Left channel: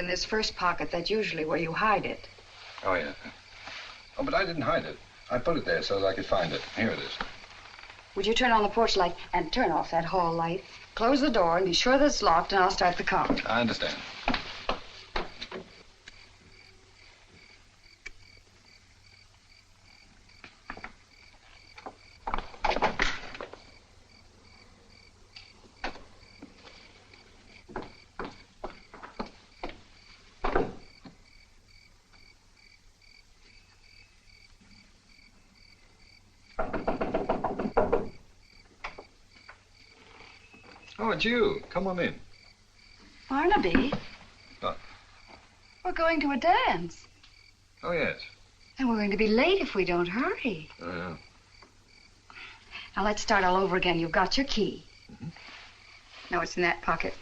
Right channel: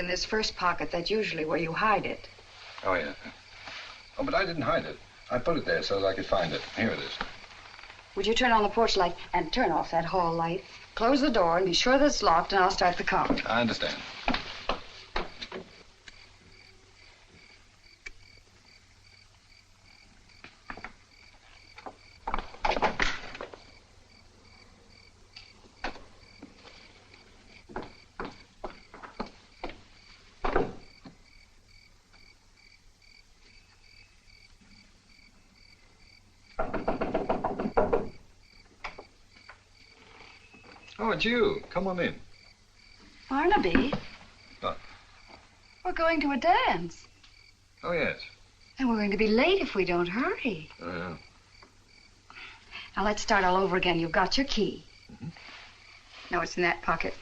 in this first pocket. That's usually where you hide it. Oh, yeah. Oh, but I didn't hide it. I put it there so that I could find it. Here it is. Would you turn on the porch light and turn off that hall light? Close the door and be sure that it's locked, and I'll start the car. I understand. Oh, it's you. Come on in. Barnaby? What? We're going to a dance. Oh, yes. And we're going to be late if we don't hurry. Oh, yeah. Now, let's start all over again. You've got your key. Mm-hmm. No, it's in that pocket.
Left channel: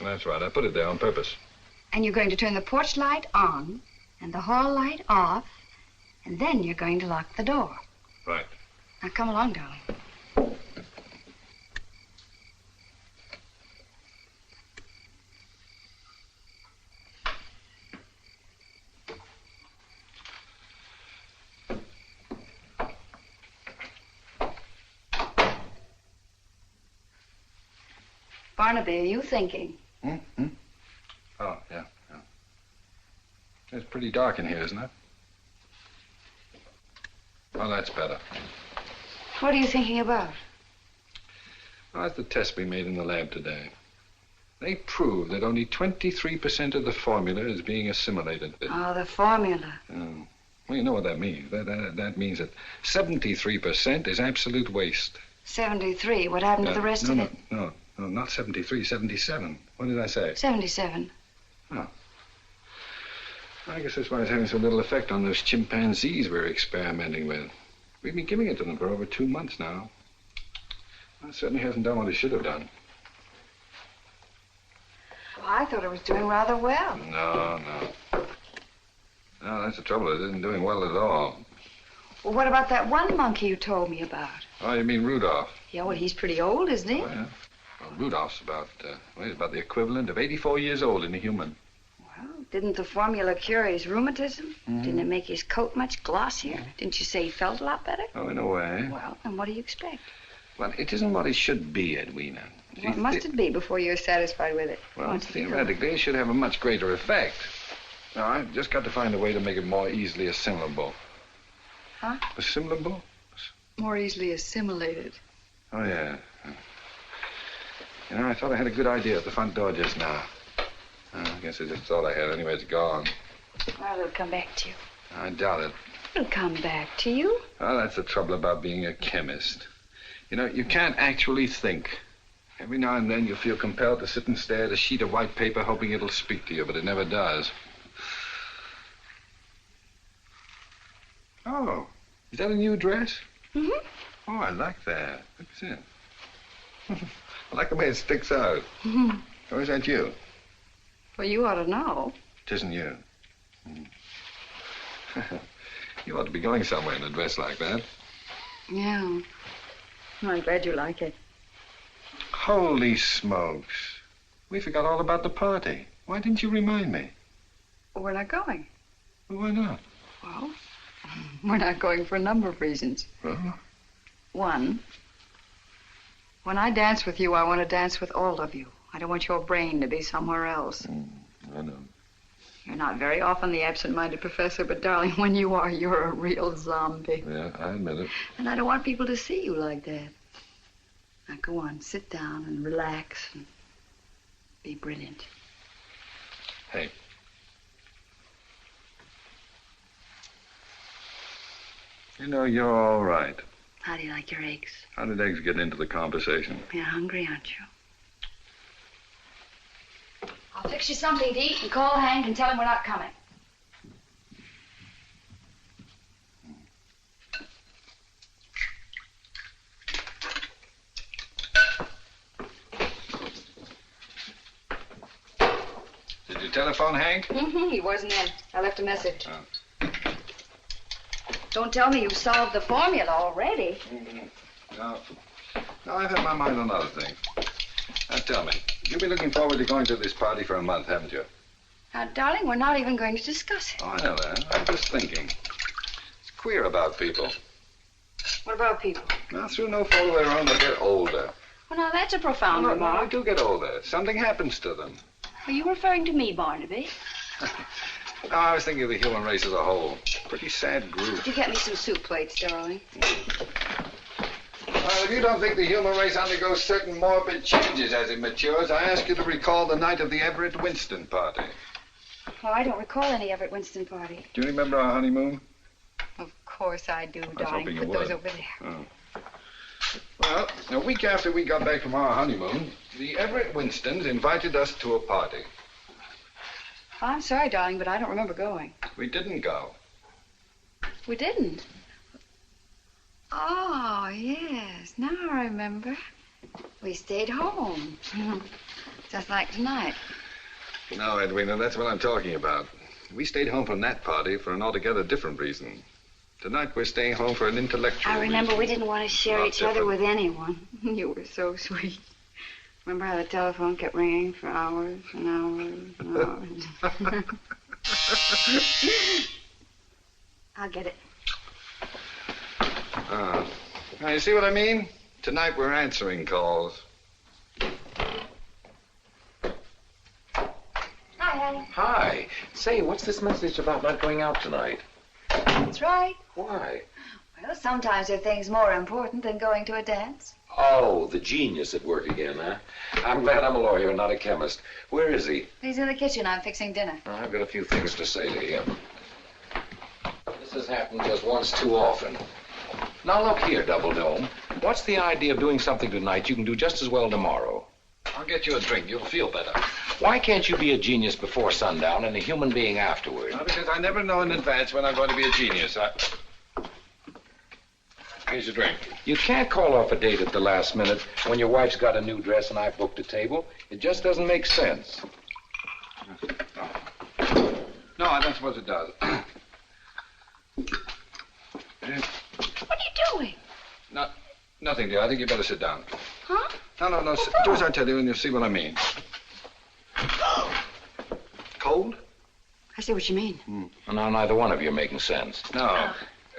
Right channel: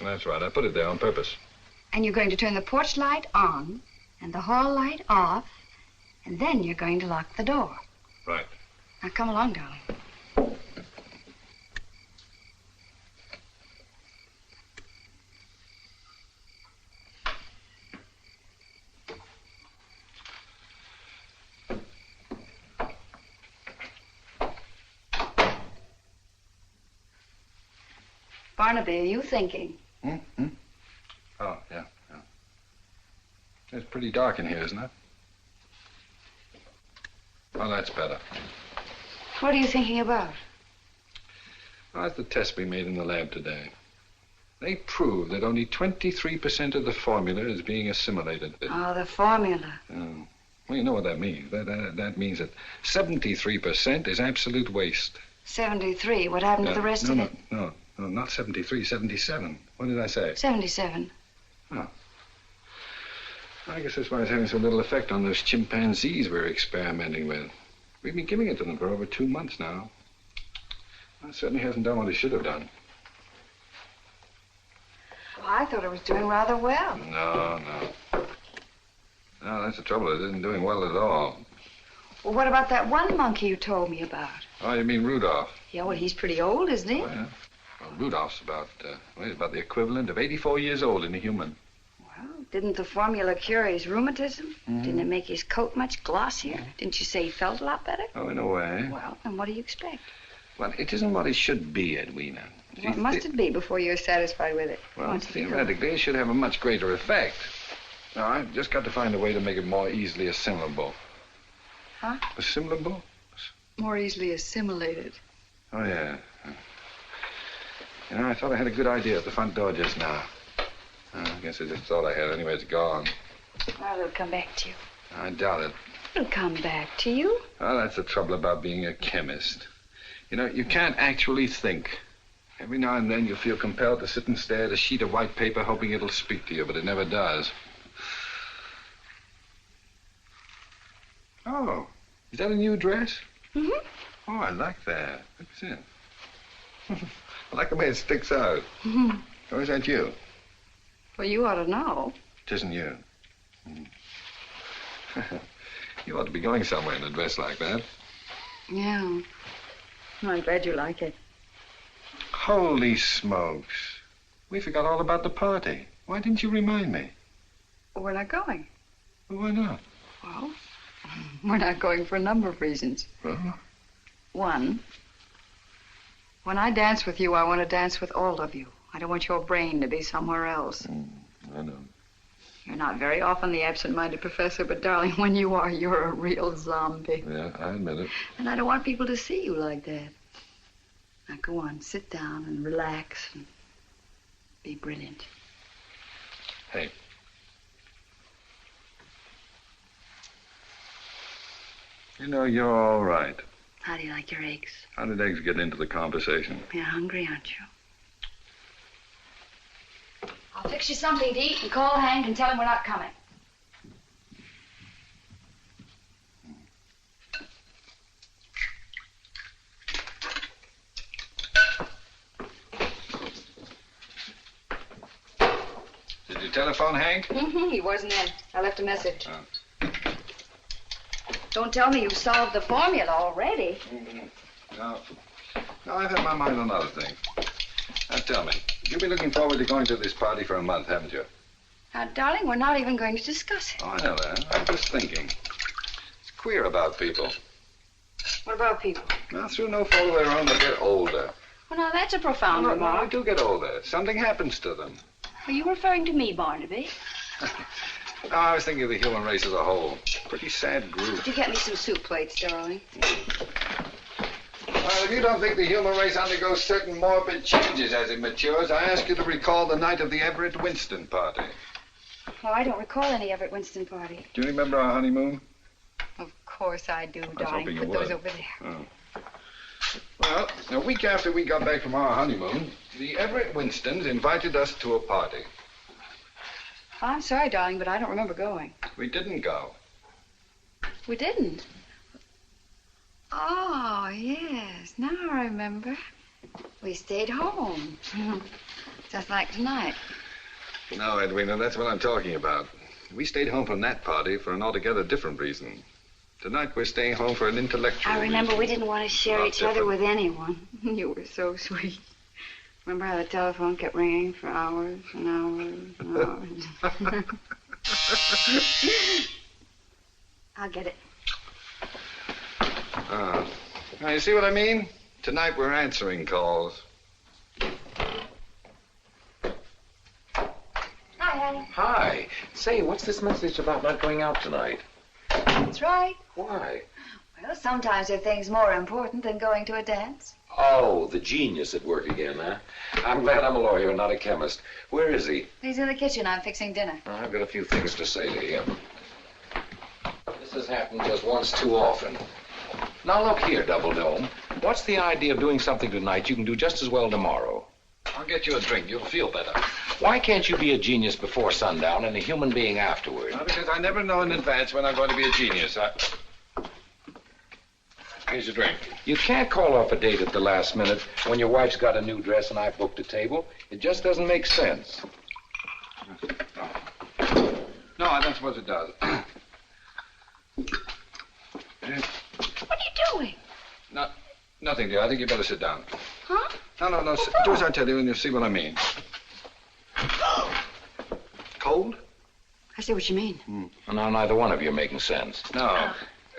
Well, that's right. I put it there on purpose. And you're going to turn the porch light on and the hall light off, and then you're going to lock the door. Right. Now, come along, darling. Barnaby, are you thinking? Hmm? Oh, yeah. It's pretty dark in here, isn't it? Oh, that's better. What are you thinking about? Oh, it's the test we made in the lab today. They proved that only 23% of the formula is being assimilated. Oh, the formula. Well, you know what that means. That means that 73% is absolute waste. 73. What happened to the rest of it? No, not 73, 77. What did I say? 77. Oh. I guess that's why it's having so little effect on those chimpanzees we're experimenting with. We've been giving it to them for over 2 months now. Well, it certainly hasn't done what it should have done. Well, I thought it was doing rather well. No, that's the trouble. It isn't doing well at all. Well, what about that one monkey you told me about? Oh, you mean Rudolph? Yeah, well, he's pretty old, isn't he? Oh, yeah. Well, Rudolph's he's about the equivalent of 84 years old in a human. Well, didn't the formula cure his rheumatism? Mm-hmm. Didn't it make his coat much glossier? Mm-hmm. Didn't you say he felt a lot better? Oh, in a way. Well, then what do you expect? Well, it isn't what it should be, Edwina. What must it be before you're satisfied with it? Well, theoretically, it should have a much greater effect. Now, I've just got to find a way to make it more easily assimilable. Huh? Assimilable? More easily assimilated. Oh, yeah. You know, I thought I had a good idea at the front door just now. I guess I just thought I had. Anyway, it's gone. Well, it'll come back to you. I doubt it. It'll come back to you. Oh, that's the trouble about being a chemist. You know, you can't actually think. Every now and then you feel compelled to sit and stare at a sheet of white paper hoping it'll speak to you, but it never does. Oh, is that a new dress? Mm-hmm. Oh, I like that. What's it? I like the way it sticks out. Mm-hmm. Or is that you? Well, you ought to know. It isn't you. You ought to be going somewhere in a dress like that. Yeah. Well, I'm glad you like it. Holy smokes. We forgot all about the party. Why didn't you remind me? Well, we're not going. Well, why not? Well, we're not going for a number of reasons. Huh? One, when I dance with you, I want to dance with all of you. I don't want your brain to be somewhere else. I know. You're not very often the absent-minded professor, but, darling, when you are, you're a real zombie. Yeah, I admit it. And I don't want people to see you like that. Now, go on, sit down and relax and be brilliant. Hey. You know, you're all right. How do you like your eggs? How did eggs get into the conversation? You're hungry, aren't you? I'll fix you something to eat and call Hank and tell him we're not coming. Did you telephone Hank? Mm-hmm. He wasn't in. I left a message. Oh. Don't tell me you've solved the formula already. No, I've had my mind on other things. Now, tell me, you've been looking forward to going to this party for a month, haven't you? Darling, we're not even going to discuss it. Oh, I know that. I'm just thinking. It's queer about people. What about people? Well, through no fault of their own, they get older. Well, now, that's a profound No, remark. they do get older. Something happens to them. Are you referring to me, Barnaby? No, I was thinking of the human race as a whole. Pretty sad group. Would you get me some soup plates, darling? Well, if you don't think the human race undergoes certain morbid changes as it matures, I ask you to recall the night of the Everett Winston party. Oh, I don't recall any Everett Winston party. Do you remember our honeymoon? Of course I do, I was darling. hoping you Put those would. over there. Oh. Well, a week after we got back from our honeymoon, the Everett Winstons invited us to a party. Oh, I'm sorry, darling, but I don't remember going. We didn't go. We didn't. Oh, yes. Now I remember. We stayed home. Just like tonight. No, Edwina, that's what I'm talking about. We stayed home from that party for an altogether different reason. Tonight we're staying home for an intellectual I remember reason. we didn't want to share Not each other different. with anyone. You were so sweet. Remember how the telephone kept ringing for hours and hours and hours? I'll get it. Now, you see what I mean? Tonight we're answering calls. Hi, honey. Hi. Say, what's this message about not going out tonight? That's right. Why? Well, sometimes there are things more important than going to a dance. Oh, the genius at work again, huh? I'm glad I'm a lawyer and not a chemist. Where is he? He's in the kitchen. I'm fixing dinner. Oh, I've got a few things to say to him. This has happened just once too often. Now look here, Double Dome. What's the idea of doing something tonight you can do just as well tomorrow? I'll get you a drink. You'll feel better. Why can't you be a genius before sundown and a human being afterward? Well, because I never know in advance when I'm going to be a genius. Here's your drink. You can't call off a date at the last minute when your wife's got a new dress and I've booked a table. It just doesn't make sense. No, I don't suppose it does. What are you doing? Nothing, dear. I think you better sit down. Huh? No. Do as I tell you and you'll see what I mean. Cold? I see what you mean. Well, now neither one of you are making sense. No.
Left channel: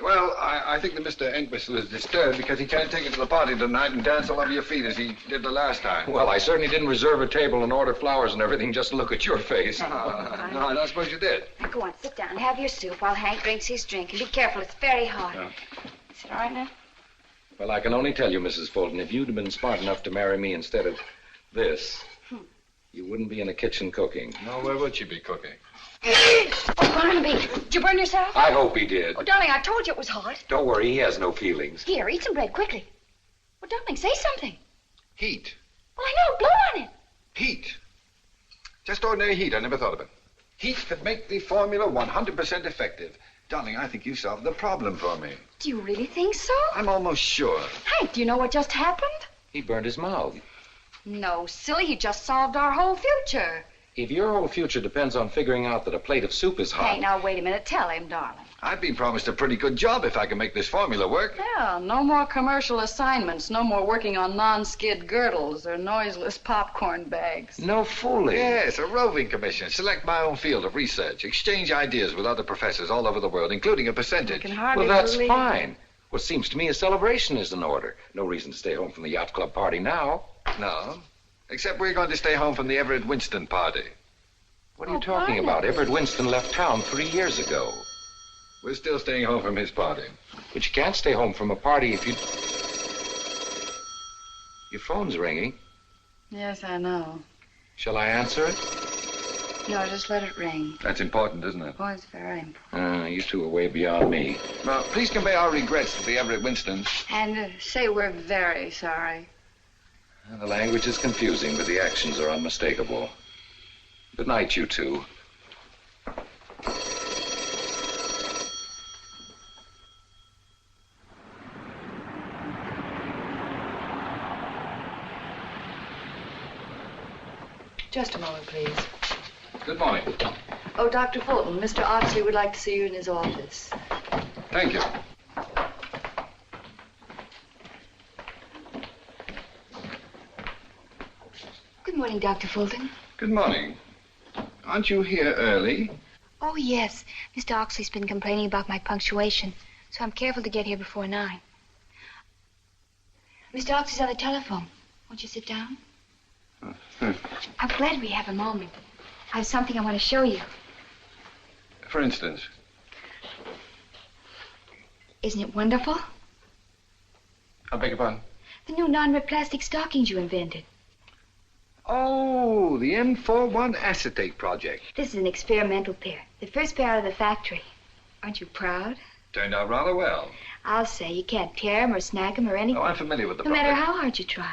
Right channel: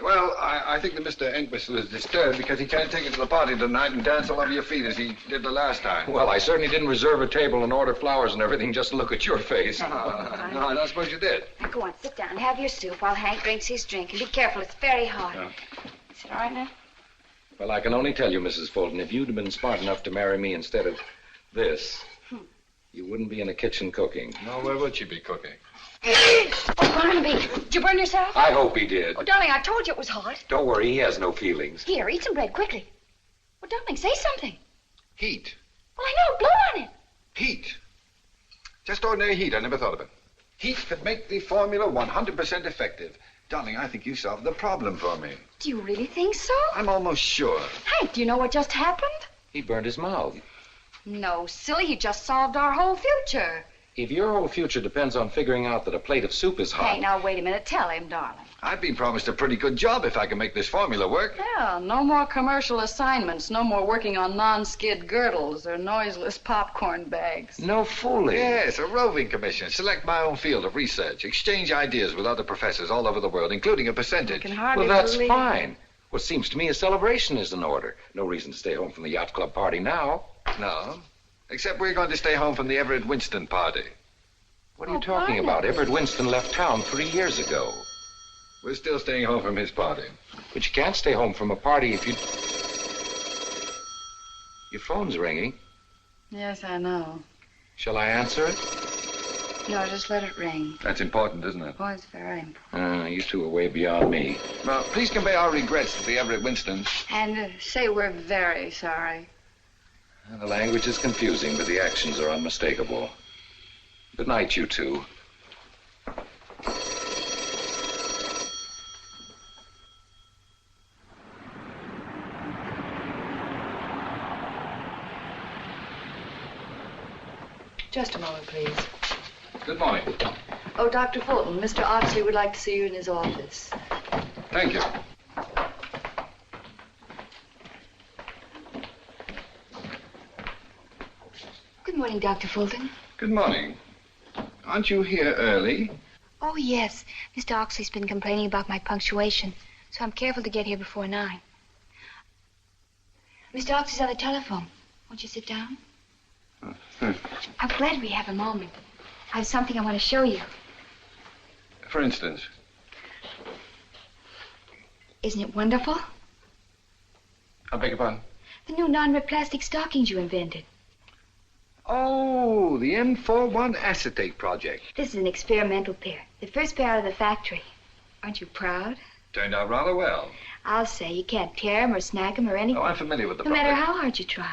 Well, I think that Mr. Entwistle is disturbed because he can't take you to the party tonight and dance all over your feet as he did the last time. Well, I certainly didn't reserve a table and order flowers and everything just to look at your face. No, I don't suppose you did. Now, go on, sit down. Have your soup while Hank drinks his drink. And be careful, it's very hot. Yeah. Is it all right now? Well, I can only tell you, Mrs. Fulton, if you'd have been smart enough to marry me instead of this, you wouldn't be in the kitchen cooking. No, where would she be cooking? Oh, Barnaby, did you burn yourself? I hope he did. Oh, darling, I told you it was hot. Don't worry, he has no feelings. Here, eat some bread, quickly. Well, darling, say something. Heat. Well, I know, blow on it. Heat. Just ordinary heat. I never thought of it. Heat could make the formula 100% effective. Darling, I think you solved the problem for me. Do you really think so? I'm almost sure. Hank, do you know what just happened? He burned his mouth. No, silly, you just solved our whole future. If your whole future depends on figuring out that a plate of soup is hot... Hank, now wait a minute. Tell him, darling. I've been promised a pretty good job if I can make this formula work. Well, no more commercial assignments. No more working on non-skid girdles or noiseless popcorn bags. No fooling. Yes, a roving commission. Select my own field of research. Exchange ideas with other professors all over the world, including a I percentage. can hardly Well, that's believe... fine. What seems to me a celebration is in order. No reason to stay home from the yacht club party now. No. Except we're going to stay home from the Everett Winston party. What are you talking about? Everett Winston left town 3 years ago. We're still staying home from his party. But you can't stay home from a party if you... Your phone's ringing. Yes, I know. Shall I answer it? No, just let it ring. That's important, isn't it? Oh, it's very important. You two are way beyond me. Well, please convey our regrets to the Everett Winstons. And say we're very sorry. The language is confusing, but the actions are unmistakable. Good night, you two. Just a moment, please. Good morning. Oh, Dr. Fulton, Mr. Oxley would like to see you in his office. Thank you. Good morning, Dr. Fulton. Good morning. Aren't you here early? Oh, yes. Mr. Oxley's been complaining about my punctuation, so I'm careful to get here before 9. Mr. Oxley's on the telephone. Won't you sit down? I'm glad we have a moment. I have something I want to show you. For instance? Isn't it wonderful? I beg your pardon? The new non-rip plastic stockings you invented. Oh, the M41 acetate project. This is an experimental pair. The first pair out of the factory. Aren't you proud? Turned out rather well. I'll say you can't tear them or snag them or anything. Oh, I'm familiar with the No project. matter how hard you try.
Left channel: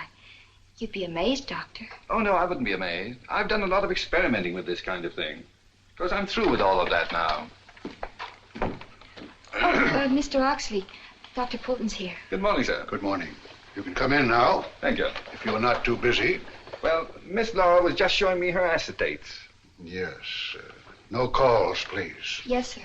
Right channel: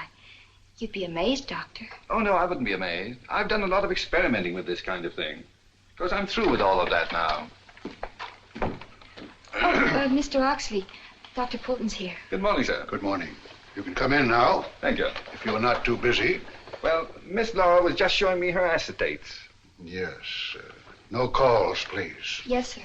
You'd be amazed, Doctor. Oh, no, I wouldn't be amazed. I've done a lot of experimenting with this kind of thing. Of course, I'm through with all of that now. Oh, Mr. Oxley, Dr. Fulton's here. Good morning, sir. Good morning. You can come in now, Thank you. if you are not too busy. Well, Miss Laura was just showing me her acetates. Yes. No calls, please. Yes, sir.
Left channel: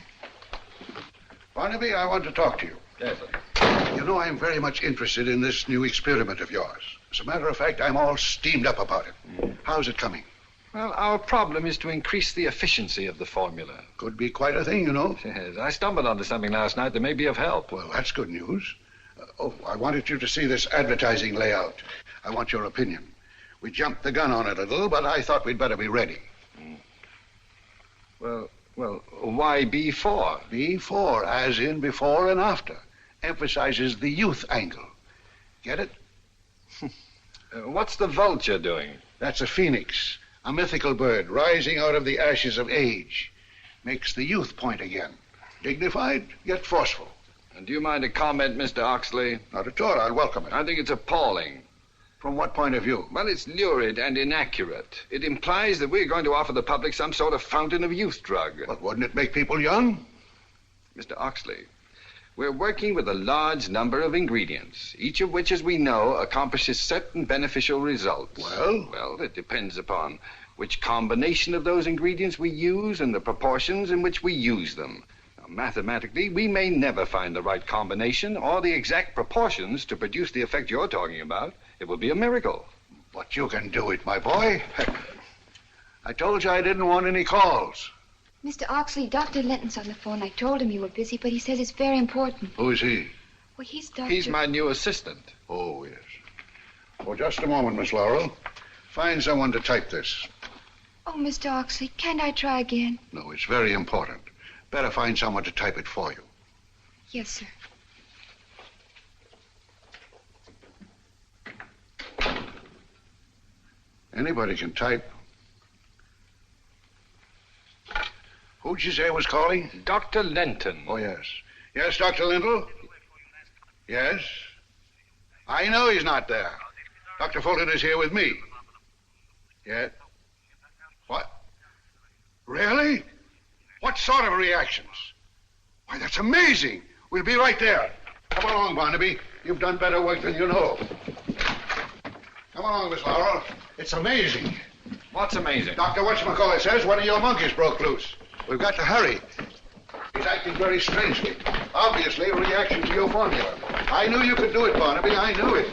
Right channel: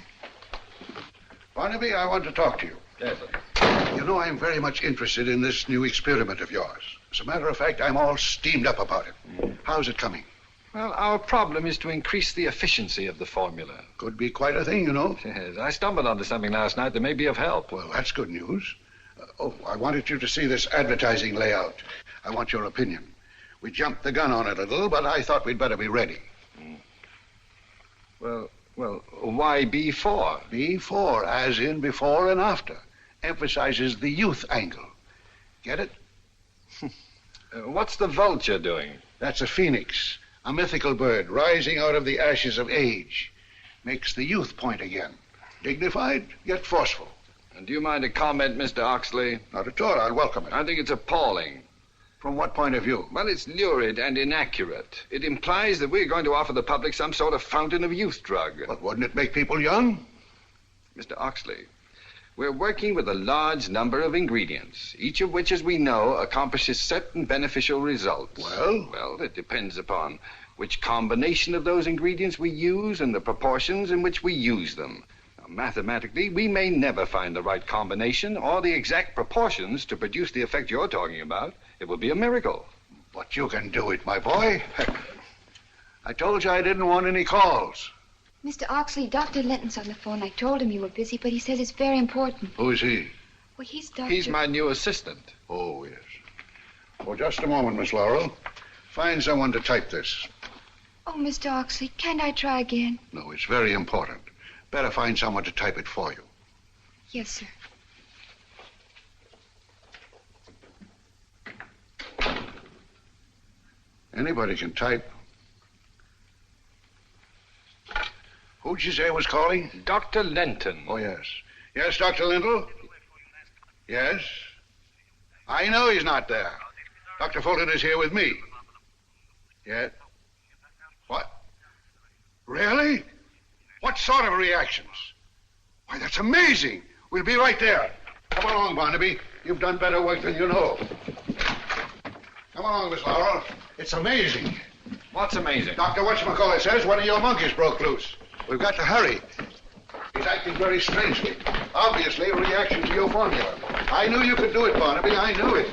Barnaby, I want to talk to you. Yes, sir. You know, I'm very much interested in this new experiment of yours. As a matter of fact, I'm all steamed up about it. How's it coming? Well, our problem is to increase the efficiency of the formula. Could be quite a thing, you know. Yes, I stumbled onto something last night that may be of help. Well, that's good news. I wanted you to see this advertising layout. I want your opinion. We jumped the gun on it a little, but I thought we'd better be ready. Well, why B4? B4, as in before and after. Emphasizes the youth angle. Get it? What's the vulture doing? That's a phoenix, a mythical bird rising out of the ashes of age. Makes the youth point again. Dignified, yet forceful. And do you mind a comment, Mr. Oxley? Not at all. I'll welcome it. I think it's appalling. From what point of view? Well, it's lurid and inaccurate. It implies that we're going to offer the public some sort of fountain of youth drug. But wouldn't it make people young? Mr. Oxley, we're working with a large number of ingredients, each of which, as we know, accomplishes certain beneficial results. Well? Well, it depends upon which combination of those ingredients we use and the proportions in which we use them. Now, mathematically, we may never find the right combination or the exact proportions to produce the effect you're talking about. It would be a miracle. But you can do it, my boy. I told you I didn't want any calls. Mr. Oxley, Dr. Linton's on the phone. I told him you were busy, but he says it's very important. Who is he? Well, he's Dr. He's my new assistant. Oh, yes. Oh, just a moment, Miss Laurel. Find someone to type this. Oh, Mr. Oxley, can't I try again? No, it's very important. Better find someone to type it for you. Yes, sir. Anybody can type. Who'd you say was calling? Dr. Linton. Oh, yes. Yes, Dr. Linton? Yes? I know he's not there. Dr. Fulton is here with me. Yes? What? Really? What sort of reactions? Why, that's amazing. We'll be right there. Come along, Barnaby. You've done better work than you know. Come along, Miss Laurel. It's amazing. What's amazing? Dr. Whatchamacallit says one of your monkeys broke loose. We've got to hurry. He's acting very strangely. Obviously a reaction to your formula. I knew you could do it, Barnaby. I knew it.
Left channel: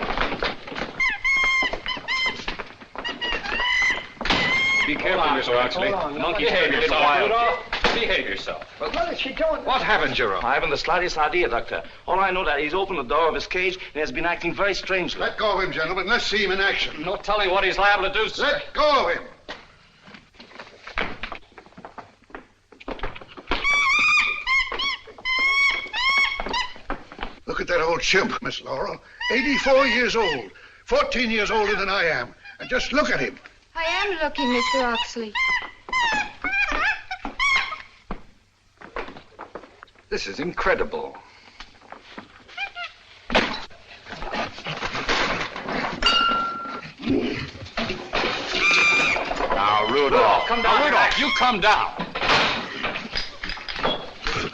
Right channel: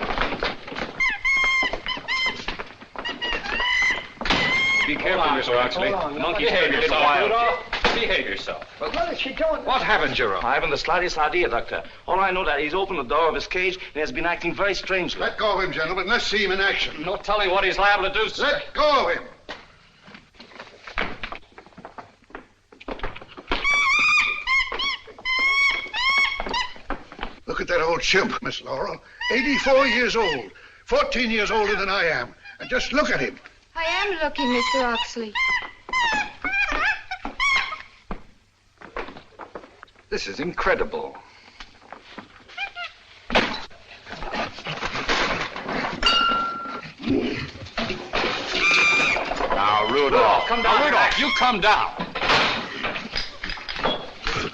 Be careful, Mr. Oxley. Don't behave yourself. Behave yourself. What is she doing? What happened, Jerome? I haven't the slightest idea, Doctor. All I know that he's opened the door of his cage and has been acting very strangely. Let go of him, gentlemen. Let's see him in action. No telling what he's liable to do, sir. Let go of him. Look at that old chimp, Miss Laurel. 84 years old. 14 years older than I am. And just look at him. I am looking, Mr. Oxley. This is incredible. Now, Rudolph, come down. Rudolph, you come down.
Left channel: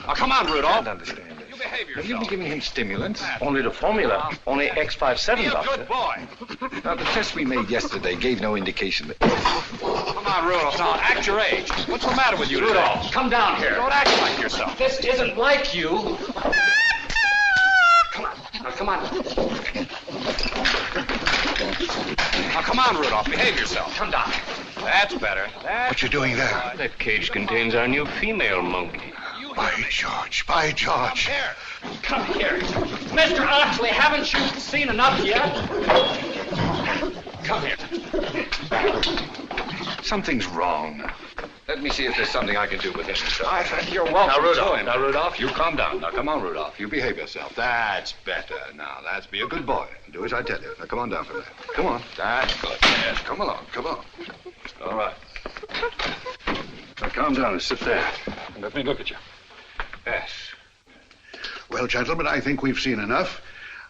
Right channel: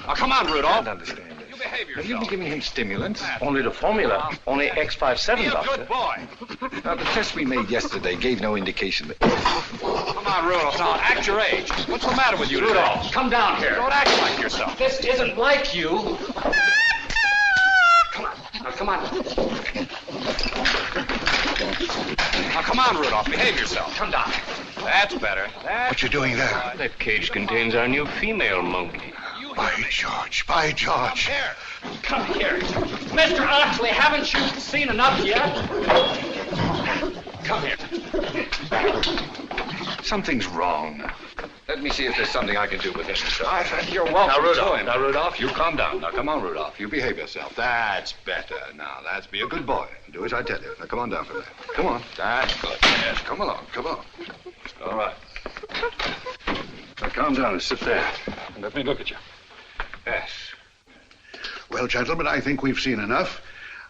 Now, come on, Rudolph. I don't understand this. You behave Have you yourself. been giving him stimulants? Only the formula. Only X57, Be a Doctor. good boy. Now, the test we made yesterday gave no indication that... Come on, Rudolph. Now, act your age. What's the matter with you, Rudolph? Come down here. Don't act like yourself. This isn't like you. Come on. Now, come on. Now, come on, Rudolph. Behave yourself. Come down. That's better. What you doing there? That cage contains our new female monkey. By George, by George. Come here. Mr. Oxley, haven't you seen enough yet? Come here. Something's wrong. Let me see if there's something I can do with this, Mr. Oxley. You're welcome. Now, Rudolph, you calm down. Now, come on, Rudolph. You behave yourself. That's better. Now, that's be a good boy. Do as I tell you. Now, come on down for that. Come on. That's good. Yes, come along. Come on. All right. Now, calm down and sit there. And let me look at you. Yes. Well, gentlemen, I think we've seen enough.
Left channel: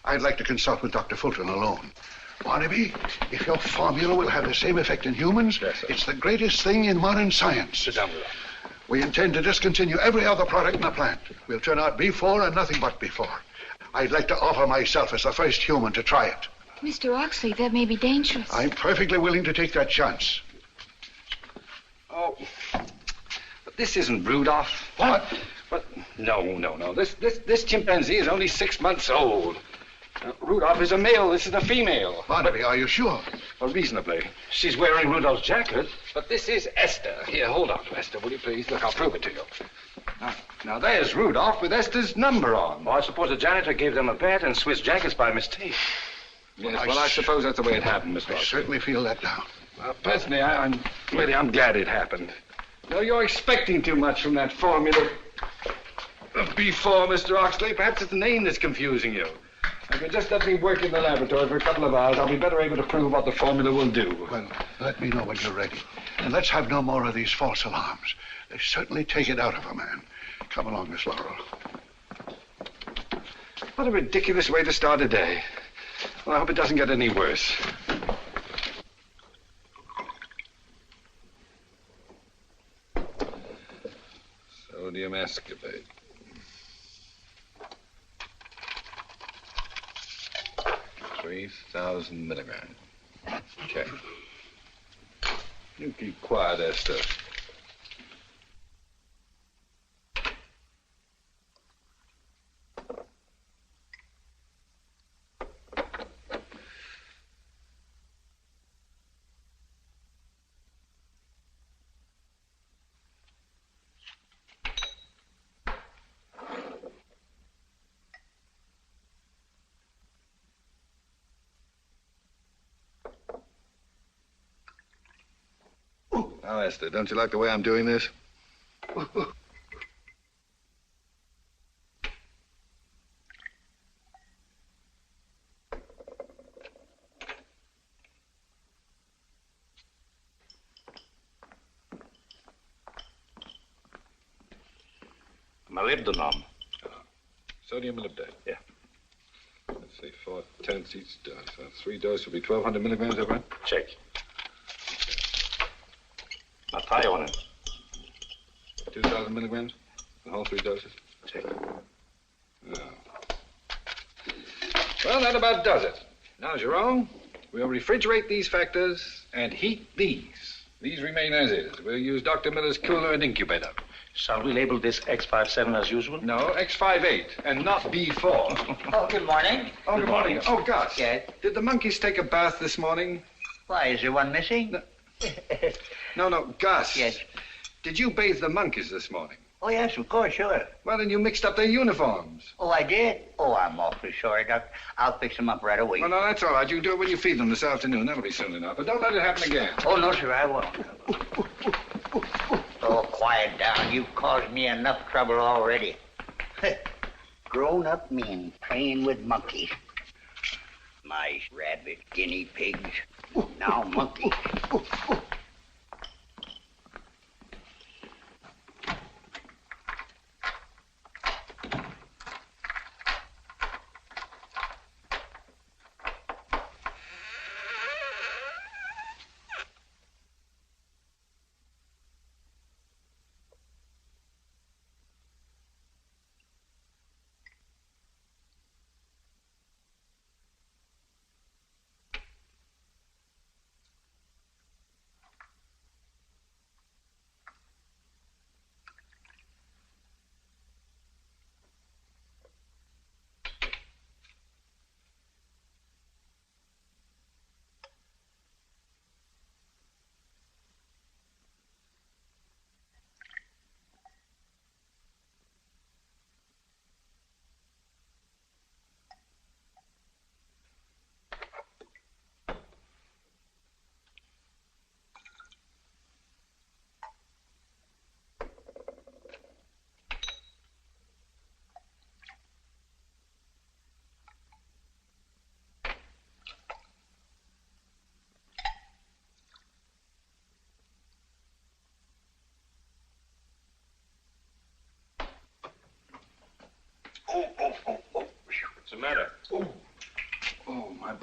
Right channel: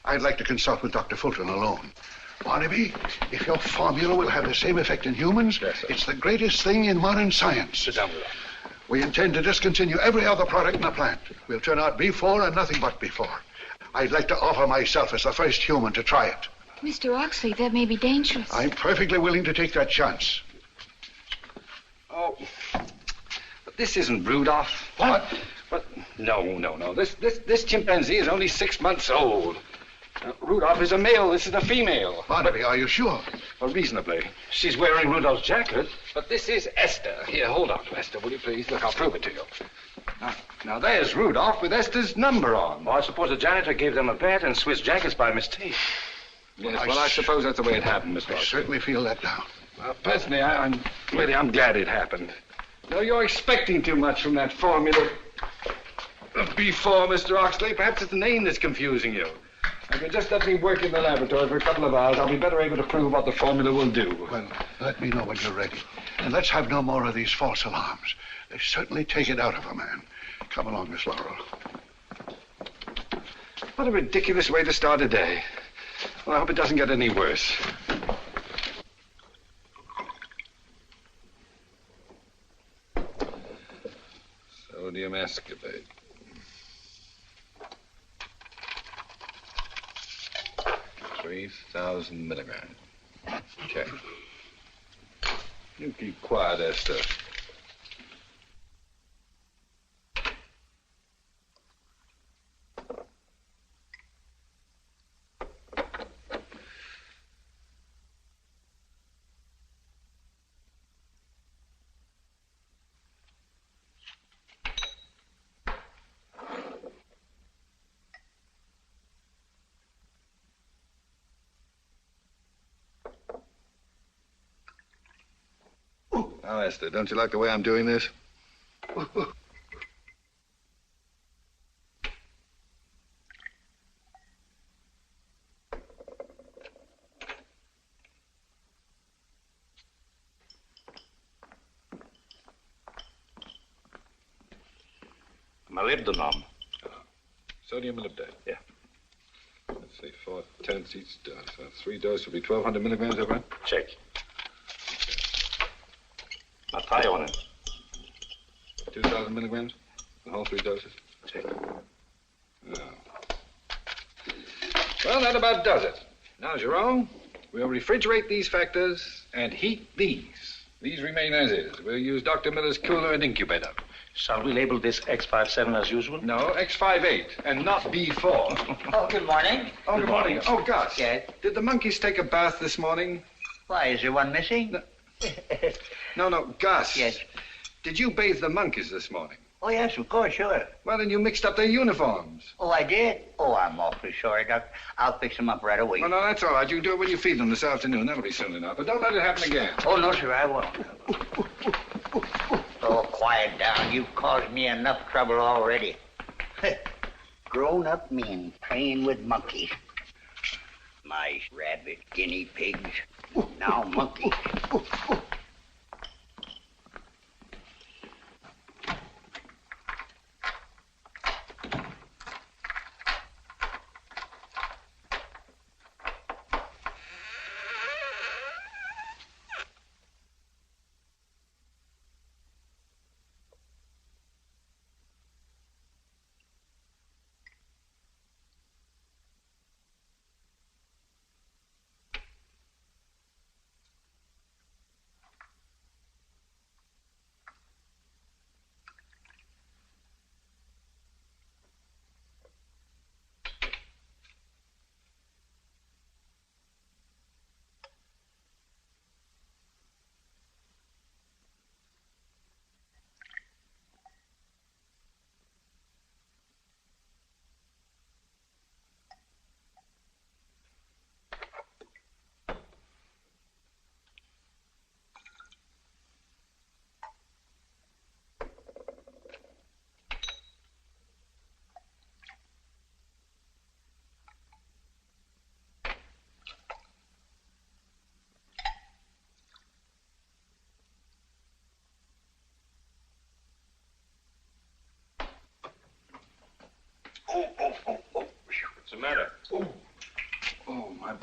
I'd like to consult with Dr. Fulton alone. Barnaby, if your formula will have the same effect in humans, yes, sir. It's the greatest thing in modern science. Sit down, Rudolph. We intend to discontinue every other product in the plant. We'll turn out B4 and nothing but B4. I'd like to offer myself as the first human to try it. Mr. Oxley, that may be dangerous. I'm perfectly willing to take that chance. Oh, but this isn't Rudolph. What? But no. This chimpanzee is only 6 months old. Rudolph is a male. This is a female. Barnaby, are you sure? Well, reasonably. She's wearing Rudolph's jacket. But this is Esther. Here, hold on to Esther, will you please? Look, I'll prove it to you. Now there's Rudolph with Esther's number on. Well, I suppose the janitor gave them a bet and switched jackets by mistake. Yes, well, I suppose that's the way it happened, Mr. I Oxley. certainly feel that now. Well, personally, I'm glad it happened. No, you're expecting too much from that formula of B4, Mr. Oxley. Perhaps it's the name that's confusing you. If you just let me work in the laboratory for a couple of hours, I'll be better able to prove what the formula will do. Well, let me know when you're ready. And let's have no more of these false alarms. They certainly take it out of a man. Come along, Miss Laurel. What a ridiculous way to start a day. Well, I hope it doesn't get any worse. Sodium ascorbate. 3,000 milligrams. Check. You keep quiet, Esther. Now, Esther, don't you like the way I'm doing this? Molybdenum. Sodium molybdate. Yeah. Let's see, 4 tenths each dose. So 3 doses will be 1,200 milligrams, is that right? Check. Now tie on it. 2,000 milligrams? The whole 3 doses? Check. Yeah. Well, that about does it. Now, Jerome, we'll refrigerate these factors and heat these. These remain as is. We'll use Dr. Miller's cooler and incubator. Shall we label this X57 as usual? No, X58, and not B4. Oh, good morning. Oh, good morning. Oh, Gus. Yes? Did the monkeys take a bath this morning? Why, is there one missing? No, Gus. Yes. Did you bathe the monkeys this morning? Oh, yes, of course, sure. Well, then you mixed up their uniforms. Oh, I did? Oh, I'm awfully sorry, Doc. I'll fix them up right away. Oh, no, that's all right. You can do it when you feed them this afternoon. That'll be soon enough. But don't let it happen again. Oh, no, sir, I won't. Oh, quiet down. You've caused me enough trouble already. Grown-up men playing with monkeys. Mice, rabbits, guinea pigs. Now monkeys.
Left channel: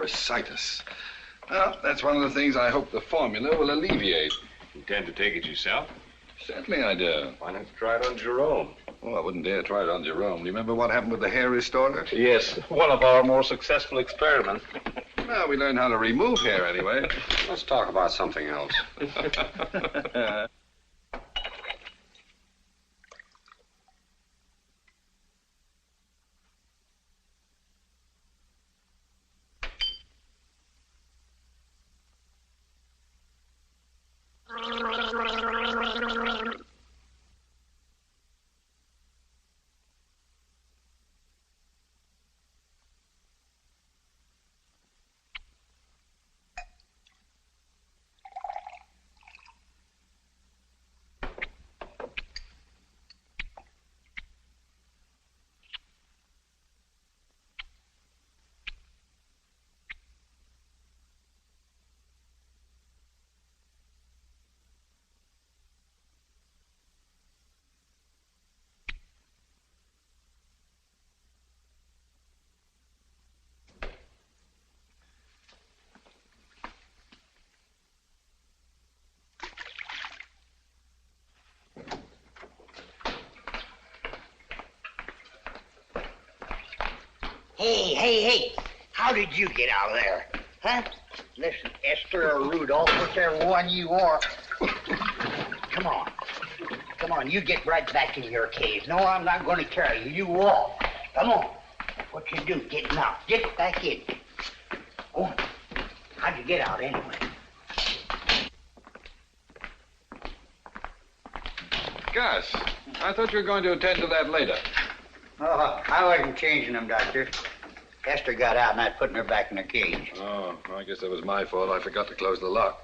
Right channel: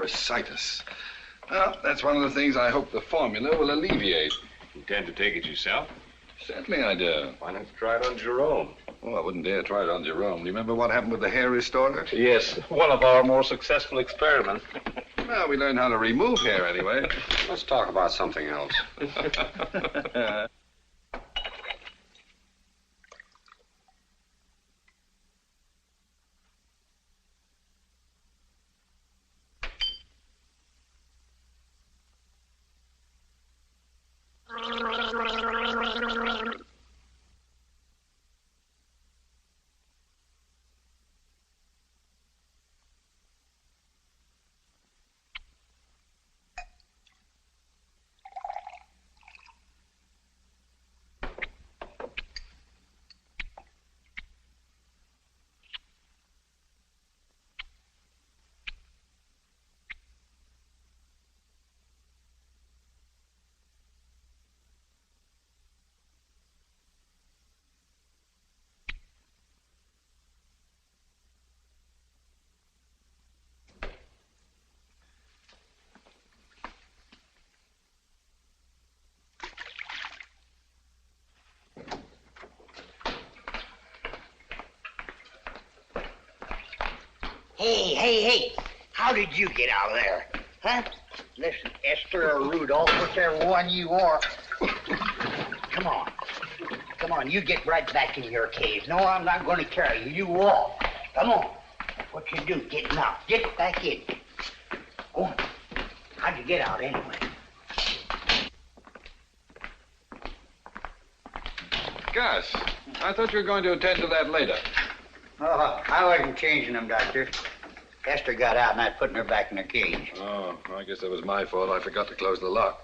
bursitis. Well, that's one of the things I hope the formula will alleviate. Intend to take it yourself? Certainly I do. Why not try it on Jerome? Oh, I wouldn't dare try it on Jerome. Remember what happened with the hair restorer? Yes, one of our more successful experiments. Well, we learned how to remove hair anyway. Let's talk about something else. Hey, how did you get out of there? Huh? Listen, Esther or Rudolph, whichever one you are. Come on, you get right back in your cage. No, I'm not going to carry you. You walk. Come on. What you do, get knocked. Get back in. Oh, how'd you get out anyway? Gus, I thought you were going to attend to that later. Oh, I wasn't changing them, Doctor. Esther got out and I put her back in the cage. Oh, I guess that was my fault. I forgot to close the lock.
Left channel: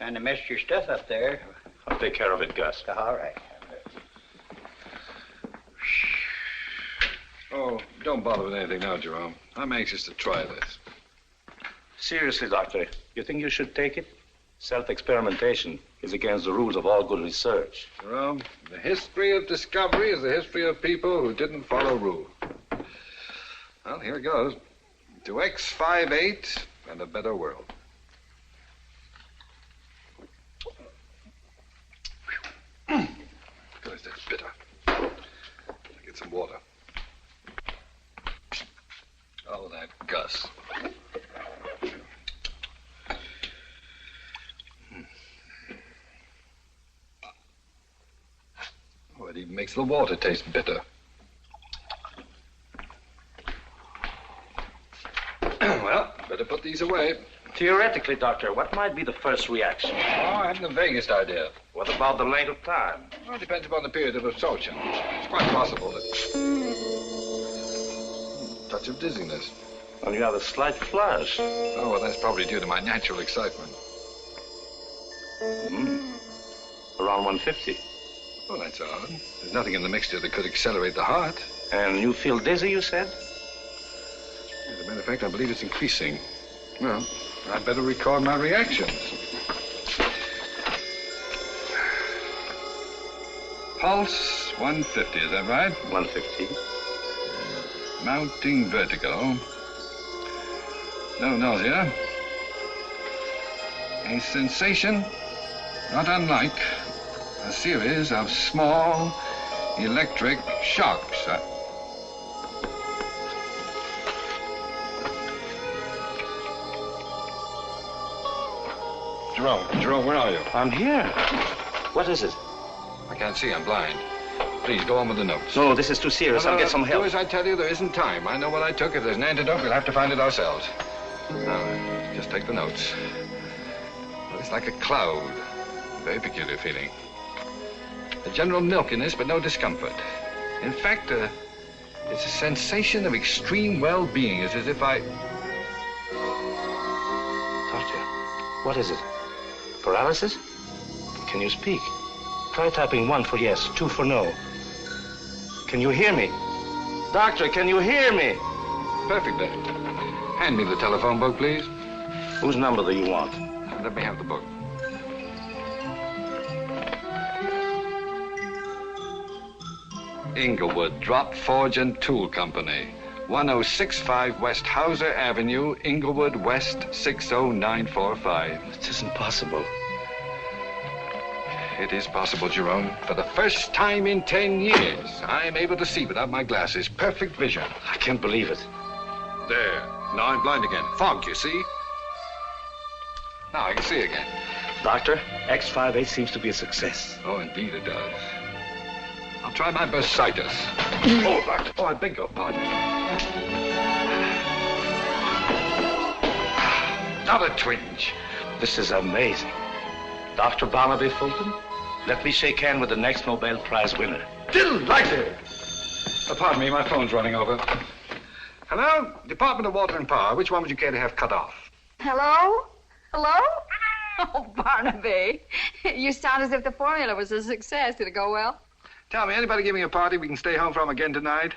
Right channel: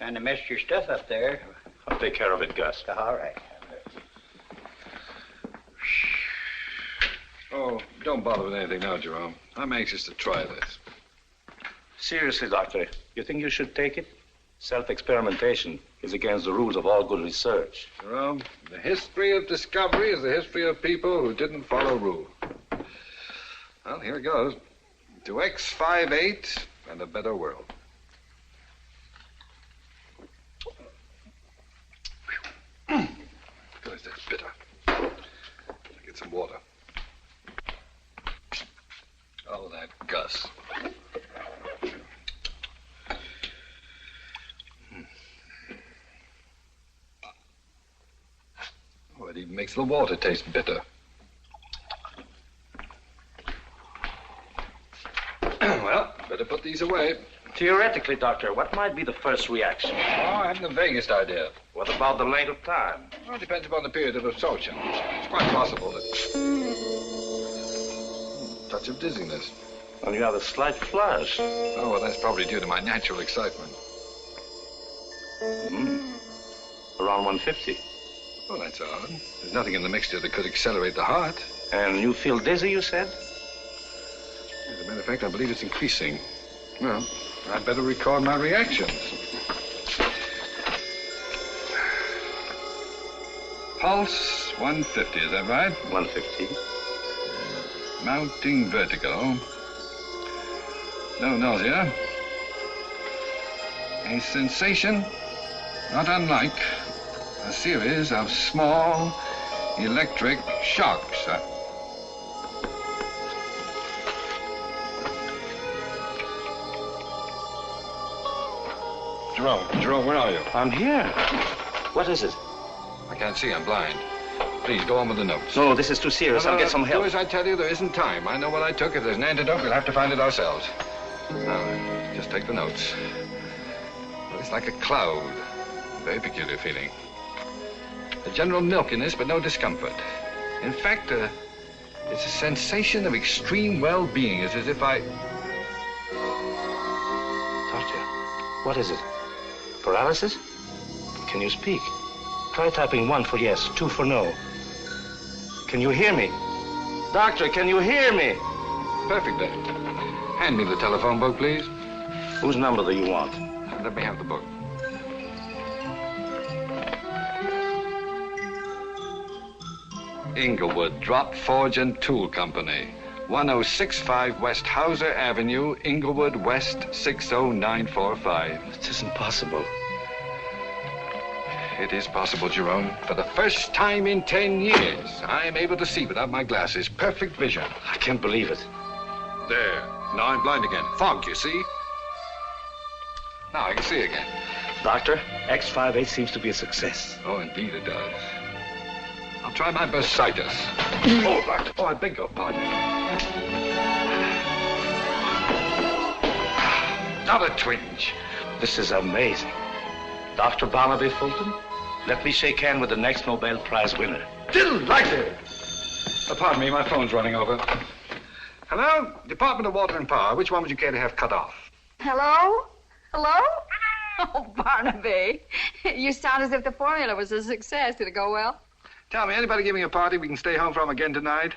Kind of messed your stuff up there. I'll take care of it, Gus. All right. Oh, don't bother with anything now, Jerome. I'm anxious to try this. Seriously, Doctor, you think you should take it? Self-experimentation is against the rules of all good research. Jerome, the history of discovery is the history of people who didn't follow rules. Well, here it goes. To X58 and a better world. Goodness, that's bitter. Get some water. Oh, that Gus. Oh, it even makes the water taste bitter. Well, better put these away. Theoretically, Doctor, what might be the first reaction? Oh, I haven't the vaguest idea. What about the length of time? Well, it depends upon the period of absorption. It's quite possible that... touch of dizziness. Well, you have a slight flush. Oh, well, that's probably due to my natural excitement. Around 150. Oh, that's odd. There's nothing in the mixture that could accelerate the heart. And you feel dizzy, you said? As a matter of fact, I believe it's increasing. Well, I'd better record my reactions. Pulse 150, is that right? 150. Mounting vertigo. No nausea. A sensation not unlike a series of small electric shocks. Jerome, where are you? I'm here. What is it? I can't see, I'm blind. Please, go on with the notes. No, this is too serious. I'll get some help. Do as I tell you, there isn't time. I know what I took. If there's an antidote, we'll have to find it ourselves. Now, just take the notes. Well, it's like a cloud. Very peculiar feeling. A general milkiness, but no discomfort. In fact, it's a sensation of extreme well-being. It's as if I... Doctor, what is it? Paralysis? Can you speak? Try typing 1 for yes, 2 for no. Can you hear me? Doctor, can you hear me? Perfectly. Hand me the telephone book, please. Whose number do you want? Let me have the book. Inglewood Drop Forge and Tool Company. 1065 West Hauser Avenue, Inglewood, West 60945. It isn't possible. It is possible, Jerome. For the first time in 10 years, I am able to see without my glasses. Perfect vision. I can't believe it. There. Now I'm blind again. Fog, you see? Now I can see again. Doctor, X58 seems to be a success. Oh, indeed it does. I'll try my best sightus. Oh, doctor. Oh, I beg your pardon. Not a twinge. This is amazing. Dr. Barnaby Fulton, let me shake hand with the next Nobel Prize winner. Delighted. Pardon me, my phone's running over. Hello? Department of Water and Power. Which one would you care to have cut off? Hello? Hello? Oh, Barnaby. You sound as if the formula was a success. Did it go well? Tell me, anybody giving a party we can stay home from again tonight?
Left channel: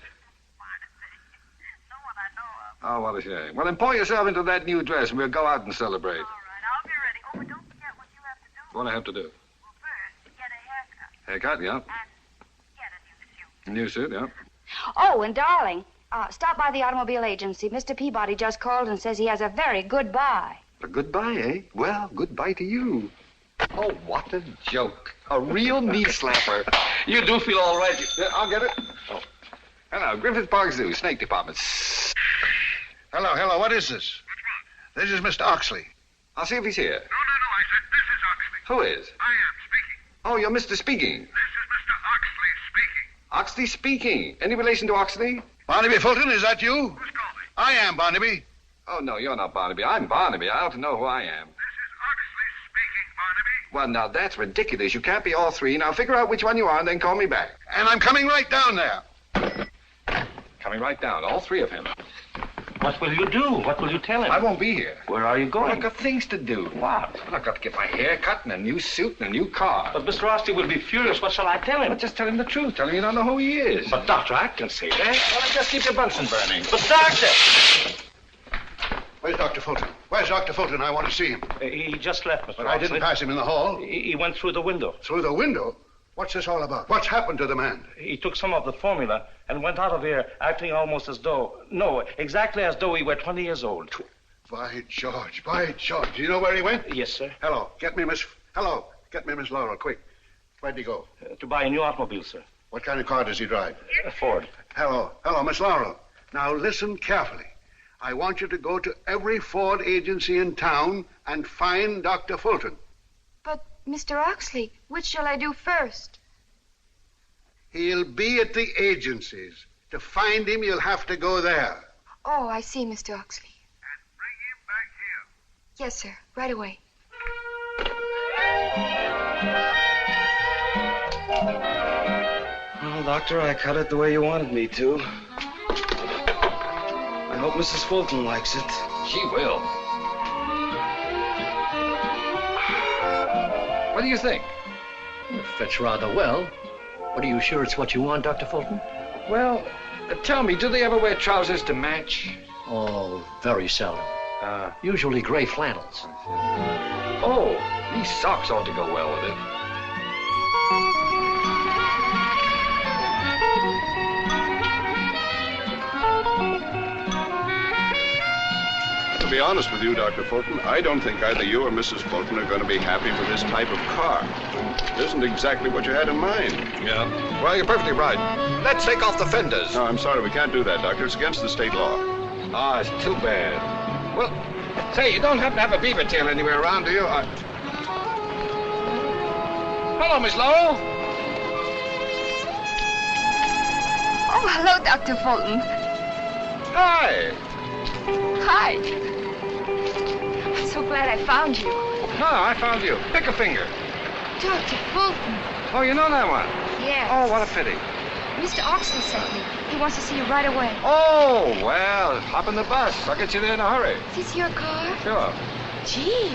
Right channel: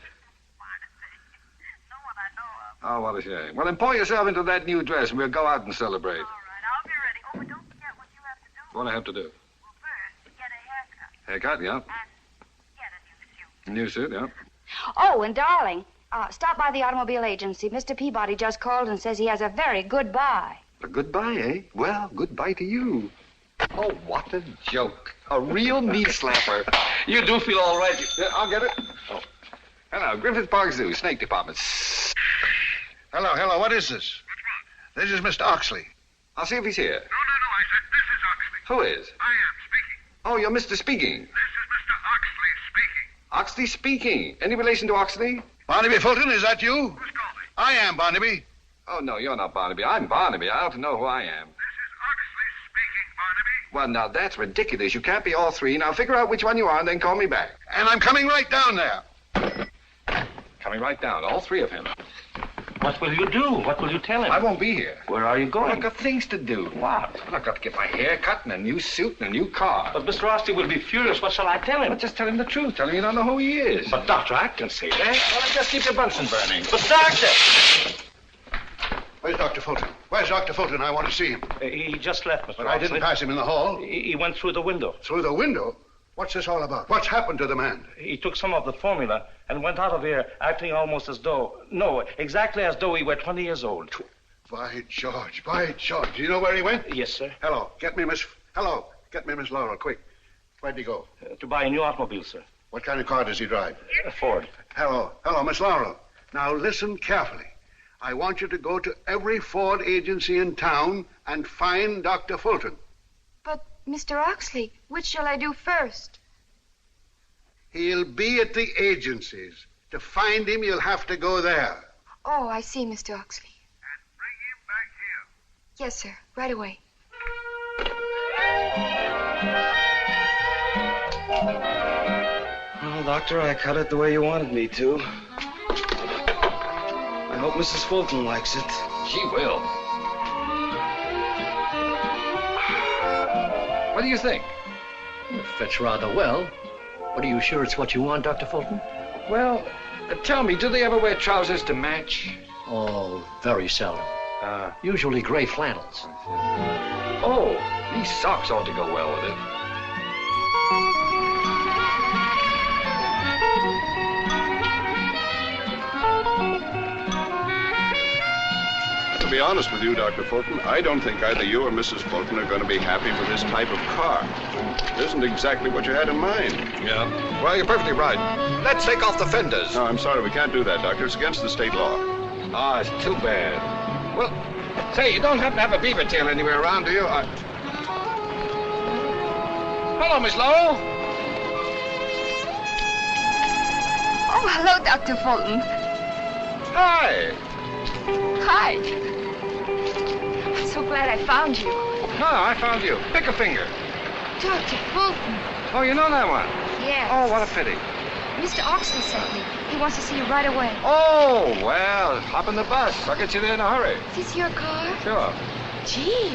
No one I know of. Oh, what a shame. Well, then pour yourself into that new dress and we'll go out and celebrate. All right, I'll be ready. Oh, but don't forget what you have to do. What do I have to do? Well, first, get a haircut. Haircut, yeah. And get a New new suit. suit, yeah. Oh, and darling, stop by the automobile agency. Mr. Peabody just called and says he has a very good buy. A goodbye, eh? Well, goodbye to you. Oh, what a joke. A real knee slapper. You do feel all right. Yeah, I'll get it. Oh. Hello, Griffith Park Zoo, Snake Department. Hello, what is this? This is Mr. Oxley. I'll see if he's here. No, I said this is Oxley. Who is? I am speaking. Oh, you're Mr. Speaking. This is Mr. Oxley speaking. Oxley Speaking. Any relation to Oxley? Barnaby Fulton, is that you? Who's calling? I am, Barnaby. Oh, no, you're not Barnaby. I'm Barnaby. I ought to know who I am. This is Oxley speaking, Barnaby. Well, now, that's ridiculous. You can't be all three. Now, figure out which one you are and then call me back. And I'm coming right down there. Coming right down, all three of him. What will you do? What will you tell him? I won't be here. Where are you Well, going? I've got things to do. What? Well, I've got to get my hair cut and a new suit and a new car. But Mr. Oxley will be furious. What shall I tell him? Well, just tell him the truth. Tell him you don't know who he is. But, Doctor, I can say that. Well, just keep your Bunsen burning. But, Doctor! Where's Dr. Fulton? Where's Dr. Fulton? I want to see him. He just left, Mr. But Oxley. I didn't pass him in the hall. He went through the window. Through the window? What's this all about? What's happened to the man? He took some of the formula and went out of here acting almost as though... No, exactly as though he were 20 years old. By George, by George. Do you know where he went? Yes, sir. Hello, get me Miss Laurel, quick. Where'd he go? To buy a new automobile, sir. What kind of car does he drive? A Ford. Hello, Miss Laurel. Now listen carefully. I want you to go to every Ford agency in town and find Dr. Fulton. But, Mr. Oxley, which shall I do first? He'll be at the agencies. To find him, you'll have to go there. Oh, I see, Mr. Oxley. And bring him back here. Yes, sir. Right away. Well, Doctor, I cut it the way you wanted me to. I hope Mrs. Fulton likes it. She will. What do you think? Fits rather well. But are you sure it's what you want, Dr. Fulton? Well, tell me, do they ever wear trousers to match? Oh, very seldom. Usually gray flannels. Oh, these socks ought to go well with it. To be honest with you, Dr. Fulton, I don't think either you or Mrs. Fulton are going to be happy with this type of car. It isn't exactly what you had in mind. Yeah. Well, you're perfectly right. Let's take off the fenders. No, I'm sorry, we can't do that, Doctor. It's against the state law. Ah, it's too bad. Well, say, you don't happen to have a beaver tail anywhere around, do you? Hello, Miss Laurel. Oh, hello, Dr. Fulton. Hi. Hi. I'm so glad I found you. No, I found you. Pick a finger. Dr. Fulton. Oh, you know that one? Yes. Oh, what a pity. Mr. Oxley sent me. He wants to see you right away. Oh, well, hop in the bus. I'll get you there in a hurry. Is this your car? Sure. Gee,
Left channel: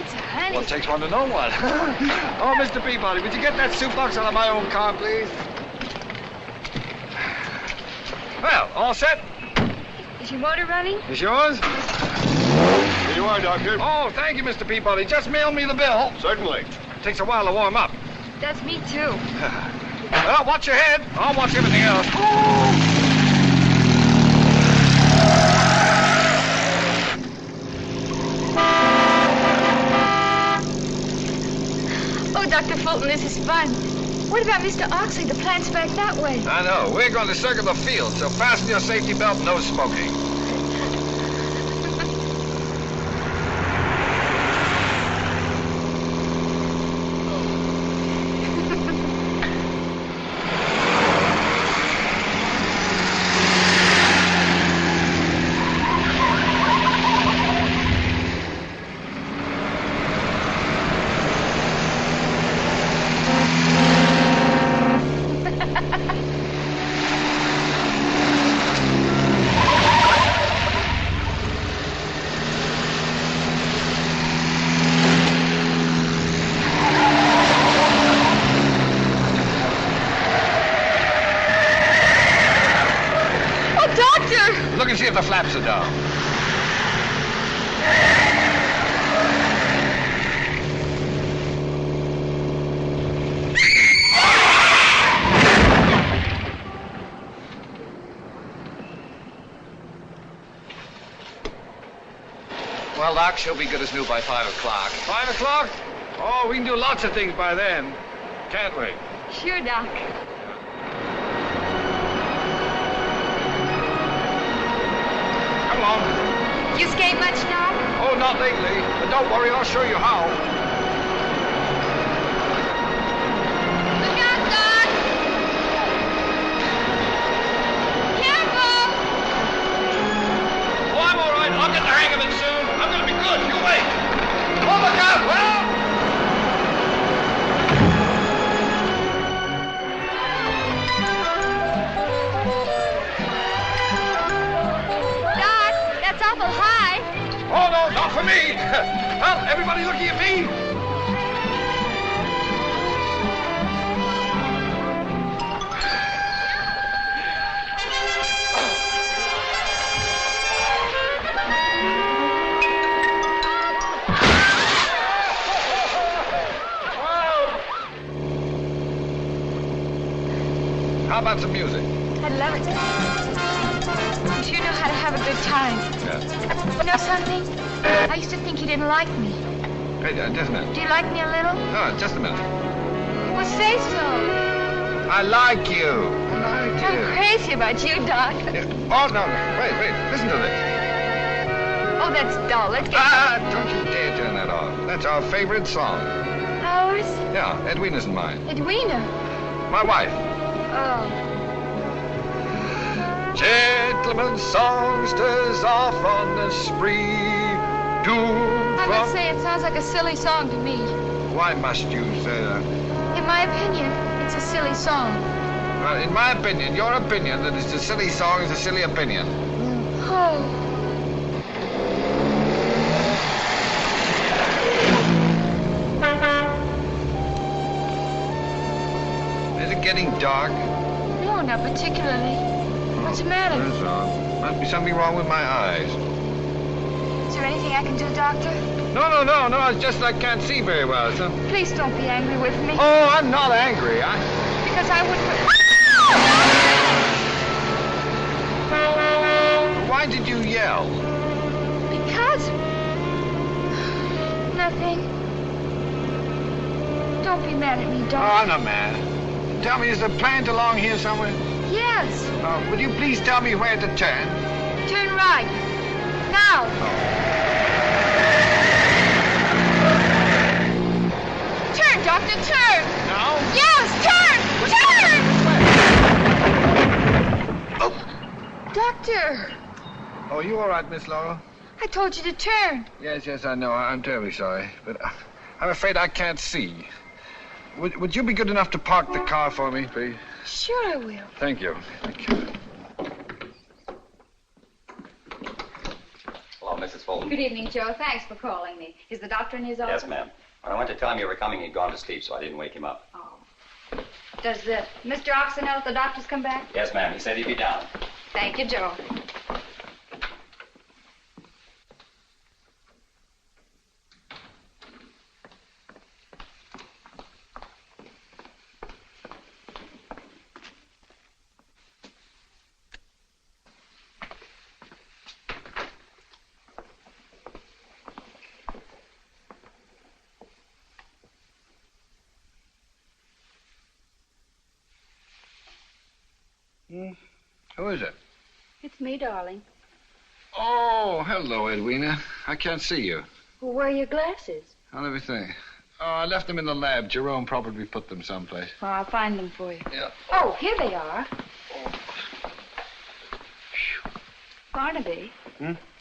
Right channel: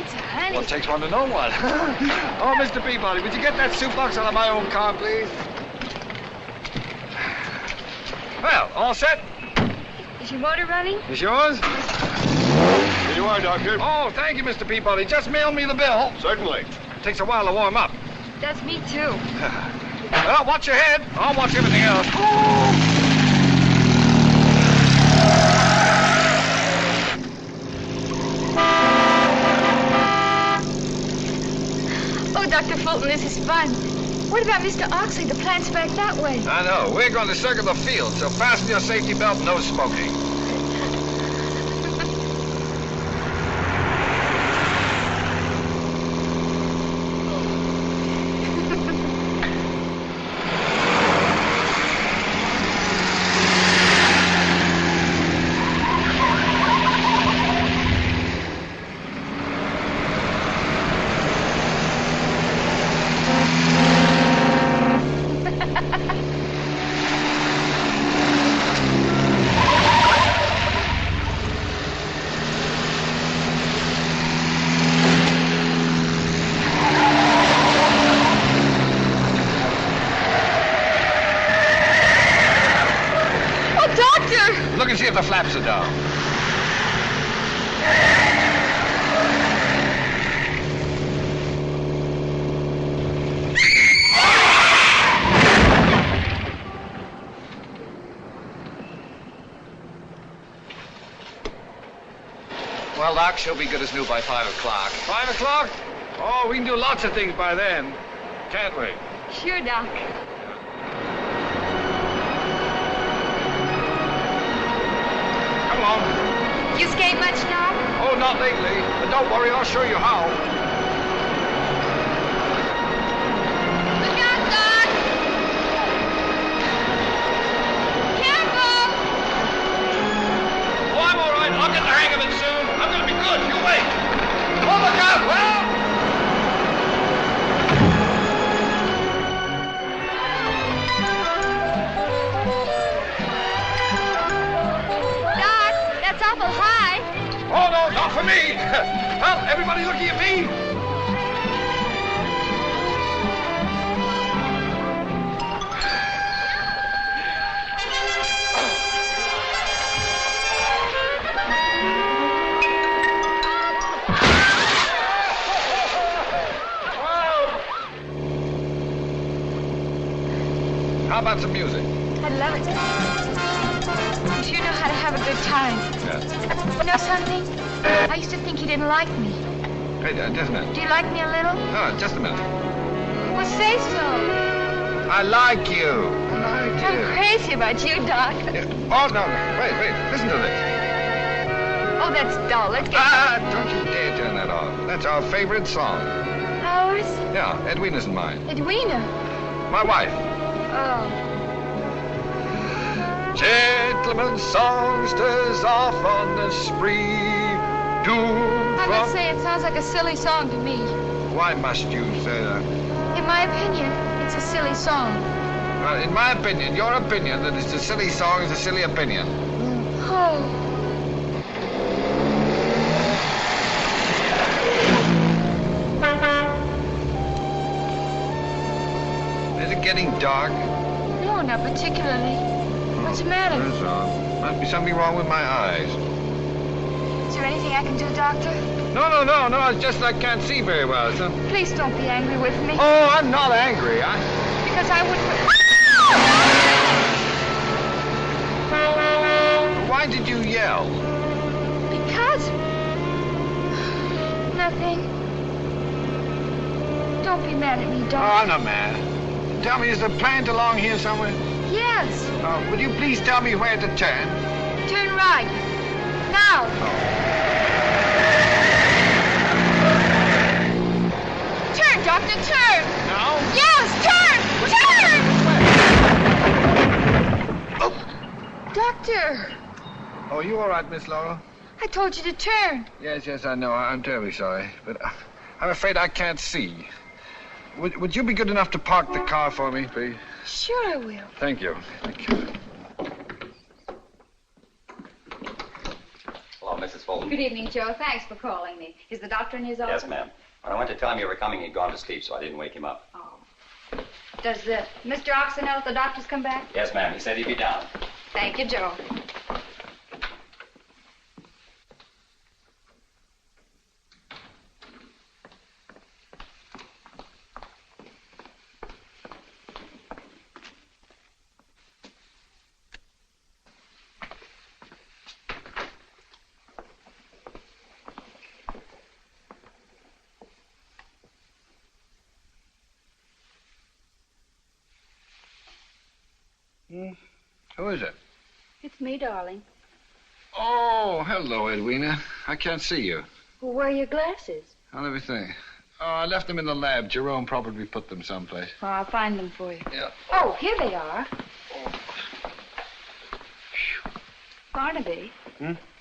it's a handy... Well, it takes one to know one. Oh, Mr. Peabody, would you get that soup box out of my own car, please? Well, all set? Is your motor running? Is yours? Here you are, Doctor. Oh, thank you, Mr. Peabody. Just mail me the bill. Certainly. Takes a while to warm up. That's me, too. Well, watch your head. I'll watch everything else. Oh, Dr. Fulton, this is fun. What about Mr. Oxley? The plant's back that way. I know. We're going to circle the field, so fasten your safety belt and no smoking. Look and see if the flaps are down. Well, Doc, she'll be good as new by 5 o'clock. 5 o'clock? Oh, we can do lots of things by then. Can't we? Sure, Doc. Come on. You skate much now? Oh, not lately. But don't worry, I'll show you how. Look out, Doc! Careful! Oh, I'm all right. I'll get the hang of it soon. I'm going to be good. You wait. Oh, look out, well! Doc, that's awful high. Oh, no, not for me. Well, everybody looking at me. How about some music? I love it. But you know how to have a good time. Yeah. You know something? I used to think you didn't like me. Hey, just a minute. Do you like me a little? No, just a minute. Well, say so. I like you. I like I'm you. crazy about you, Doc. Oh, no. Wait. Listen to this. Oh, that's dull. Let's get... Don't you dare turn that off. That's our favorite song. Ours? Yeah, Edwina's and mine. Edwina. My wife. Oh. Gentlemen songsters off on the spree. I must say, it sounds like a silly song to me. Why must you say that? In my opinion, it's a silly song. Well, in my opinion, your opinion that it's a silly song is a silly opinion. Oh. Is it getting dark? No, not particularly. What's the matter? That's wrong. Must be something wrong with my eyes. Is there anything I can do, Doctor? No. It's just I can't see very well, so... Please don't be angry with me. Oh, I'm not angry. Because I wouldn't... Why did you yell? Because... Nothing. Don't be mad at me, Oh, Doctor. I'm not mad. Tell me, is the plant along here somewhere? Yes. Would you please tell me where to turn? Turn right. Now. Turn, Doctor, turn. No? Yes, turn. Turn. Doctor, Oh, you all right, Miss Laurel? I told you to turn. Yes, I know. I'm terribly sorry. But I'm afraid I can't see. Would you be good enough to park the car for me, please? Sure I will. Thank you. Hello, Mrs. Fulton. Good evening, Joe. Thanks for calling me. Is the doctor in his office? Yes, ma'am. When I went to tell him you were coming, he'd gone to sleep, so I didn't wake him up. Oh. Does Mr. Oxon know if the doctor's come back? Yes, ma'am. He said he'd be down. Thank you, Joe. Who is it? It's me, darling. Oh, hello, Edwina. I can't see you. Well, where are your glasses? Oh, let me think. Oh, I left them in the lab. Jerome probably put them someplace. Well, I'll find them for you. Yeah. Oh, here they are. Barnaby.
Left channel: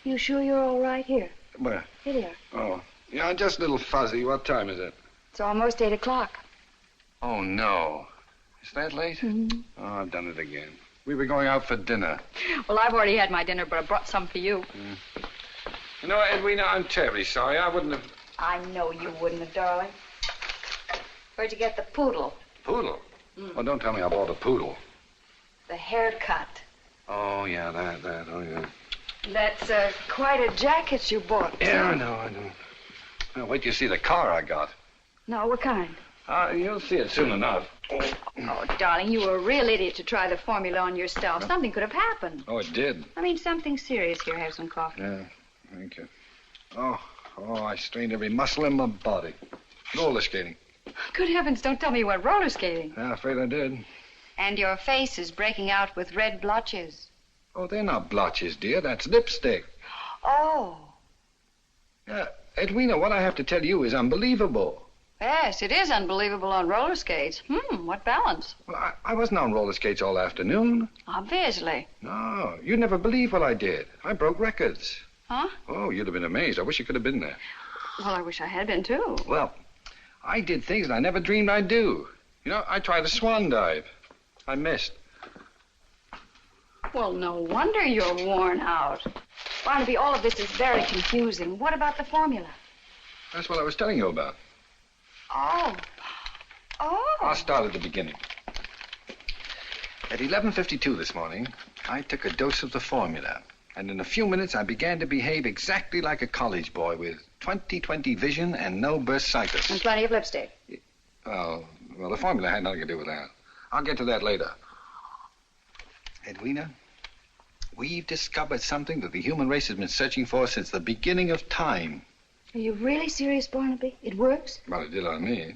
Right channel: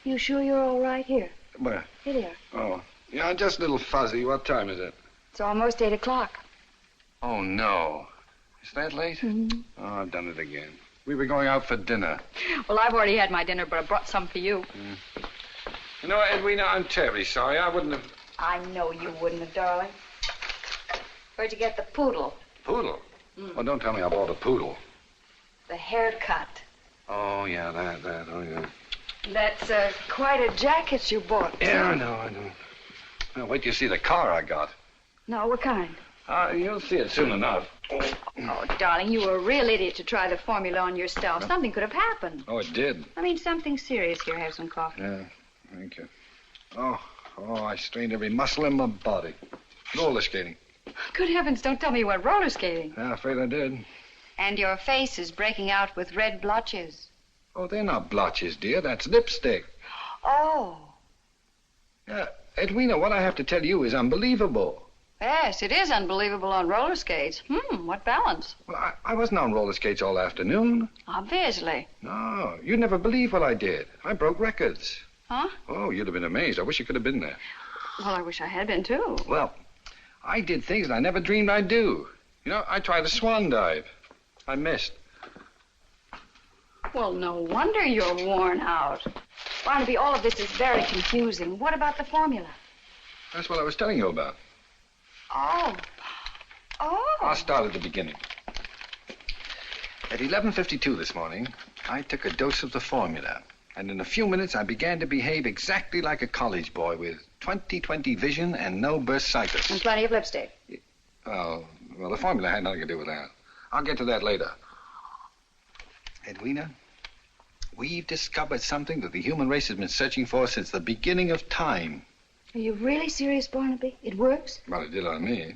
You sure you're all right? Here. Where? Here they are. Oh. Yeah, I'm just a little fuzzy. What time is it? It's almost 8 o'clock. Oh, no. Is that late? Mm-hmm. Oh, I've done it again. We were going out for dinner. Well, I've already had my dinner, but I brought some for you. You know, Edwina, I'm terribly sorry. I wouldn't have... I know you wouldn't have, darling. Where'd you get the poodle? Poodle? Oh, don't tell me I bought a poodle. The haircut. Oh, yeah, that. Oh, yeah. That's quite a jacket you bought. Yeah, I know. Now, wait till you see the car I got. No, what kind? You'll see it soon enough. Oh, darling, you were a real idiot to try the formula on yourself. Something could have happened. Oh, it did? I mean, something serious. Here, have some coffee. Yeah, thank you. Oh, I strained every muscle in my body. Roller skating. Good heavens, don't tell me you went roller skating. Yeah, afraid I did. And your face is breaking out with red blotches. Oh, they're not blotches, dear. That's lipstick. Oh. Yeah, Edwina, what I have to tell you is unbelievable. Yes, it is unbelievable on roller skates. What balance. Well, I wasn't on roller skates all afternoon. Obviously. No, you'd never believe what I did. I broke records. Huh? Oh, you'd have been amazed. I wish you could have been there. Well, I wish I had been, too. Well, I did things that I never dreamed I'd do. You know, I tried a swan dive. I missed. Well, no wonder you're worn out. Barnaby, all of this is very confusing. What about the formula? That's what I was telling you about. Oh. I'll start at the beginning. At 11:52 this morning, I took a dose of the formula. And in a few minutes, I began to behave exactly like a college boy with 20/20 vision and no bursitis. And plenty of lipstick. Oh, well, the formula had nothing to do with that. I'll get to that later. Edwina, we've discovered something that the human race has been searching for since the beginning of time. Are you really serious, Barnaby? It works? Well, it did on me.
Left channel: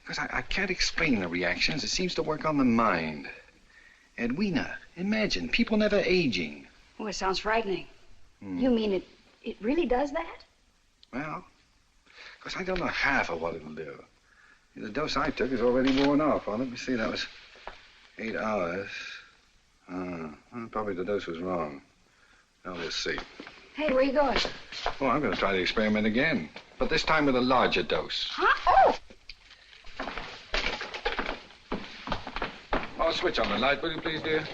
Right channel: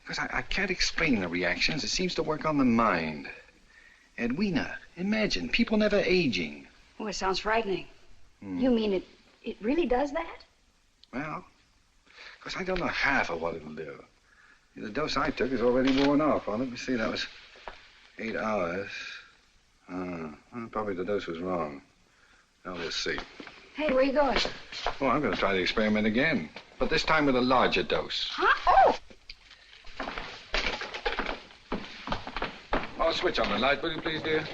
Because I can't explain the reactions. It seems to work on the mind. Edwina, imagine, people never aging. Oh, it sounds frightening. You mean it really does that? Well, because I don't know half of what it'll do. The dose I took is already worn off. Well, let me see, that was 8 hours. Probably the dose was wrong. Now, let's see. Hey, where are you going? Oh, I'm going to try the experiment again. But this time with a larger dose. Huh? Oh! Oh, switch on the light, will you please, dear?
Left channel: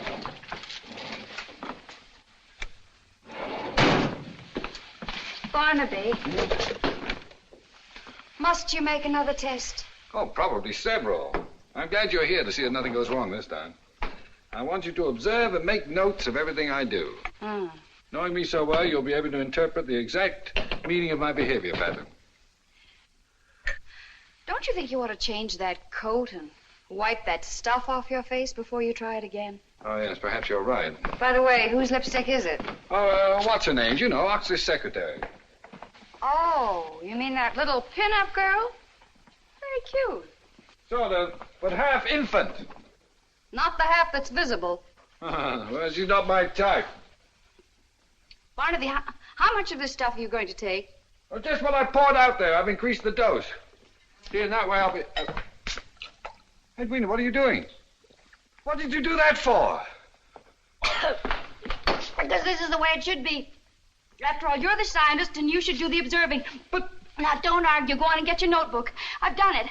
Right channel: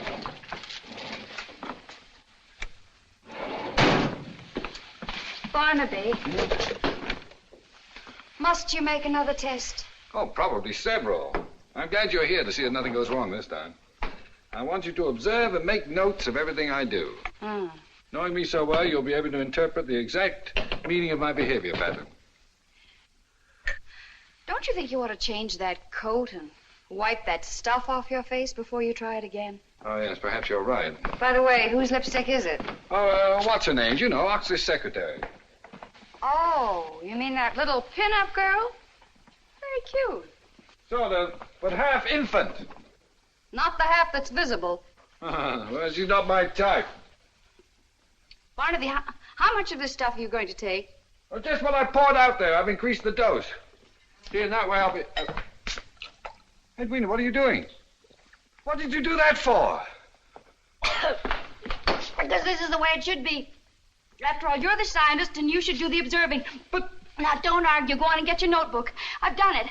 Barnaby. Must you make another test? Oh, probably several. I'm glad you're here to see that nothing goes wrong this time. I want you to observe and make notes of everything I do. Knowing me so well, you'll be able to interpret the exact meaning of my behavior pattern. Don't you think you ought to change that coat and wipe that stuff off your face before you try it again? Oh, yes, perhaps you're right. By the way, whose lipstick is it? Oh, what's her name? You know, Ox's secretary. Oh, you mean that little pin-up girl? Very cute. Sort of, but half infant. Not the half that's visible. Well, she's not my type. Barnaby, how much of this stuff are you going to take? Well, just what I poured out there. I've increased the dose. See, in that way I'll be... Edwina, what are you doing? What did you do that for? Because this is the way it should be. After all, you're the scientist, and you should do the observing. But now, don't argue. Go on and get your notebook. I've done it.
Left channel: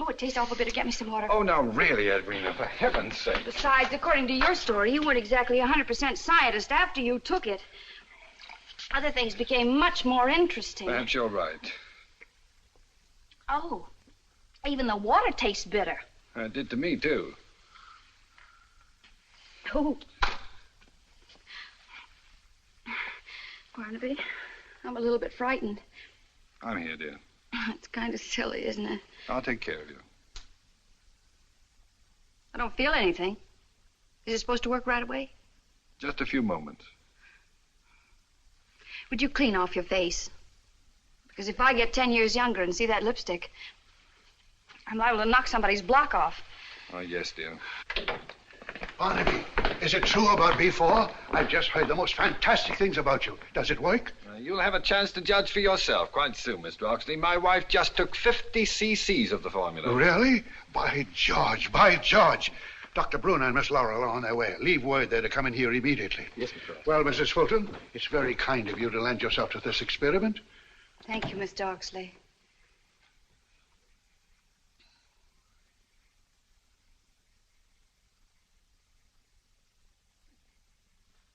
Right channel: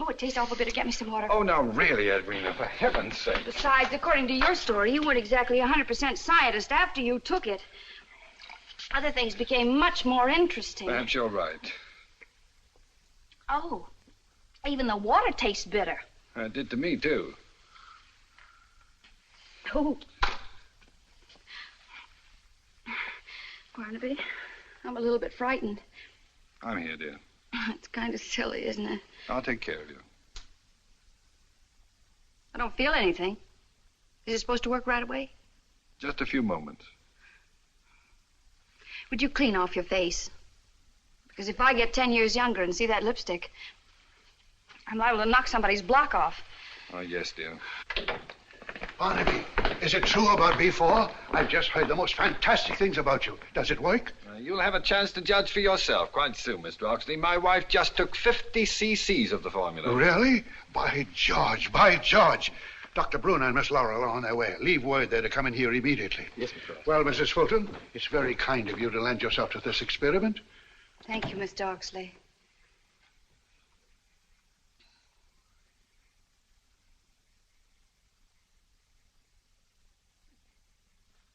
Oh, it tastes awful bitter. Get me some water. Oh, now, really, Edwina, for heaven's sake. Besides, according to your story, you weren't exactly 100% scientist after you took it. Other things became much more interesting. Perhaps you're right. Oh, even the water tastes bitter. It did to me, too. Oh. Barnaby, I'm a little bit frightened. I'm here, dear. It's kind of silly, isn't it? I'll take care of you. I don't feel anything. Is it supposed to work right away? Just a few moments. Would you clean off your face? Because if I get 10 years younger and see that lipstick, I'm liable to knock somebody's block off. Oh, yes, dear. Barnaby, Is it true about B4? I've just heard the most fantastic things about you. Does it work? You'll have a chance to judge for yourself quite soon, Mr. Oxley. My wife just took 50 cc's of the formula. Really? By George, by George. Dr. Bruner and Miss Laurel are on their way. Leave word there to come in here immediately. Yes, Mr. Oxley. Well, Mrs. Fulton, it's very kind of you to lend yourself to this experiment. Thank you, Mr. Oxley.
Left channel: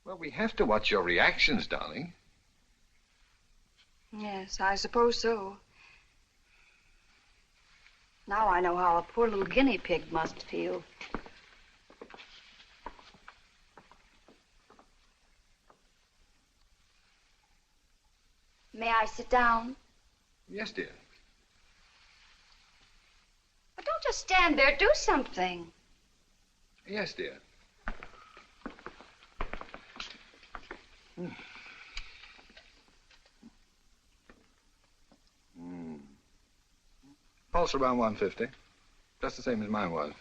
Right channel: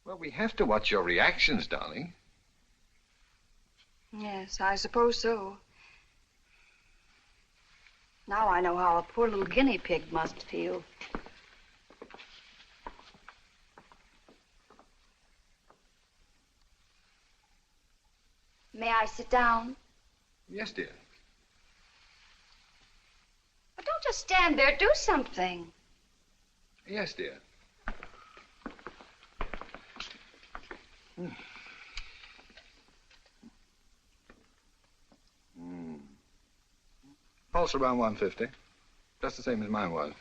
Well, we have to watch your reactions, darling. Yes, I suppose so. Now I know how a poor little guinea pig must feel. May I sit down? Yes, dear. But don't just stand there. Do something. Yes, dear. Pulse around 150. Just the same as mine was.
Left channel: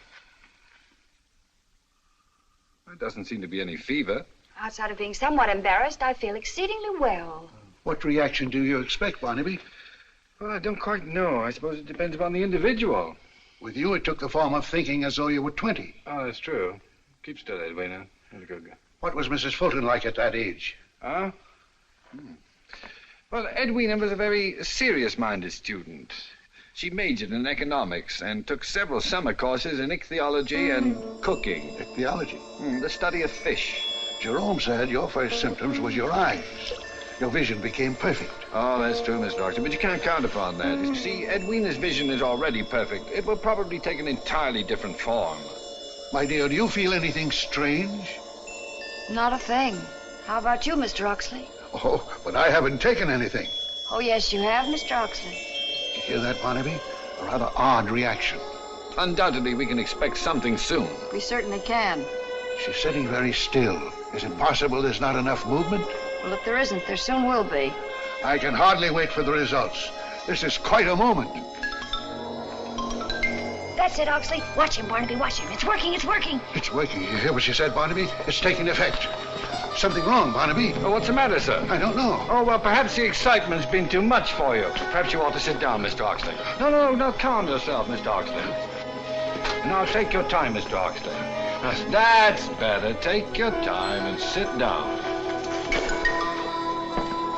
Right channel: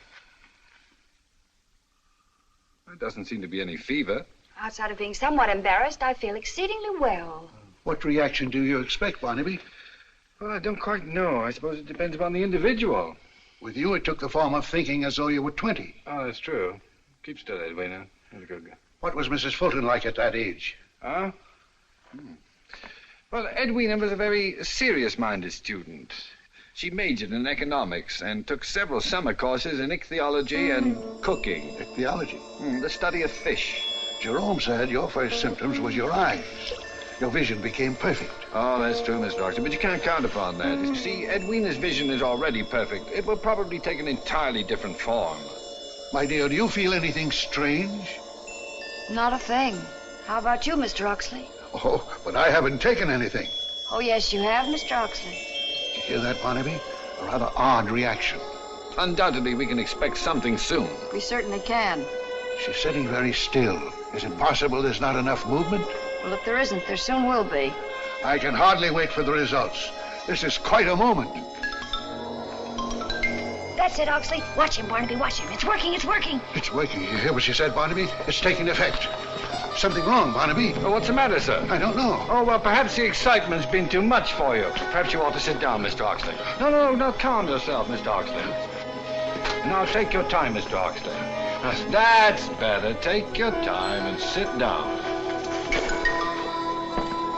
There doesn't seem to be any fever. Outside of being somewhat embarrassed, I feel exceedingly well. What reaction do you expect, Barnaby? Well, I don't quite know. I suppose it depends upon the individual. With you, it took the form of thinking as though you were 20. Oh, that's true. Keep still, Edwina. That's a good girl. What was Mrs. Fulton like at that age? Huh? Well, Edwina was a very serious-minded student. She majored in economics and took several summer courses in ichthyology and cooking. Ichthyology? The study of fish. Jerome said your first symptoms was your eyes. Your vision became perfect. Oh, that's true, Mr. Oxley, but you can't count upon that. You see, Edwina's vision is already perfect. It will probably take an entirely different form. My dear, do you feel anything strange? Not a thing. How about you, Mr. Oxley? Oh, but I haven't taken anything. Oh, yes, you have, Mr. Oxley. Did you hear that, Barnaby? A rather odd reaction. Undoubtedly, we can expect something soon. We certainly can. She's sitting very still. Is it possible there's not enough movement? Well, if there isn't, there soon will be. I can hardly wait for the results. This is quite a moment. That's it, Oxley. Watch him, Barnaby, watch him. It's working, it's working. It's working. You hear what she said, Barnaby? It's taking effect. Something wrong, Barnaby. Oh, what's the matter, sir? I don't know. Oh, well, perhaps the excitement's been too much for you. Perhaps you ought to sit down, Mr. Oxley. No, calm yourself, Mr. Oxley. Now, take your time, Mr. Oxley. That's better. Take your time and sit down.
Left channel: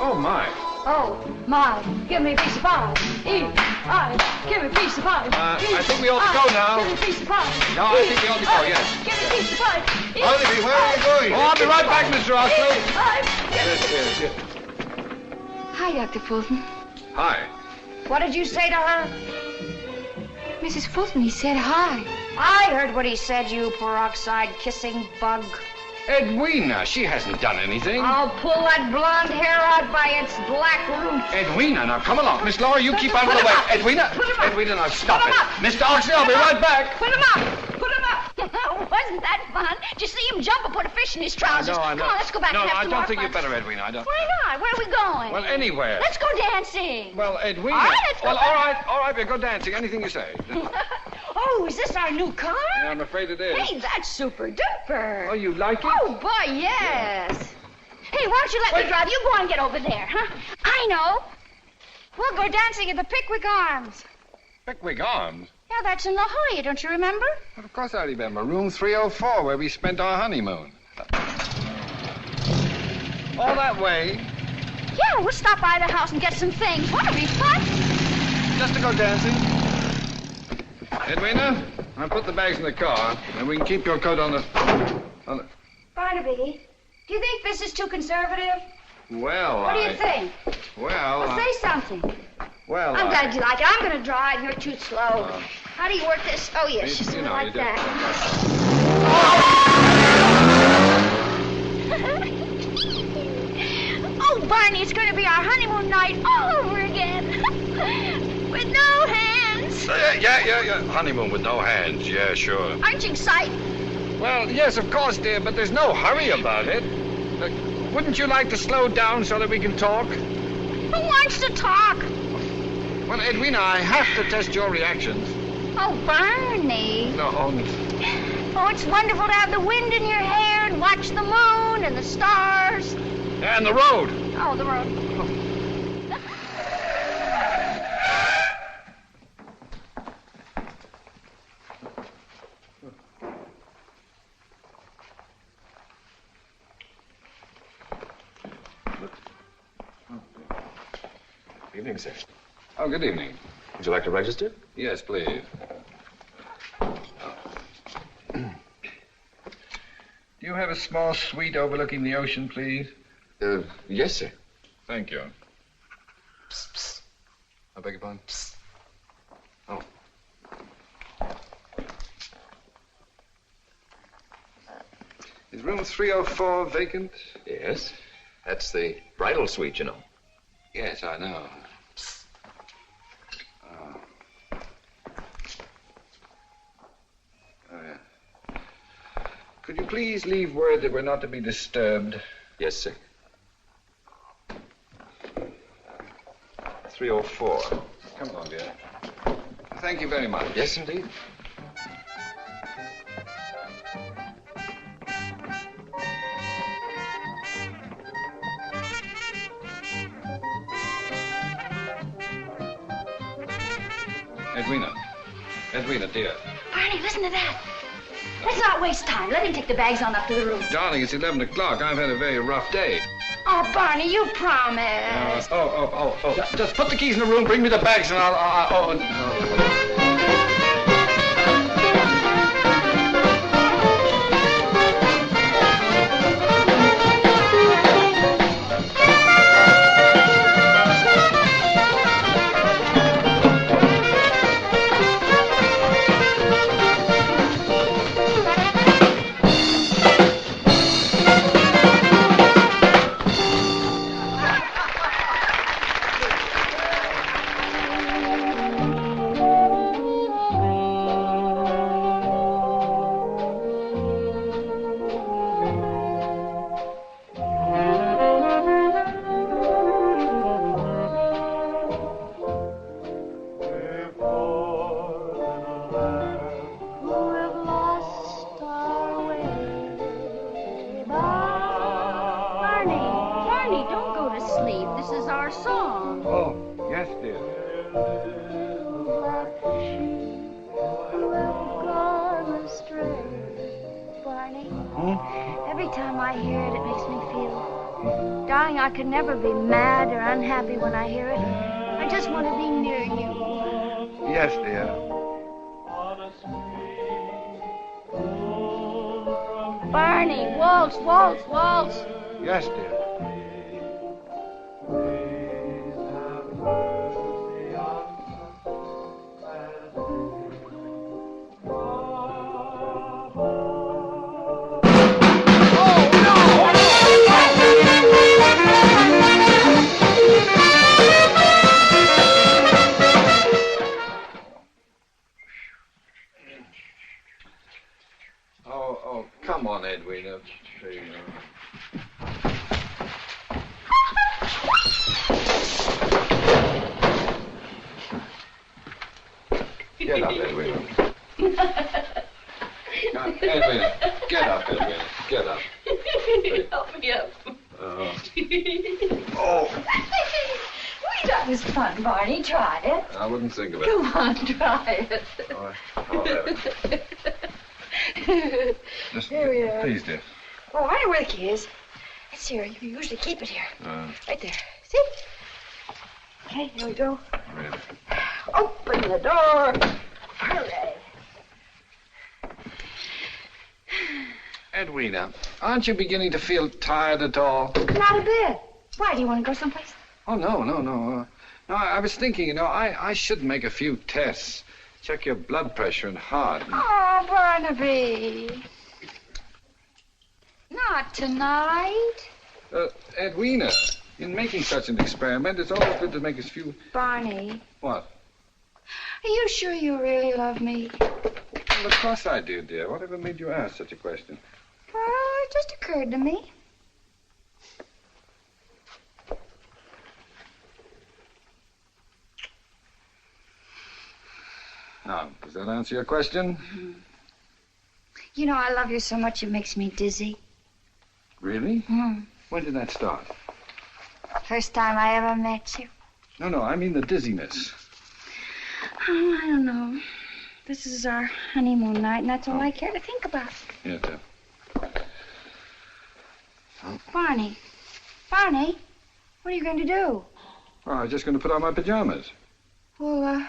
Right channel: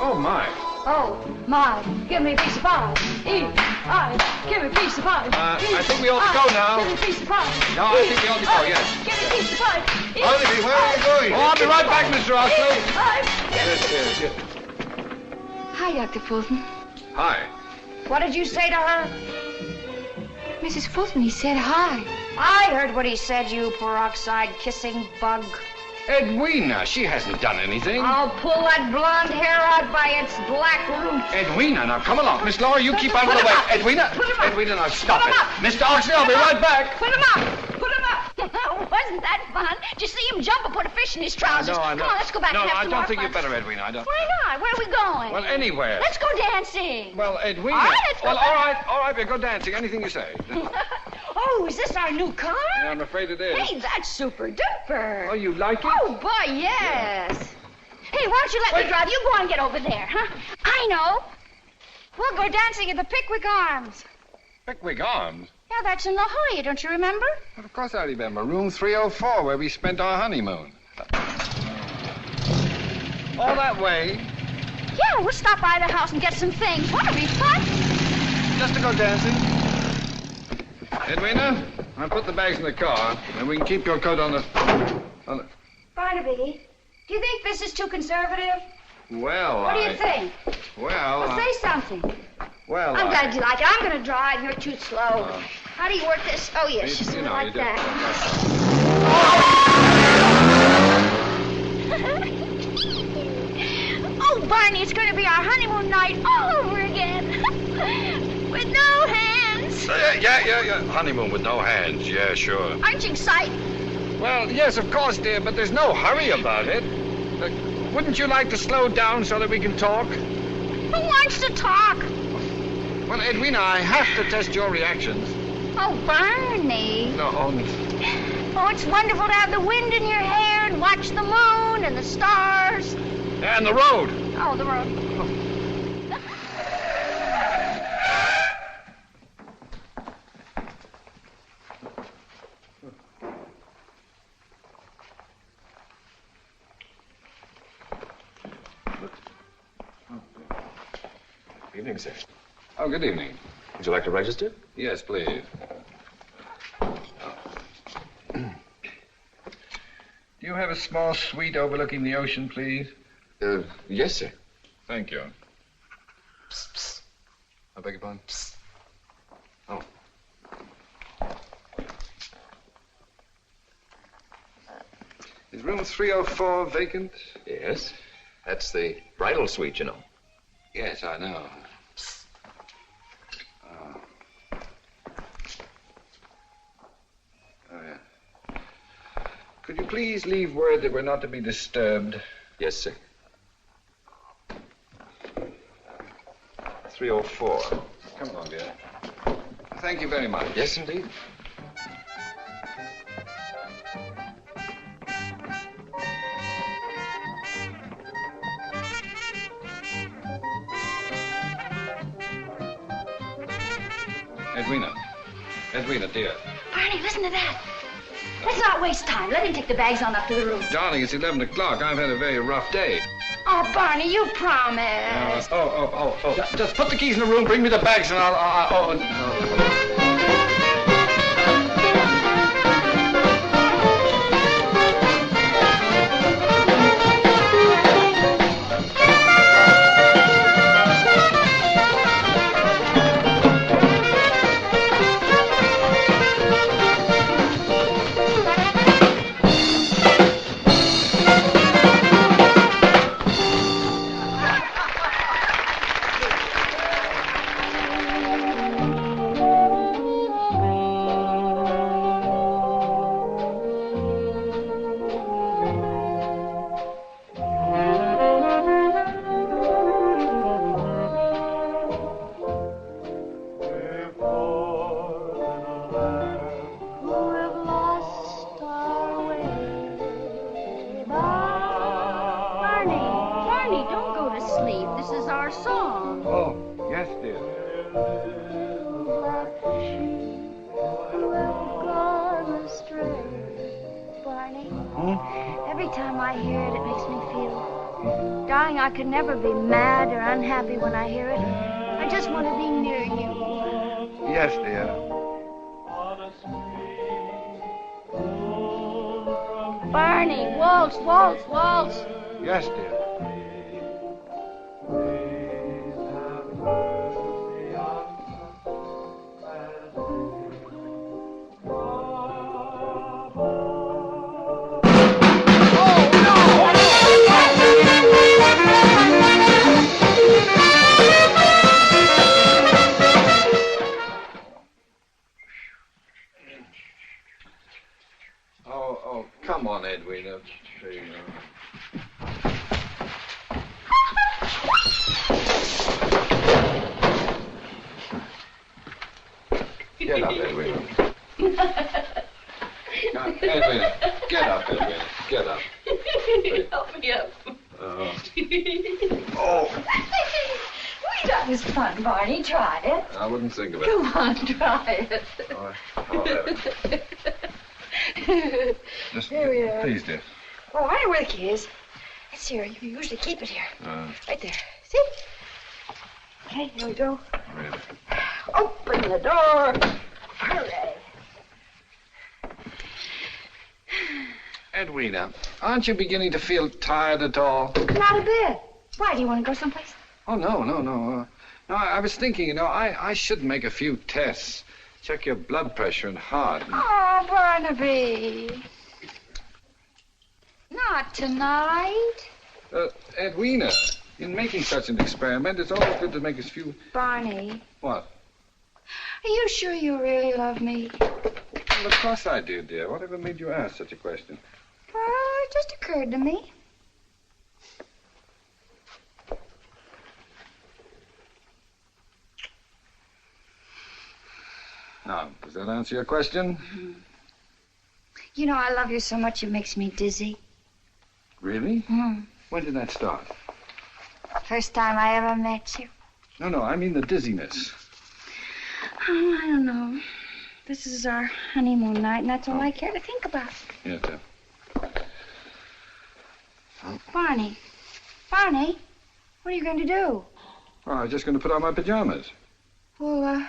Oh, my. Oh, my. Give me a piece of pie. Eat. Pie. Give me a piece of pie. I think we ought to go now. Give me a piece of pie. No, I think we ought to go, yes. Give me a piece of pie. Barnaby, where are you going? Oh, I'll be right back, Mr. Oxley. Yes. Hi, Dr. Fulton. Hi. What did you say to her? Mrs. Fulton, he said hi. I heard what he said, you peroxide kissing bug. Edwina, she hasn't done anything. I'll pull that blonde hair out by its black roots. Edwina, now come along. Miss Laura, you keep out of the way. Edwina, now stop it. Mr. Oxley, I'll be right back. Put him up. Put him up. Wasn't that fun? Did you see him jump and put a fish in his trousers? No, Come on, let's go back No, and have I some don't more think fun. you better, Edwina. I don't. Why not? Where are we going? Well, anywhere. Let's go dancing. Well, Edwina. All right, let's go Well, back. all right, we'll go dancing. Anything you say. Oh, is this our new car? Yeah, I'm afraid it is. Hey, that's super duper. Oh, you like it? Oh, boy, yes. Hey, why don't you let me drive? You go and get over there, huh? I know. We'll go dancing at the Pickwick Arms. Pickwick Arms? Yeah, that's in La Jolla, don't you remember? Well, of course I remember. Room 304, where we spent our honeymoon. All that way? Yeah, we'll stop by the house and get some things. What'll be fun? Just to go dancing. Edwina, I'll put the bags in the car, and we can keep your coat on the... Barnaby, do you think this is too conservative? Well, What do you think? Well, Say something. Well, I'm glad you like it. I'm going to drive. You're too slow. How do you work this? Oh, yes, you know, like you do. that. Oh, Barney, it's going to be our honeymoon night all over again. With no hands. Yeah. Honeymoon with no hands. Yeah, sure. Aren't you excited? Well, yes, of course, dear, but there's no hurry about it. Wouldn't you like to slow down so that we can talk? Who wants to talk? Well, Edwina, I have to test your reactions. Oh, Barney. No. Oh, it's wonderful to have the wind in your hair and watch the moon and the stars. And the road. Oh, the road. Evening, sir. Oh, good evening. Would you like to register? Yes, please. Do you have a small suite overlooking the ocean, please? Yes, sir. Thank you. Psst, psst. I beg your pardon? Psst. Oh. Is room 304 vacant? Yes. That's the bridal suite, you know. Yes, I know. Could you please leave word that we're not to be disturbed? Yes, sir. 304. Come along, dear. Thank you very much. Yes, indeed. Edwina, dear. Barney, listen to that. Let's not waste time. Let him take the bags on up to the room. Darling, it's 11 o'clock. I've had a very rough day. Oh, Barney, you promised. Just put the keys in the room, bring me the bags, and I'll. I could never be mad or unhappy when I hear it. I just want to be near you. Yes, dear. Barney, waltz, waltz, waltz. Yes, dear. Come on, Edwina. Get up, Edwina. Now, Edwina, get up, Edwina. Get up. Help me up. Oh. That was fun, Barney. Try it. I wouldn't think of it. Come on, try it. I'll have it. Just, There we are. please, dear. Oh, I know where the key is. It's here. You usually keep it here. Right there. See? Okay, here we go. Yeah. Open the door. Hooray. Edwina, aren't you beginning to feel tired at all? Not a bit. Why, do you want to go someplace? Oh, no. No, I was thinking, I should make a few tests. Check your blood pressure and heart. Oh, Barnaby. Not tonight. Edwina, in making such an experiment, it's always good to make a few... Barney. What? Are you sure you really love me? Well, of course I do, dear. Whatever made you ask such a question? Well, it just occurred to me. Now, does that answer your question? You know, I love you so much it makes me dizzy. Really? Hmm. When did that start? First time I ever met you. No, I mean the dizziness. Oh, I don't know. This is our honeymoon night, and that's all I care to think about. Yes, sir. Barney, what are you going to do? Oh, I was just going to put on my pajamas. Well,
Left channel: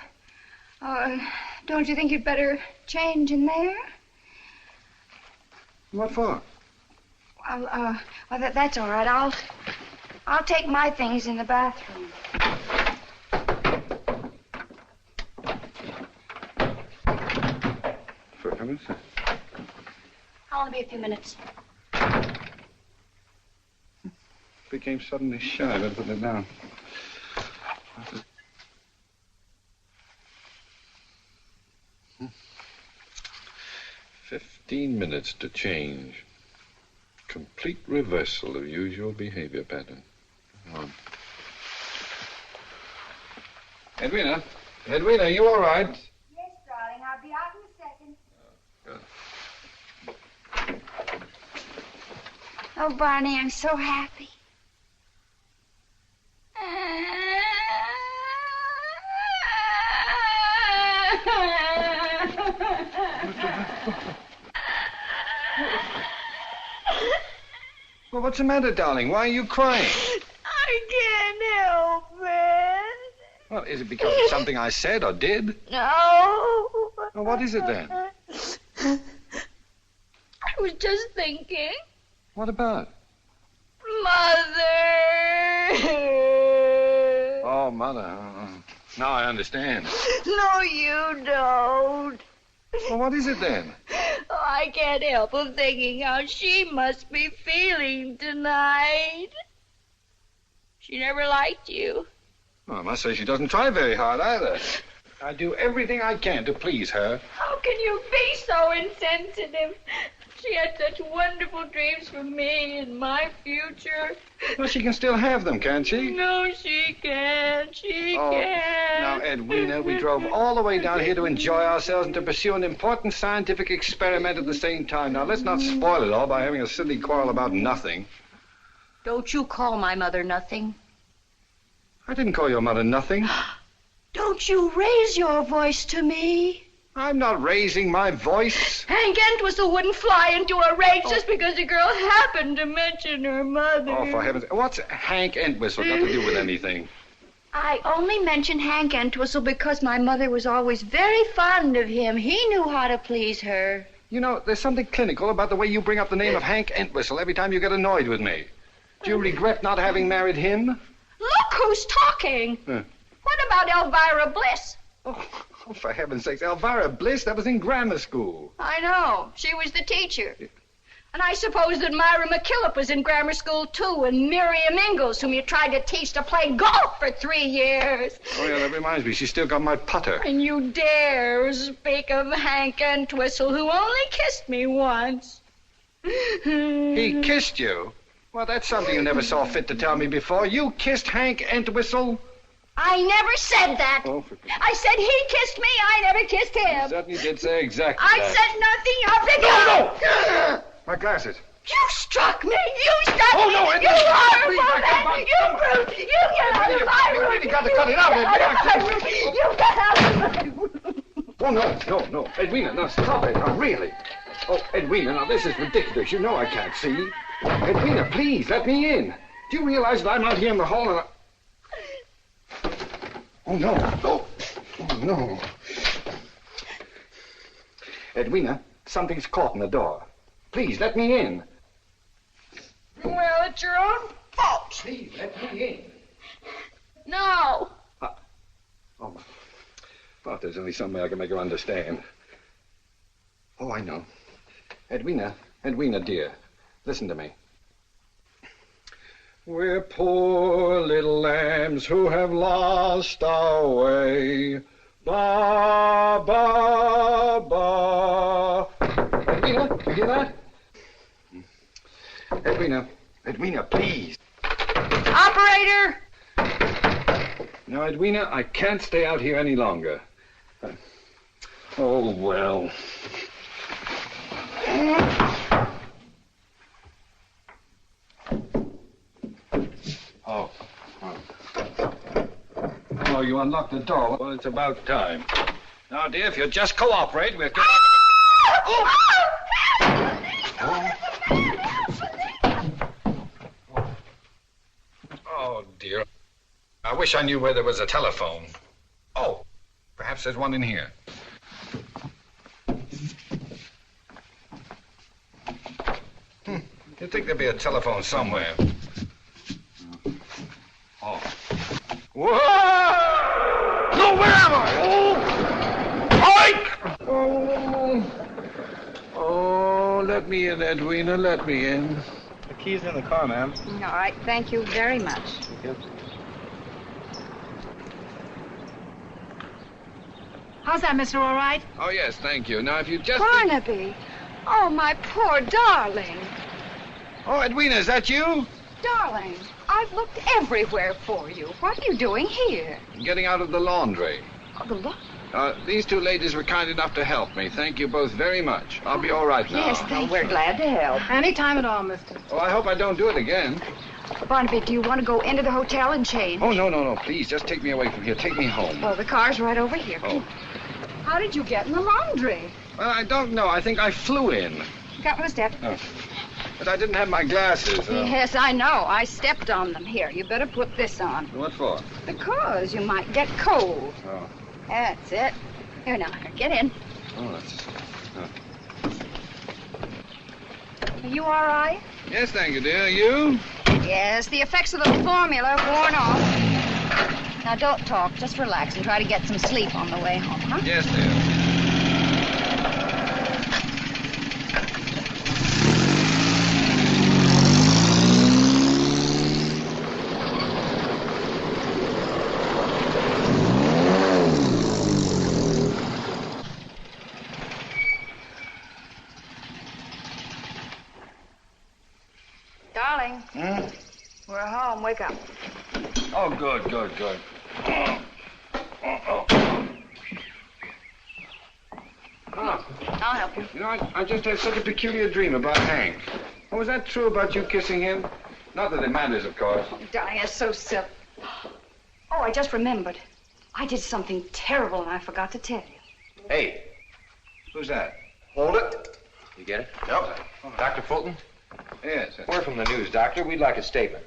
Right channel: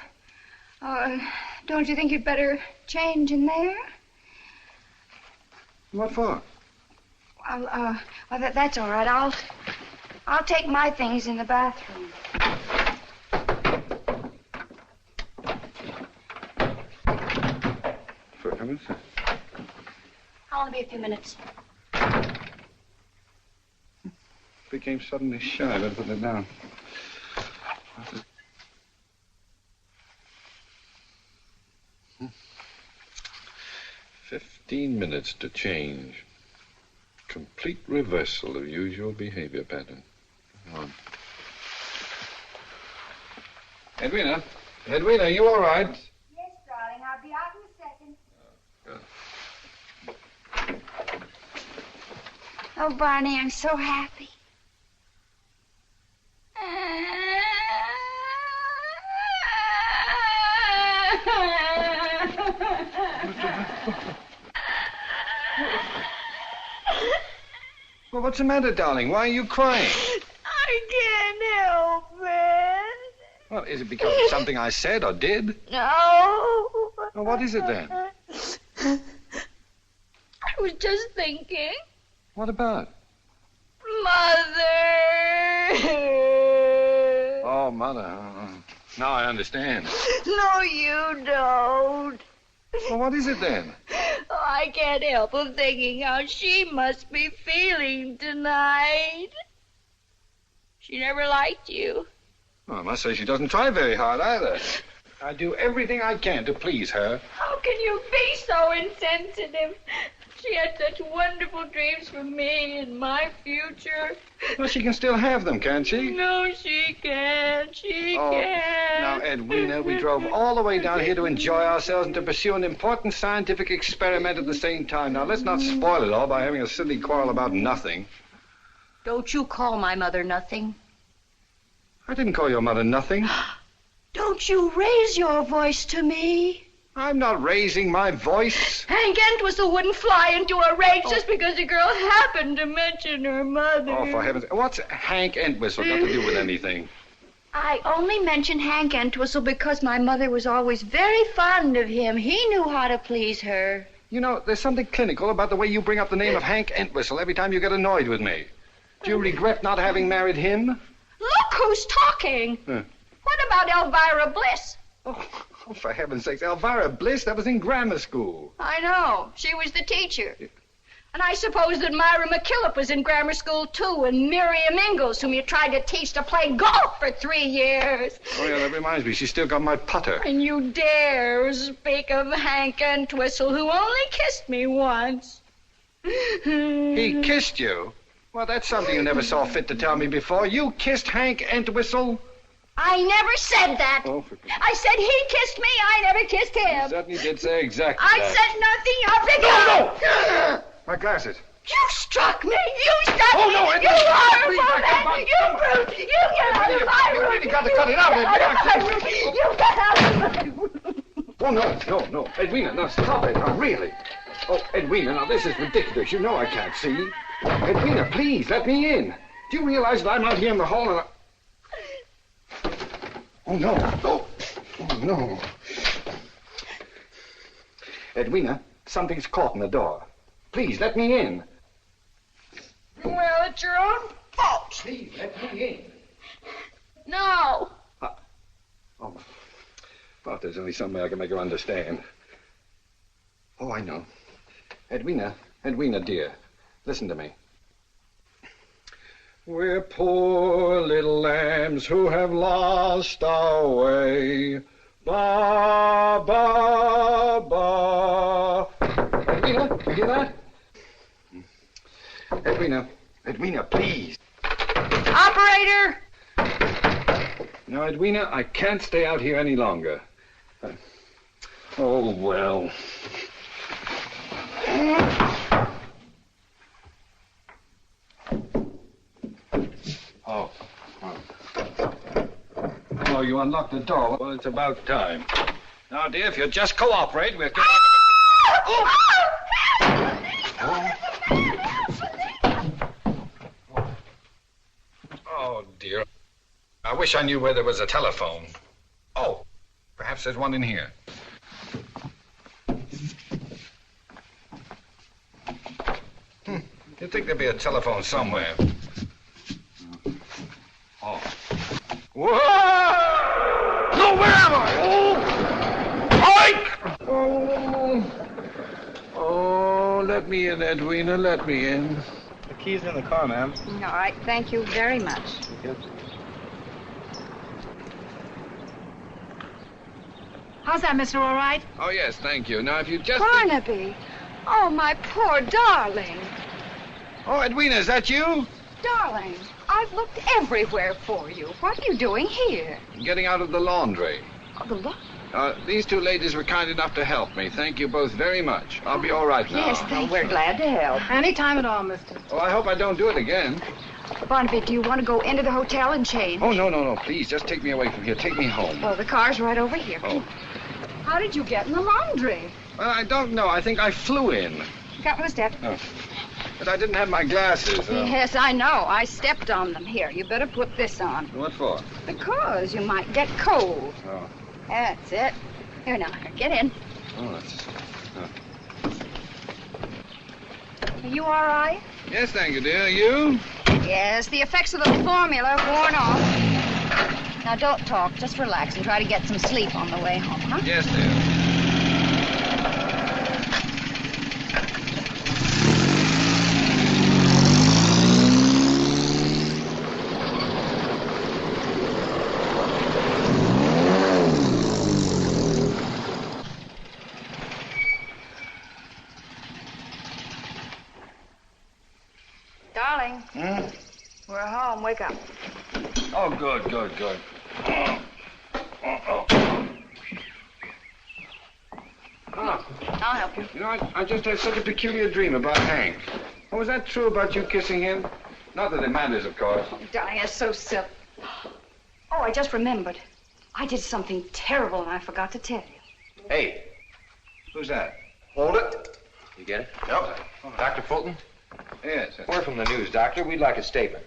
don't you think you'd better change in there? What for? Well, that's all right. I'll take my things in the bathroom. For a minute. I'll only be a few minutes. Became suddenly shy. I better put that down. 15 minutes to change. Complete reversal of usual behavior pattern. On. Edwina, you all right? Yes, darling. I'll be out in a second. Oh, Barney, I'm so happy. Well, what's the matter, darling? Why are you crying? I can't help it. Well, is it because of something I said or did? No. Well, what is it then? I was just thinking. What about? Mother. Oh, Mother. Now I understand. No, you don't. Well, what is it then? I can't help but thinking how she must be feeling tonight. She never liked you. Well, I must say she doesn't try very hard either. I do everything I can to please her. How can you be so insensitive? She had such wonderful dreams for me and my future. Well, she can still have them, can't she? No, she can't. She can't. Now, Edwina, we drove all the way down here to enjoy ourselves and to pursue an important scientific experiment at the same time. Now, let's not spoil it all by having a silly quarrel about nothing. Don't you call my mother nothing. I didn't call your mother nothing. Don't you raise your voice to me. I'm not raising my voice. Hank Entwistle wouldn't fly into a rage just because a girl happened to mention her mother. Oh, for heaven's sake. What's Hank Entwistle got to do with anything? I only mentioned Hank Entwistle because my mother was always very fond of him. He knew how to please her. You know, there's something clinical about the way you bring up the name of Hank Entwistle every time you get annoyed with me. Do you regret not having married him? Look who's talking. What about Elvira Bliss? Oh, for heaven's sakes, Elvira Bliss, that was in grammar school. I know. She was the teacher. And I suppose that Myra McKillop was in grammar school, too, and Miriam Ingalls, whom you tried to teach to play golf for 3 years. Oh, yeah, that reminds me. She's still got my putter. And you dare speak of Hank Entwistle, who only kissed me once. He kissed you? Well, that's something you never saw fit to tell me before. You kissed Hank Entwistle? I never said that. Oh, I said he kissed me. I never kissed him. You certainly did say exactly I that. said nothing of the kind. My glasses. You struck me. You struck me. no, You horrible man. You brute. You get out of my room. You got to cut it out. You get out of my room. Oh, no. Edwina, now stop it. Now, really. Oh, Edwina, now this is ridiculous. You know I can't see. Edwina, please, let me in. Do you realize that I'm out here in the hall and Oh, no. Oh, no. Edwina, something's caught in the door. Please, let me in. Well, it's your own fault. Please, let me in. No. Oh, well, if there's only some way I can make her understand. Oh, I know. Edwina, dear, listen to me. We're poor little lambs who have lost our way. Ba, ba, ba. Edwina, you hear that? Edwina, please. Operator! Now, Edwina, I can't stay out here any longer. Oh, well. unlock the door. Well, it's about time. Now, dear, if you'll just cooperate, we'll get... Oh, dear. I wish I knew where there was a telephone. Oh, perhaps there's one in here. You'd think there'd be a telephone somewhere. Oh. Whoa! No, where am I? Oh! Oh, let me in, Edwina, let me in. The key's in the car, ma'am. All right, thank you very much. Yep. How's that, mister, all right? Oh, yes, thank you. Now, if you just... Barnaby. Oh, my poor darling. Oh, Edwina, is that you? Darling, I've looked everywhere for you. What are you doing here? Getting out of the laundry. Oh, the look. These two ladies were kind enough to help me. Thank you both very much. I'll be all right now. Yes, we're glad to help. Any time at all, mister. Oh, I hope I don't do it again. Barnaby, do you want to go into the hotel and change? Oh, no. Please, just take me away from here. Take me home. Well, the car's right over here. Oh. How did you get in the laundry? Well, I don't know. I think I flew in. Couple of steps. Oh. But I didn't have my glasses. Yes, I know. I stepped on them. Here, you better put this on. What for? Because you might get cold. Oh. That's it. Here now, get in. Oh, that's... Are you all right? Yes, thank you, dear. You? Yes, the effects of the formula are worn off. Now, don't talk. Just relax and try to get some sleep on the way home, huh? Yes, dear. Darling. We're home. Wake up. Oh, good. I'll help you. You know, I just had such a peculiar dream about Hank. Oh, was that true about you kissing him? Not that it matters, of course. Oh, darling, that's so silly. Oh, I just remembered. I did something terrible and I forgot to tell you. Hey, Who's that? hold it. You get it? Yep. Dr. Fulton? Yes. We're from the news, Doctor. We'd like a statement.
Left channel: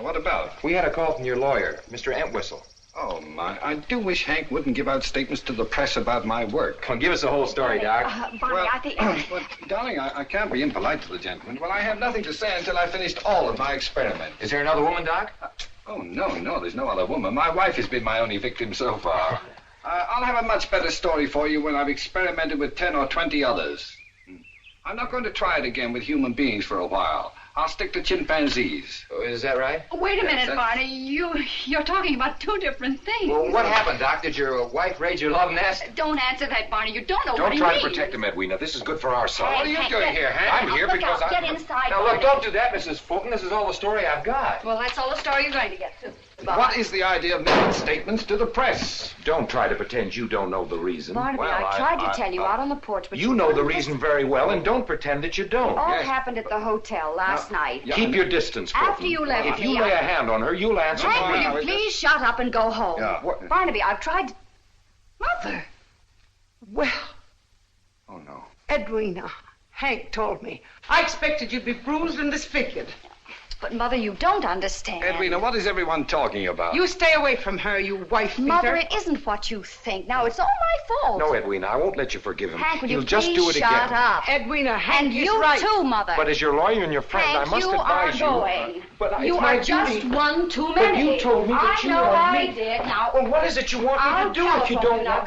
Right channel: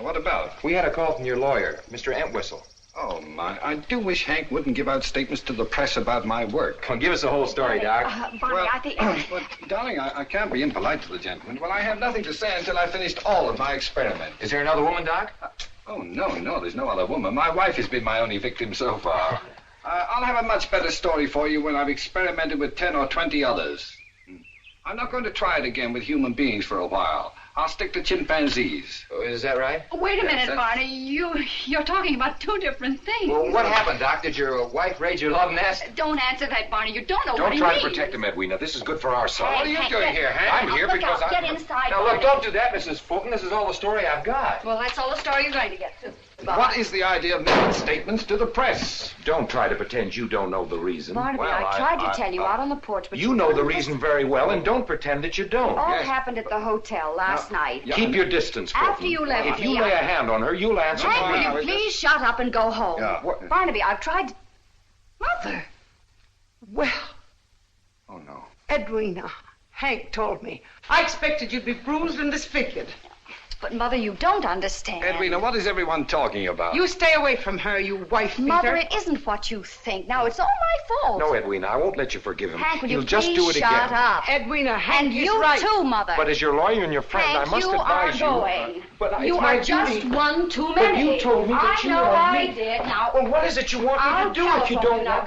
What about? We had a call from your lawyer, Mr. Entwistle. Oh, my. I do wish Hank wouldn't give out statements to the press about my work. Come on, give us the whole story, Doc. Barney, I think... But, darling, I can't be impolite to the gentleman. Well, I have nothing to say until I finished all of my experiment. Is there another woman, Doc? Oh, no, there's no other woman. My wife has been my only victim so far. I'll have a much better story for you when I've experimented with 10 or 20 others. I'm not going to try it again with human beings for a while. I'll stick to chimpanzees. Oh, is that right? Oh, wait a minute, Barney. You're talking about two different things. Well, what happened, Doc? Did your wife raid your love nest? Don't answer that, Barney. You don't know Don't what try he to means. protect him, Edwina. This is good for our son. What are you doing here, Hank? I'm here Look because out. I... Get inside, Now, look, Barney. don't do that, Mrs. Fulton. This is all the story I've got. Well, that's all the story you're going to get, too. What is the idea of making statements to the press? Don't try to pretend you don't know the reason. Barnaby, Well, I tried I- to tell you out on the porch, but You know the reason very well, and don't pretend that you don't. All Yes, happened at the hotel last night. Keep your distance, Fulton. After you left If you me, lay a hand on her, you'll answer Hank, for will me. you Please shut up and go home. Yeah. Barnaby, I've tried to... Mother. Well, Oh, no. Edwina, Hank told me. I expected you'd be bruised and disfigured. But, Mother, you don't understand. Edwina, what is everyone talking about? You stay away from her, you wife beater. Mother, it isn't what you think. Now, it's all my fault. No, Edwina, I won't let you forgive him. Hank, will He'll you just please do it shut again. up? Edwina, Hank And is you right. too, Mother. But as your lawyer and your friend, Hank, I must you advise are going. But it's You my are just duty. one too But many. you told me that you I know were I me. did. Now, Well, what is it you want I'll me to do if you telephone don't Now, want...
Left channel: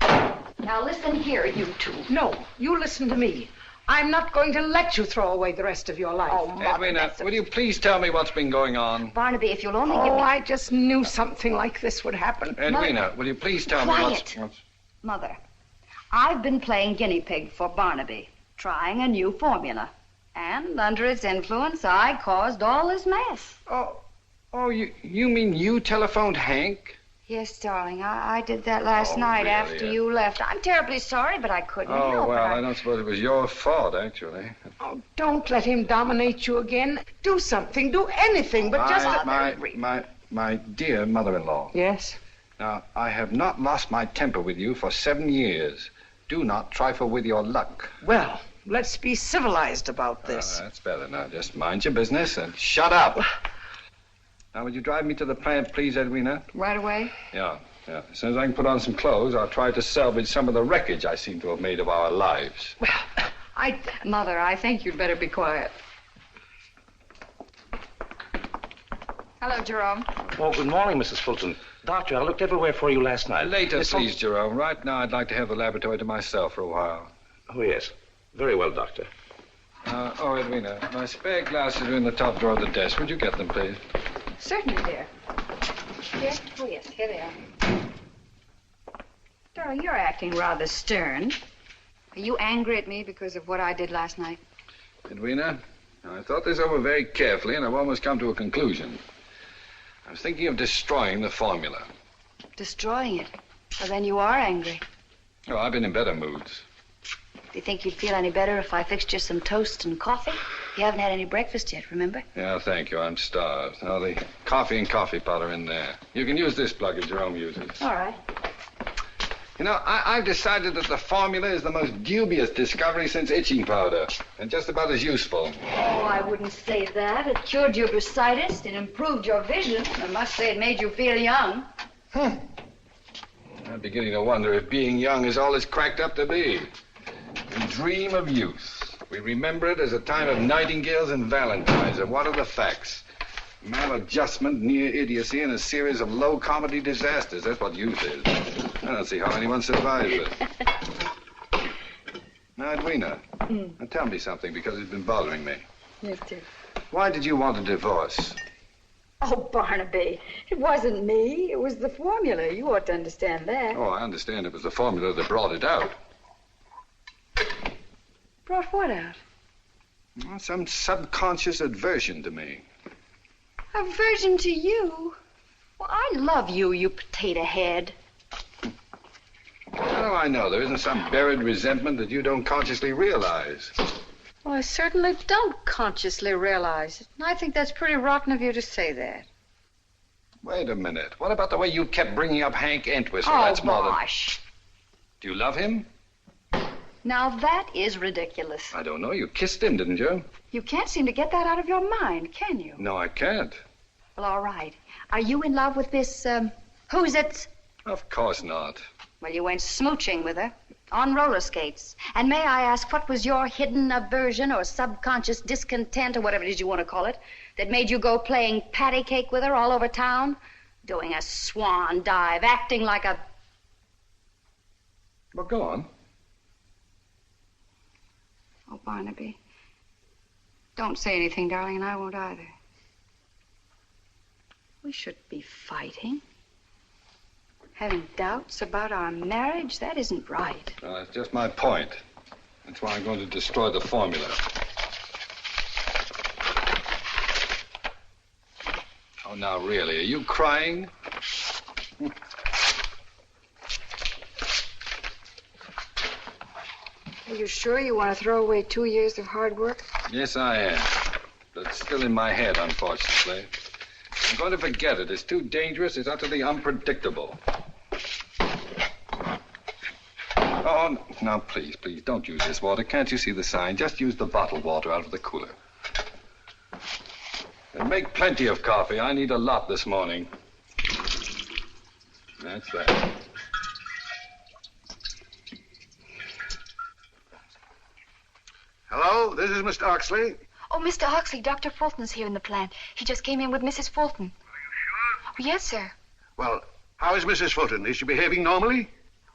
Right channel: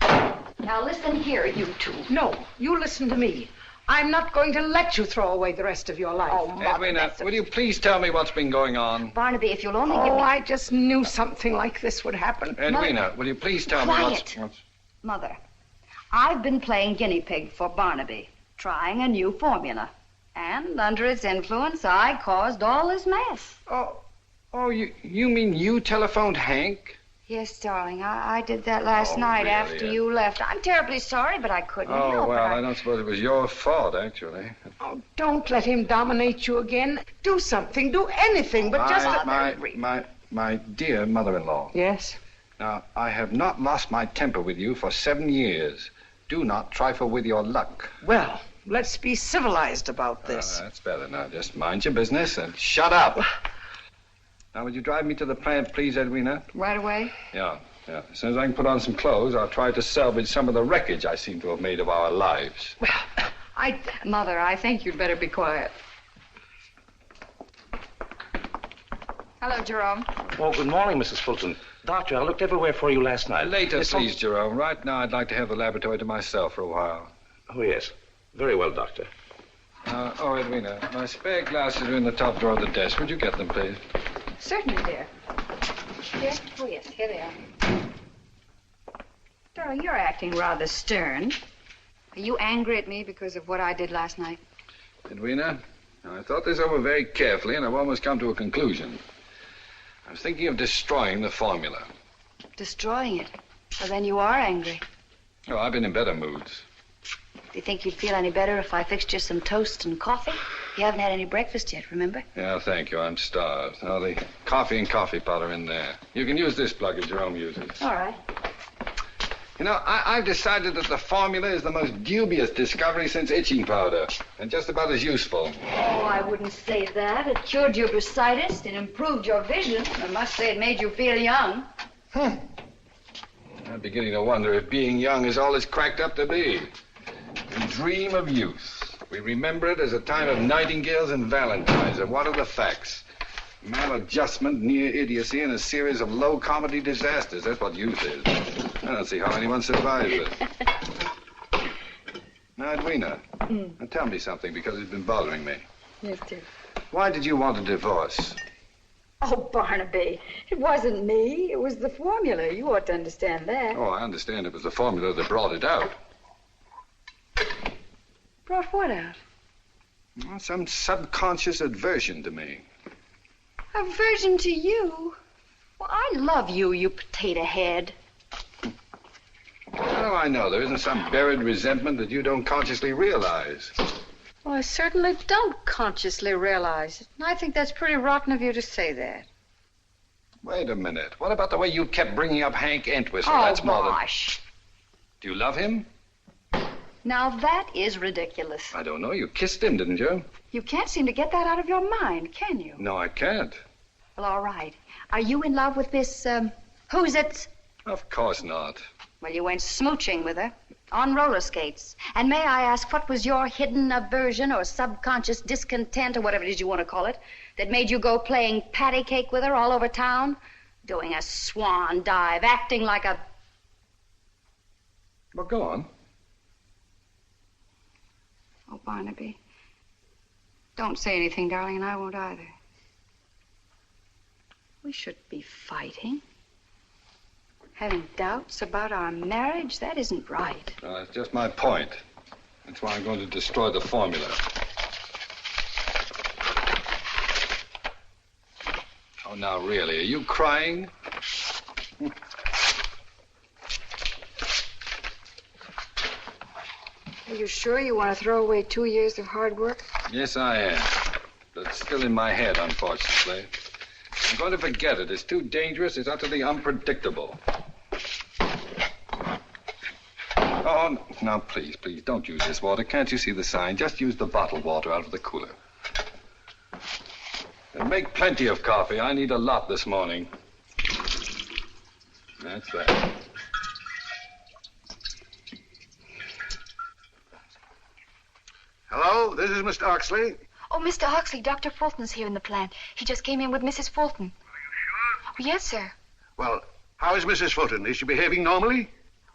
go on. Now, listen here, you two. No, you listen to me. I'm not going to let you throw away the rest of your life. Oh, Mother, Edwina, will you please tell me what's been going on? Barnaby, if you'll only give Oh, me... I just knew something like this would happen. Edwina, will you please tell me Quiet. what's... Mother, I've been playing guinea pig for Barnaby, trying a new formula. And under its influence, I caused all this mess. Oh, you mean you telephoned Hank? Yes, darling, I did that last night really? after you left. I'm terribly sorry, but I couldn't Oh, help well, it. I don't suppose it was your fault, actually. Oh, don't let him dominate you again. Do something, do anything, but just... My dear mother-in-law, Yes? Now, I have not lost my temper with you for 7 years. Do not trifle with your luck. Well, let's be civilized about this. That's better. Now, just mind your business and shut up. Now, would you drive me to the plant, please, Edwina? Right away? Yeah. As soon as I can put on some clothes, I'll try to salvage some of the wreckage I seem to have made of our lives. Well, Mother, I think you'd better be quiet. Hello, Jerome. Oh, good morning, Mrs. Fulton. Doctor, I looked everywhere for you last night. Later, please, Jerome. Right now, I'd like to have the laboratory to myself for a while. Oh, yes. Very well, Doctor. Edwina, my spare glasses are in the top drawer of the desk. Would you get them, please? Certainly, dear. Here? Oh, yes, here they are. Darling, you're acting rather stern. Are you angry at me because of what I did last night? Edwina, I thought this over very carefully, and I've almost come to a conclusion. I was thinking of destroying the formula. Destroying it? Well, then you are angry. Oh, I've been in better moods. Do you think you'd feel any better if I fixed you some toast and coffee? You haven't had any breakfast yet, remember? Yeah, thank you. I'm starved. Now, the coffee and coffee powder in there. You can use this plug that Jerome uses. All right. You know, I've decided that the formula is the most dubious discovery since itching powder, and just about as useful. Oh, I wouldn't say that. It cured your bursitis. It improved your vision. I must say it made you feel young. I'm beginning to wonder if being young is all it's cracked up to be. We dream of youth. We remember it as a time of nightingales and valentines. And what are the facts? Maladjustment, near idiocy, and a series of low comedy disasters. That's what youth is. I don't see how anyone survives it. Now, Edwina, now tell me something, because it's been bothering me. Yes, dear. Why did you want a divorce? Oh, Barnaby, it wasn't me. It was the formula. You ought to understand that. Oh, I understand it was the formula that brought it out. Brought what out? Well, some subconscious aversion to me. Aversion to you? Well, I love you, you potato head. How do I know? There isn't some buried resentment that you don't consciously realize. Well, I certainly don't consciously realize it. And I think that's pretty rotten of you to say that. Wait a minute. What about the way you kept bringing up Hank Entwistle? Oh, That's more than... gosh. Do you love him? Now, that is ridiculous. I don't know. You kissed him, didn't you? You can't seem to get that out of your mind, can you? No, I can't. Well, all right. Are you in love with this, who's it? Of course not. Well, you went smooching with her on roller skates. And may I ask, what was your hidden aversion or subconscious discontent or whatever it is you want to call it that made you go playing patty cake with her all over town? Doing a swan dive, acting like a... Well, go on. Oh, Barnaby, don't say anything, darling, and I won't either. We shouldn't be fighting. Having doubts about our marriage, that isn't right. That's just my point. That's why I'm going to destroy the formula. Oh, now, really, are you crying? Are you sure you want to throw away 2 years of hard work? Yes, I am. But it's still in my head, unfortunately. I'm going to forget it. It's too dangerous. It's utterly unpredictable. Oh, now, please, don't use this water. Can't you see the sign? Just use the bottled water out of the cooler. And make plenty of coffee. I need a lot this morning. That's that. Hello, this is Mr. Oxley. Oh, Mr. Oxley, Dr. Fulton's here in the plant. He just came in with Mrs. Fulton. Are you sure? Yes, sir. Well, how is Mrs. Fulton? Is she behaving normally?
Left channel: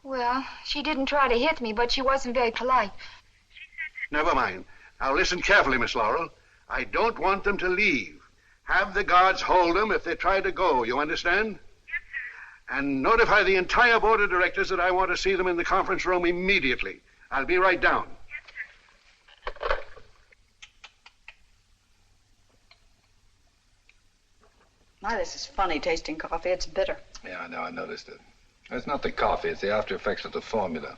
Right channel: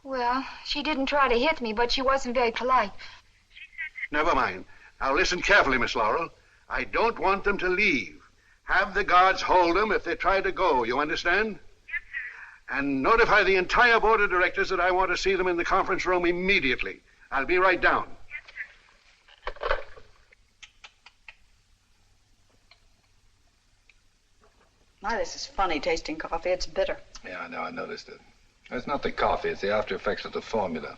Well, she didn't try to hit me, but she wasn't very polite. Never mind. Now listen carefully, Miss Laurel. I don't want them to leave. Have the guards hold them if they try to go, you understand? Yes, sir. And notify the entire board of directors that I want to see them in the conference room immediately. I'll be right down. My, this is funny tasting coffee. It's bitter. Yeah, I know. I noticed it. It's not the coffee. It's the after effects of the formula.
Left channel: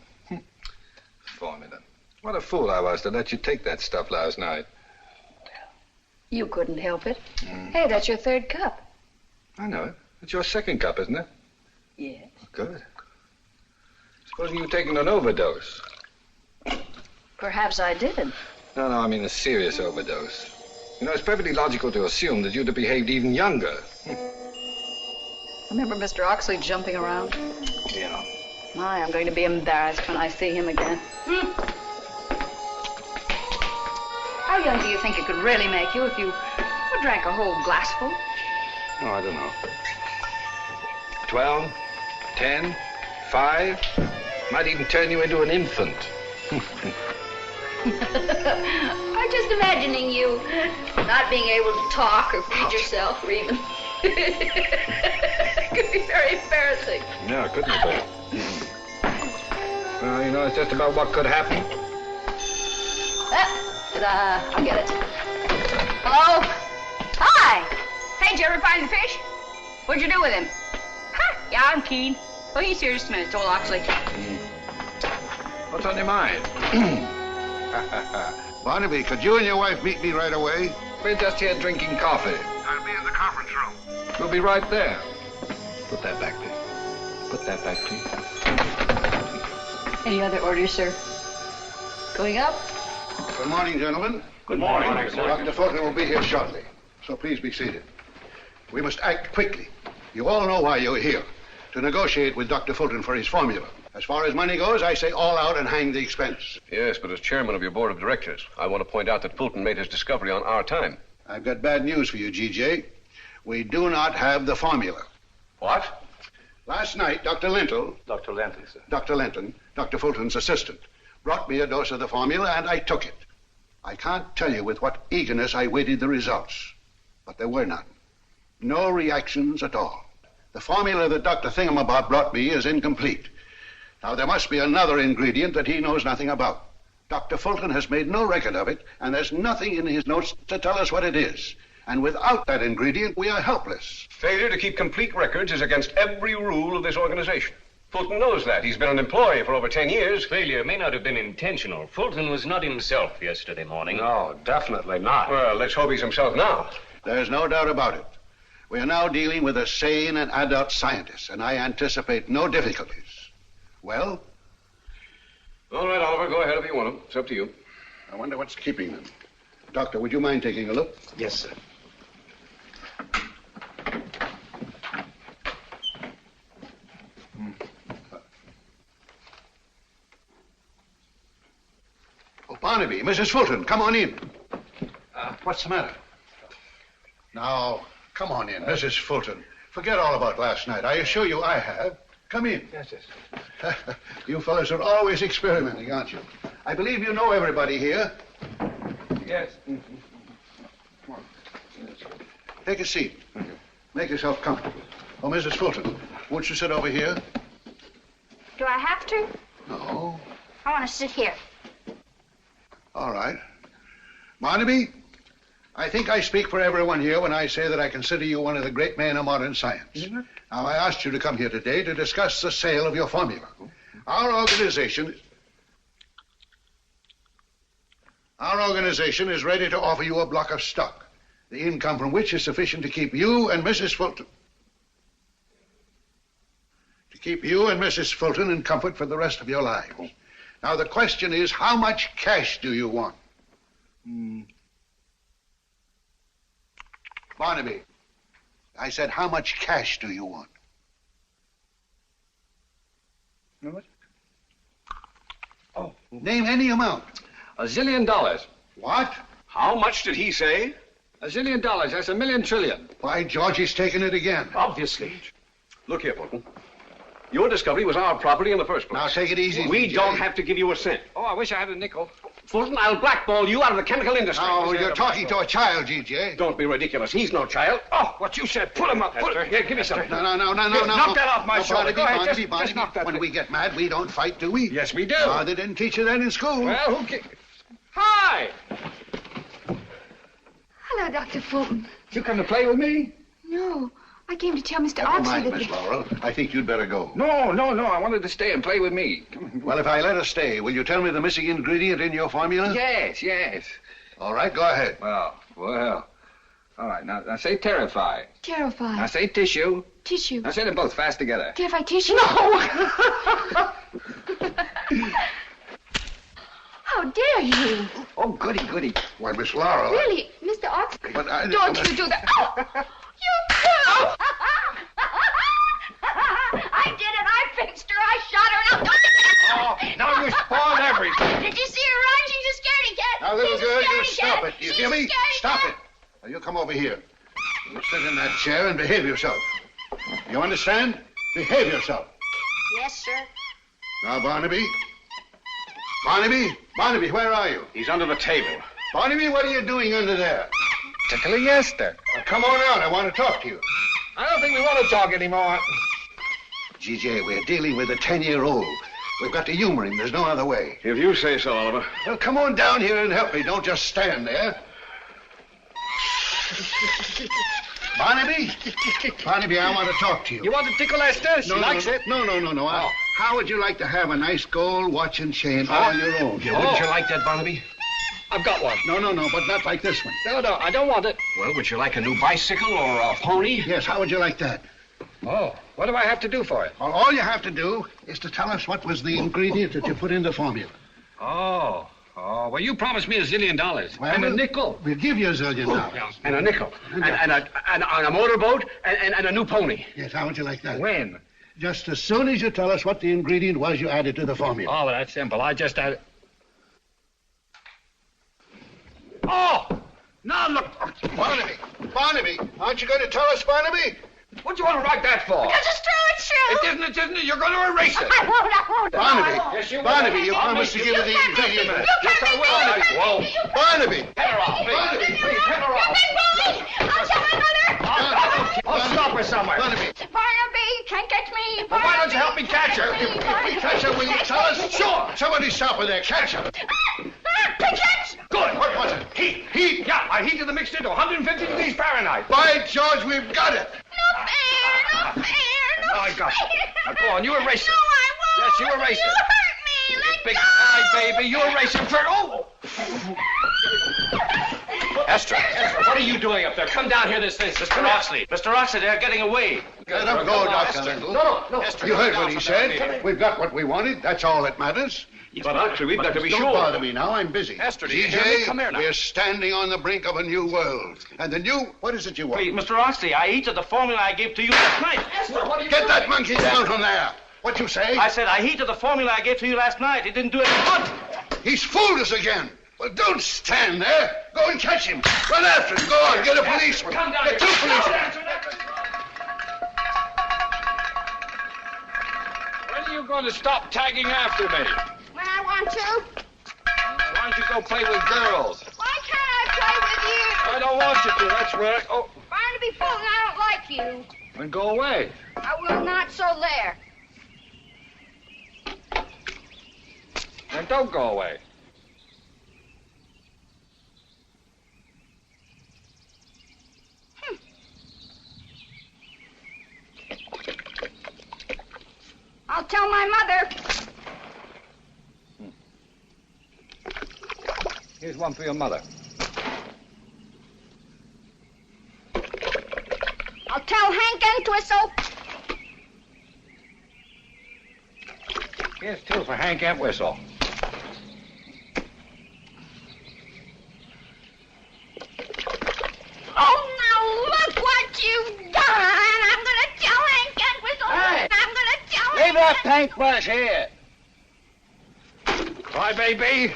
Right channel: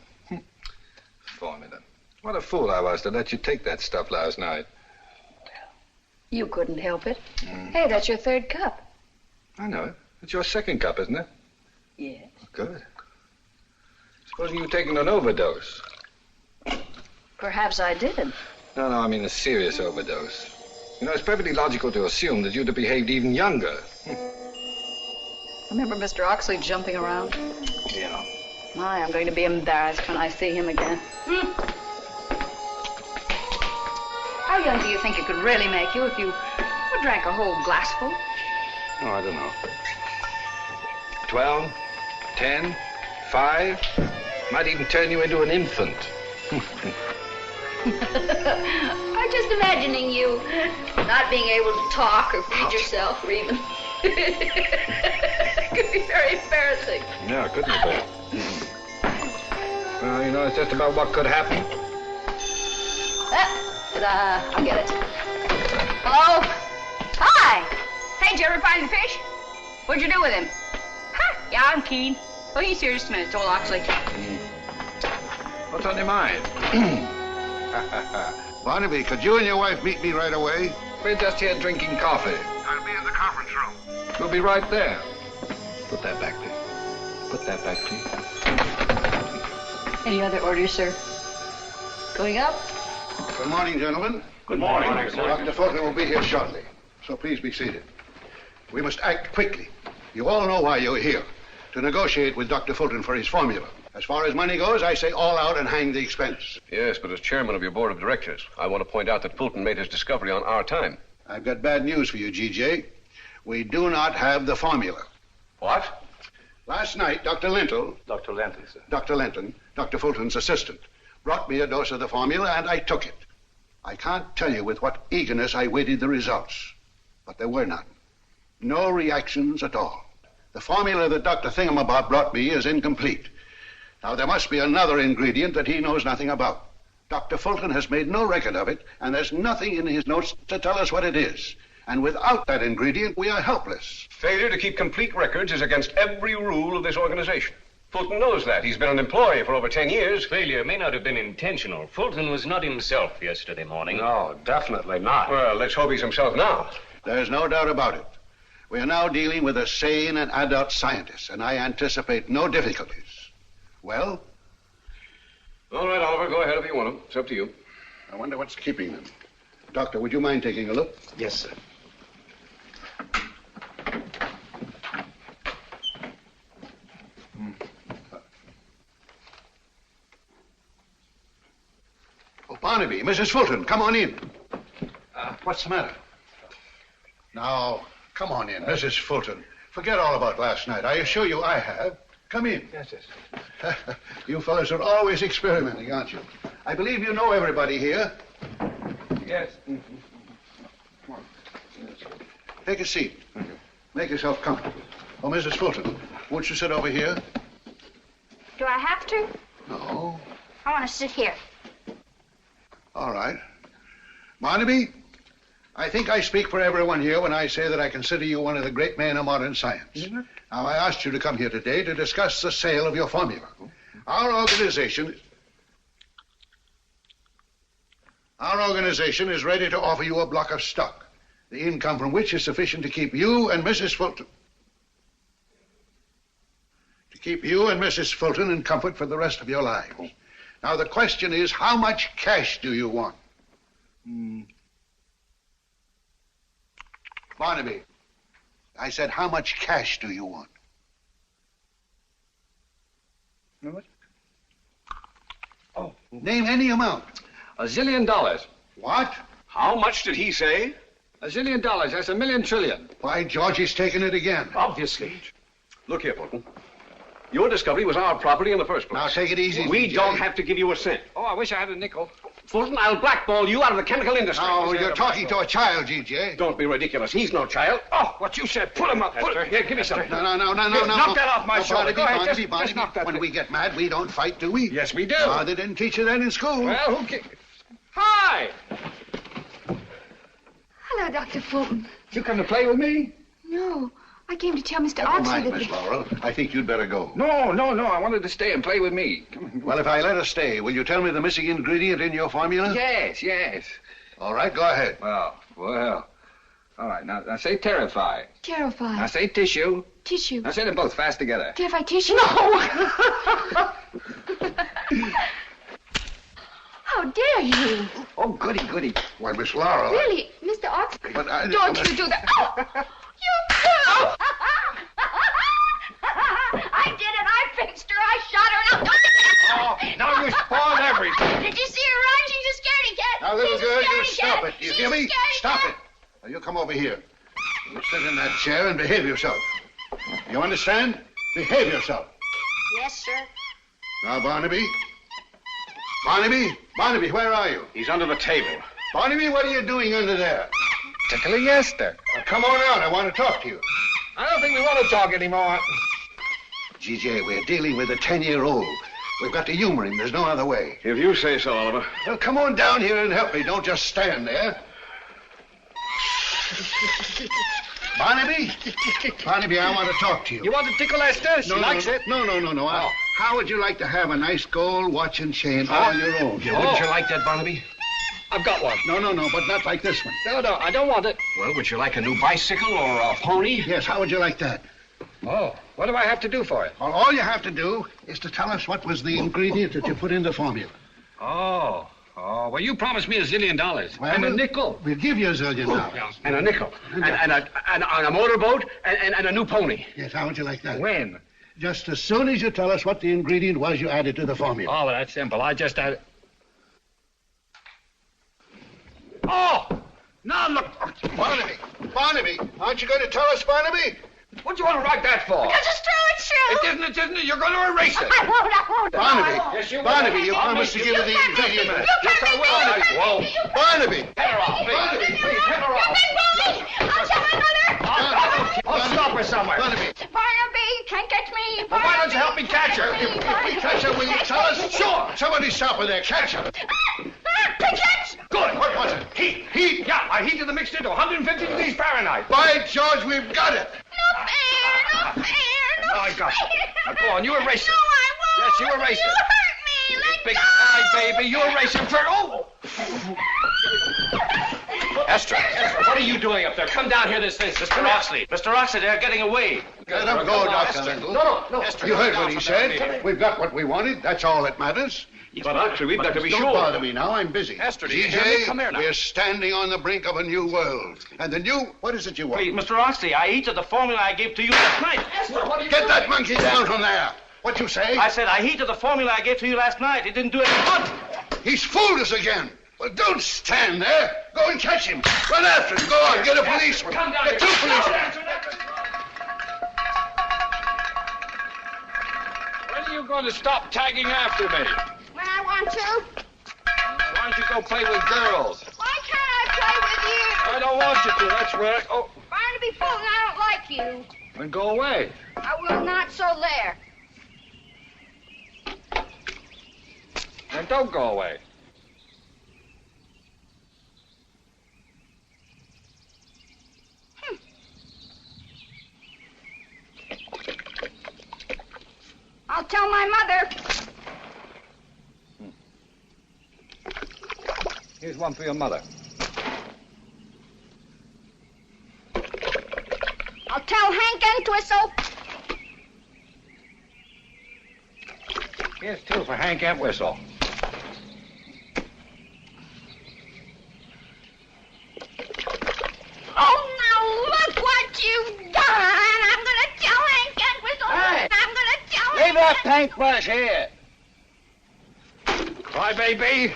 Formula. What a fool I was to let you take that stuff last night. You couldn't help it. Hey, that's your third cup. I know it. It's your second cup, isn't it? Yes. Good. Supposing you've taken an overdose. Perhaps I did. No, I mean a serious overdose. You know, it's perfectly logical to assume that you'd have behaved even younger. Remember Mr. Oxley jumping around? Yeah. My, I'm going to be embarrassed when I see him again. How young do you think it could really make you if you drank a whole glassful? Oh, I don't know. 12, 10, 5. Might even turn you into an infant. I'm just imagining you not being able to talk or feed yourself or even... It could be very embarrassing. Yeah, it could be bad. Well, you know, it's just about what could happen. I'll get it. Hello? Hi! Hey, did you ever find the fish? What'd you do with him? Huh? Yeah, I'm keen. Oh, he's here just a minute, told Oxley. What's on your mind? Barnaby, could you and your wife meet me right away? We're just here drinking coffee. I'll be in the conference room. We'll be right there. Put that back, please. Put that back, please. Any other orders, sir? Going up? Good morning, gentlemen. Good morning. Dr. Fulton will be here shortly, so please be seated. We must act quickly. You all know why you're here, to negotiate with Dr. Fulton for his formula. As far as money goes, I say all out and hang the expense. Yes, but as chairman of your board of directors, I want to point out that Fulton made his discovery on our time. I've got bad news for you, GJ. We do not have the formula. What? Last night, Dr. Linton, Dr. Lenton, sir. Dr. Linton, Dr. Fulton's assistant, brought me a dose of the formula, and I took it. I can't tell you with what eagerness I waited the results, but there were none. No reactions at all. The formula that Dr. Thingamabob brought me is incomplete. Now, there must be another ingredient that he knows nothing about. Dr. Fulton has made no record of it, and there's nothing in his notes to tell us what it is. And without that ingredient, we are helpless. Failure to keep complete records is against every rule of this organization. Fulton knows that. He's been an employee for over 10 years. Failure may not have been intentional. Fulton was not himself yesterday morning. No, definitely not. Well, let's hope he's himself now. There's no doubt about it. We are now dealing with a sane and adult scientist, and I anticipate no difficulties. Well? All right, Oliver, go ahead if you want to. It's up to you. I wonder what's keeping them. Doctor, would you mind taking a look? Yes, sir. Oh, Barnaby, Mrs. Fulton, come on in. What's the matter? Now, come on in, Mrs. Fulton. Forget all about last night. I assure you I have. Come in. Yes, yes. You fellas are always experimenting, aren't you? I believe you know everybody here. Yes. Take a seat. Make yourself comfortable. Oh, Mrs. Fulton, won't you sit over here? Do I have to? No. I want to sit here. All right. Barnaby, I think I speak for everyone here when I say that I consider you one of the great men of modern science. Now, I asked you to come here today to discuss the sale of your formula. Our organization is ready to offer you a block of stock, the income from which is sufficient to keep you and Mrs. Fulton in comfort for the rest of your lives. Now, the question is, how much cash do you want? Barnaby, I said, how much cash do you want? What? Oh, name any amount. $1 zillion. What? How much did he say? $1 zillion. That's $1 million trillion. Why, George, he's taken it again. Obviously. Look here, Fulton. Your discovery was our property in the first place. Now, take it easy. We DJ. don't have to give you a cent. Oh, I wish I had a nickel. Fulton, I'll blackball you out of the chemical industry. Now, you're talking to a child, GJ. Don't be ridiculous. He's no child. Oh, what you said. Put him up. Put him. Here, give me some. No. Knock that off my shoulder. Go ahead. Just knock that. When we get mad, we don't fight, do we? Yes, we do. They didn't teach you that in school. Well, who cares? Hi. Hello, Dr. Fulton. You come to play with me? No, I came to tell Mr. Never Oxley mind, that... Miss Laurel. I think you'd better go. No. I wanted to stay and play with me. Come on. Well, if I let her stay, will you tell me the missing ingredient in your formula? Yes. All right, go ahead. Well. All right, now say terrify. Terrified. Now say tissue. Tissue. Now say them both fast together. Terrified tissue? No! How dare you? Oh, goody, goody. Why, Miss Laura. Really, Mr. Ox? But I... Don't you do that. Oh, you do! I did it. I fixed her. I shot her. Now, Oh, now you spoiled everything. did you see her eyes? She's a scaredy cat. Now, little She's a girl, you scaredy stop cat. it. You She's hear a me? scaredy Stop cat. it. Now, you come over here. You sit in that chair and behave yourself. You understand? Behave yourself. Yes, sir. Now, Barnaby. Barnaby, where are you? He's under the table. Barnaby, what are you doing under there? Tickling Esther. Now, come on out. I want to talk to you. I don't think we want to talk anymore. G.J., we're dealing with a 10-year-old. We've got to humor him. There's no other way. If you say so, Oliver. Well, come on down here and help me. Don't just stand there. Barnaby, I want to talk to you. You want to tickle Esther? She likes it. No. Oh. How would you like to have a nice gold watch and chain on your own? Wouldn't you like that, Barnaby? I've got one. No, but not like this one. No, I don't want it. Well, would you like a new bicycle or a pony? Yes, how would you like that? Oh, what do I have to do for it? Well, all you have to do is to tell us what was the ingredient that you put in the formula. Oh, well, you promised me $1 zillion. Well, and a nickel. We'll give you $1 zillion. And a nickel. And a motorboat and a new pony. Yes, how would you like that? When? Just as soon as you tell us what the ingredient was you added to the formula. Oh, well, that's simple. I just added... Oh! Now look... Barnaby, aren't you going to tell us, Barnaby? What do you want to write that for? Because it's true, it's true. It isn't. You're going to erase it. I won't. Barnaby, Yes, you will. Barnaby, you promised to give her the ingredient. Yes, I will. Whoa. Barnaby! Head her off, please. Barnaby, Please, head her off. I'll tell my mother. I'll stop her somewhere. Barnaby, Barnaby, can't catch me. Well, why don't you help me catch her? if we catch her, will you tell us? Sure. Somebody stop her there. Catch her. Catch. Good. What was it? Heat. Yeah, I heated the mixture to 150 degrees Fahrenheit. By George, we've got it. No fair. Oh, I got it. Now, go on, you erase it. No, I won't. Yes, you erase You it. hurt me. Let Big go. eye, baby, you erase it for... Oh! Esther, what are you doing up there? Come down here this instant. Mr. Oxley. Mr. Oxley, they're getting away. Let him go, Dr. Lindell. No. Esther, You heard come what down he from said. that baby. We've got what we wanted. That's all that matters. But actually, we've got to be Don't sure. bother me now. I'm busy. Esther, do you hear me? TJ, Come here now. we're standing on the brink of a new world. And the new... What is it you want? Please, Mr. Oxley, I heated the formula I gave to you last night. Get that monkey down from there. What'd you say? I said I heated the formula I gave to you last night. It didn't do any good. He's fooled us again. Well, don't stand there. Go and catch him. Run after him. Go on, get a policeman. Come down Get here. two policemen. When are you going to stop tagging after me? When I want to. Why don't you go play with girls? Why can't I play with you? I don't want you to. That's right. Oh, Barnaby Fulton, I don't like you. then go away. I will not, so there. Then don't go away. I'll tell my mother. Here's one for your mother. I'll tell Hank Entwistle. Here's two for Hank Entwistle. Oh, now look what you've done. I'm going to tell Hank Entwistle. Hey. I'm going to tell Leave Hank. that paintbrush here. Bye, baby.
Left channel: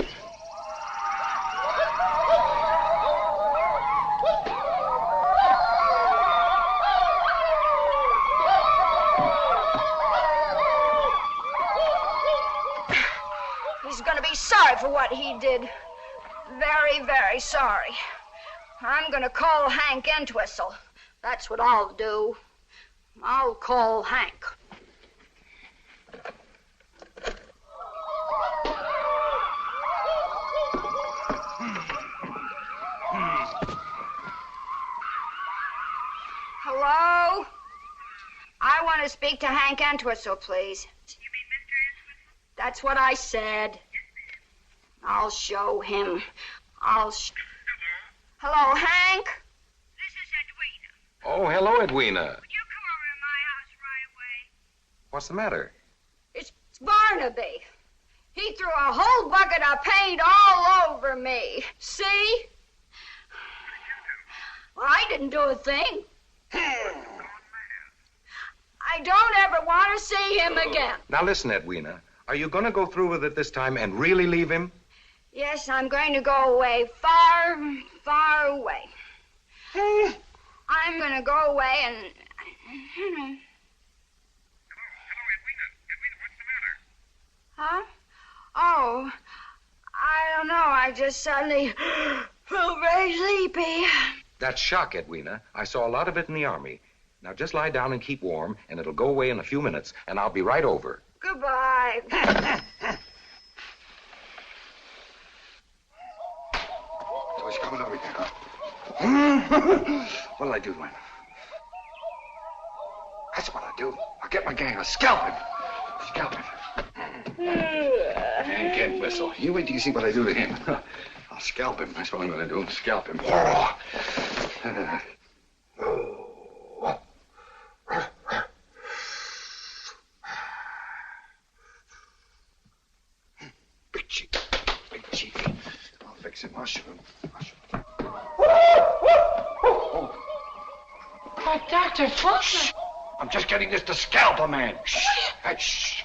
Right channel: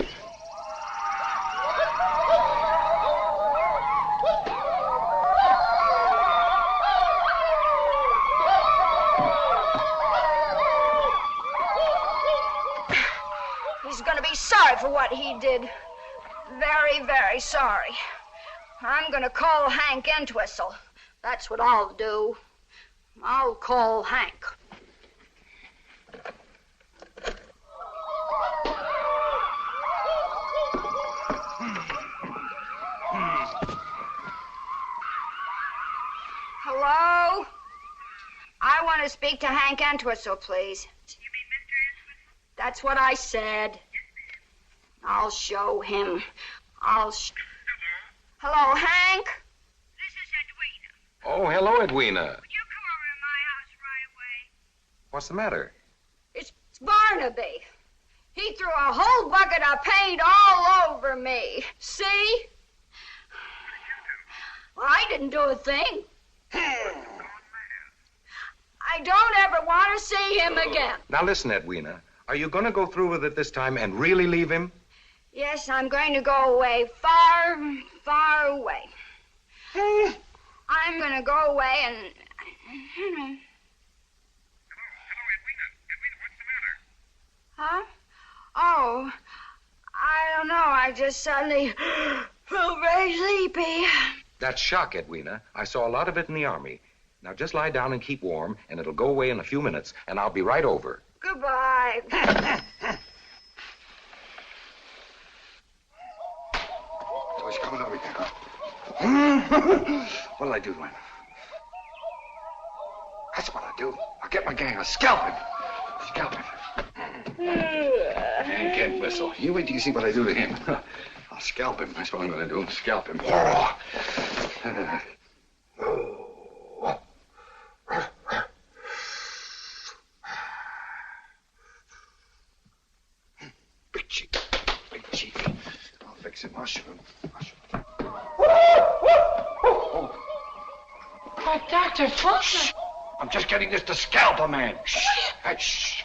He's going to be sorry for what he did. Very, very sorry. I'm going to call Hank Entwistle. That's what I'll do. I'll call Hank. Hello? I want to speak to Hank Entwistle, please. That's what I said. I'll show him. Hello, Hank? This Oh, hello, Edwina. Would you come over to my house right away? What's the matter? It's Barnaby. He threw a whole bucket of paint all over me. See? Well, I didn't do a thing. I don't ever want to see him again. Now listen, Edwina. Are you going to go through with it this time and really leave him? Yes, I'm going to go away, far, far away. I'm going to go away and... Hello, Edwina. Edwina, what's the matter? Huh? Oh, I don't know. I just suddenly felt very sleepy. That's shock, Edwina. I saw a lot of it in the Army. Now just lie down and keep warm, and it'll go away in a few minutes, and I'll be right over. Goodbye. So he's coming over here, huh? What'll I do, Edwina? That's what I'll do. I'll get my gang. I'll scalp him. Scalp him. And can't whistle. You wait till you see what I do to him. I'll scalp him. That's what I'm going to do. Scalp him. Big chief. Big chief. I'll fix him. I'll shoot him. Oh, Dr. Fulton. I'm just getting this to scalp a man. Shh. Hey, shh.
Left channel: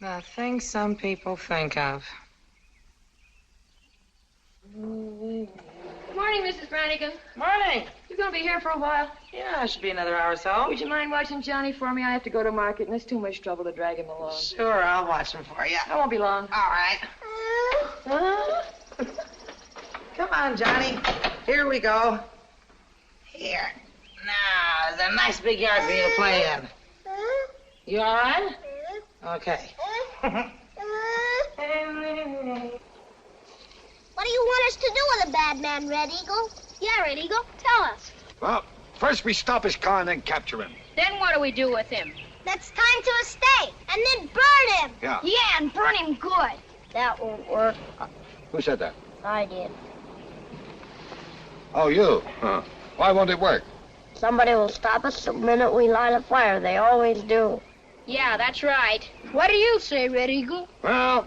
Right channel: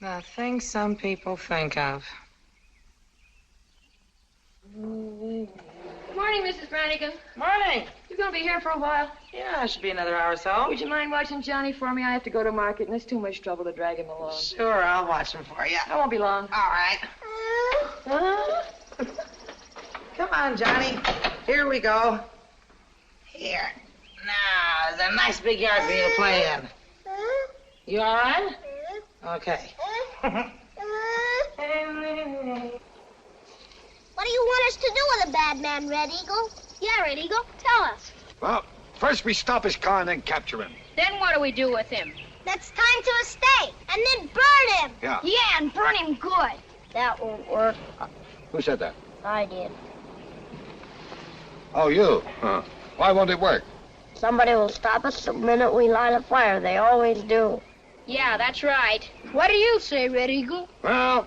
The things some people think of. Morning, Mrs. Brannigan. Morning. You gonna be here for a while? Yeah, it should be another hour or so. Would you mind watching Johnny for me? I have to go to market, and it's too much trouble to drag him along. Sure, I'll watch them for you. I won't be long. All right. Come on, Johnny. Here we go. Here. Now, there's a nice big yard for you to play in. You all right? Okay. What do you want us to do with a bad man, Red Eagle? Yeah, Red Eagle, tell us. Well, first we stop his car and then capture him. Then what do we do with him? Let's tie him to a stake and then burn him. Yeah. Yeah, and burn him good. That won't work. Who said that? I did. Oh, you. Huh. Why won't it work? Somebody will stop us the minute we light a fire. They always do. Yeah, that's right. What do you say, Red Eagle? Well,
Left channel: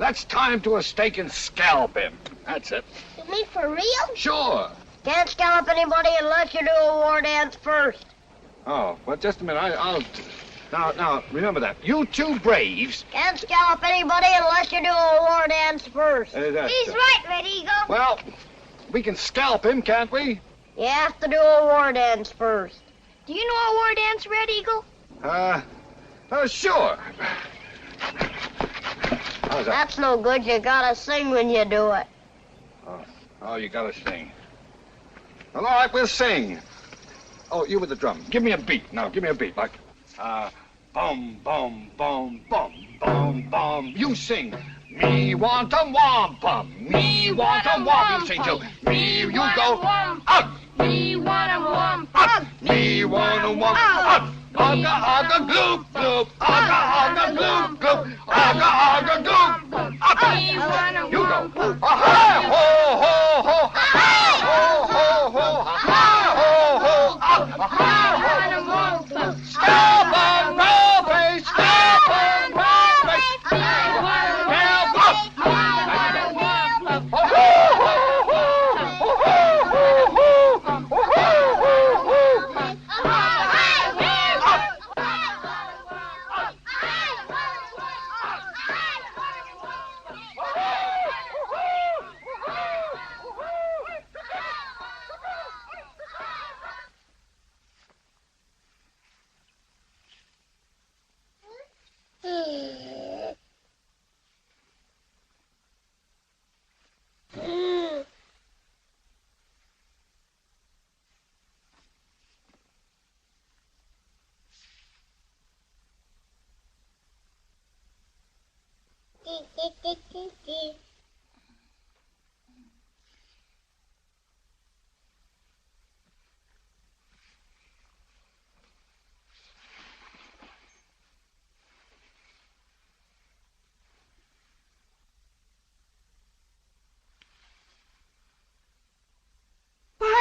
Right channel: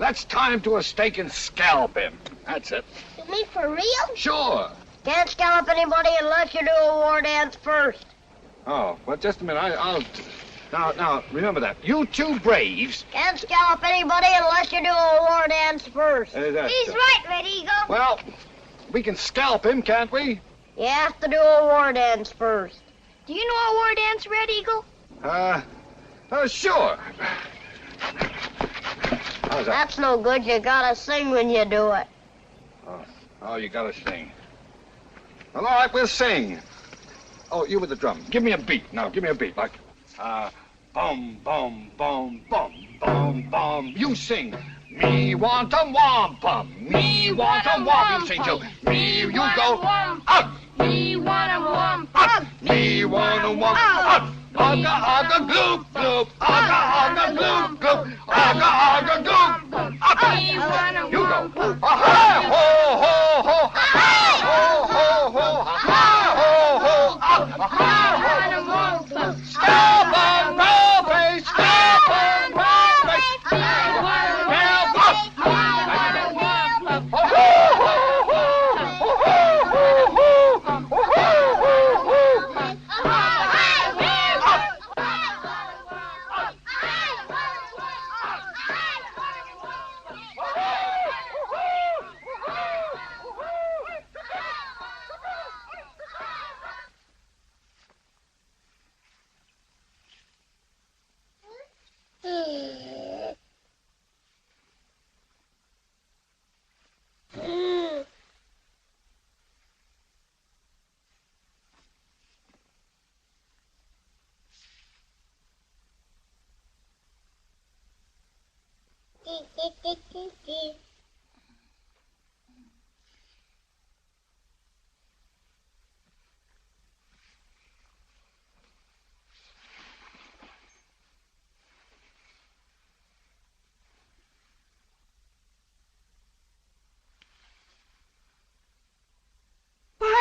let's tie him to a stake and scalp him. That's it. You mean for real? Sure. Can't scallop anybody unless you do a war dance first. Oh, well, just a minute. I'll... Now, remember that. You two braves... Can't scallop anybody unless you do a war dance first. He's right, Red Eagle. Well, we can scalp him, can't we? You have to do a war dance first. Do you know a war dance, Red Eagle? Sure. How's that? That's no good. You gotta sing when you do it. Oh, you gotta sing. Well, all right, we'll sing. Oh, you with the drum. Give me a beat. Now, give me a beat. Like, bum, bum, bum, bum, bum, bum. You sing. Me want a wampum. Me want a wampum. You sing too. Me, you go. Up. Me want a wampum. Me want a wampum. Up. Ugga, ugga, gloop, gloop. Ugga, ugga, gloop, gloop. Ugga, ugga, gloop, gloop. Up. You go. Ha, ho, ho, ho. Ha, ho, ho, ho. Ha, ho, ho. Up. Ha, ho. Scalp on Robbie. Scalp on Robbie. Scalp up. Ho, ho, ho, ho. Ho, ho, ho, ho. Ho, ho, ho, ho.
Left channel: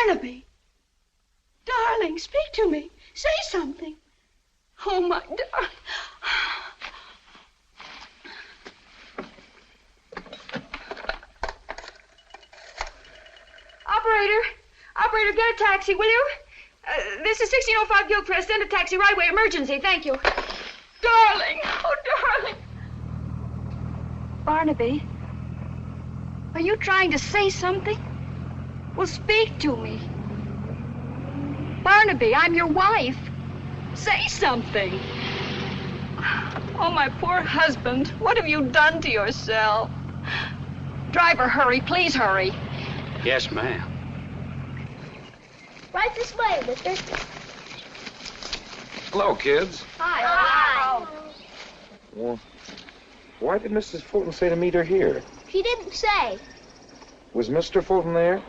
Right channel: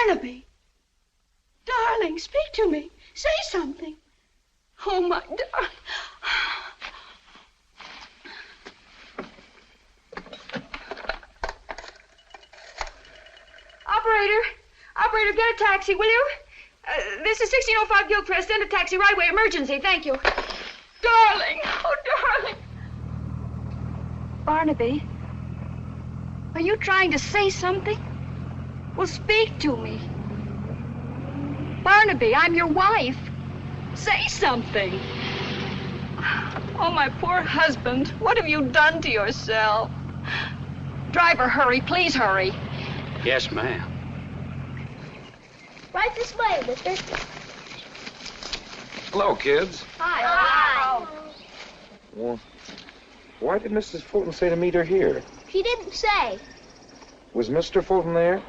Barnaby. Darling, speak to me. Say something. Oh, my darling. Operator, get a taxi, will you? This is 1605 Gilchrist. Send a taxi right away. Emergency. Thank you. Darling. Oh, darling. Barnaby, are you trying to say something? Well, speak to me. Barnaby, I'm your wife. Say something. Oh, my poor husband. What have you done to yourself? Driver, hurry. Please hurry. Yes, ma'am. Right this way, mister. Hello, kids. Hi. Well, why did Mrs. Fulton say to meet her here? She didn't say. Was Mr. Fulton there?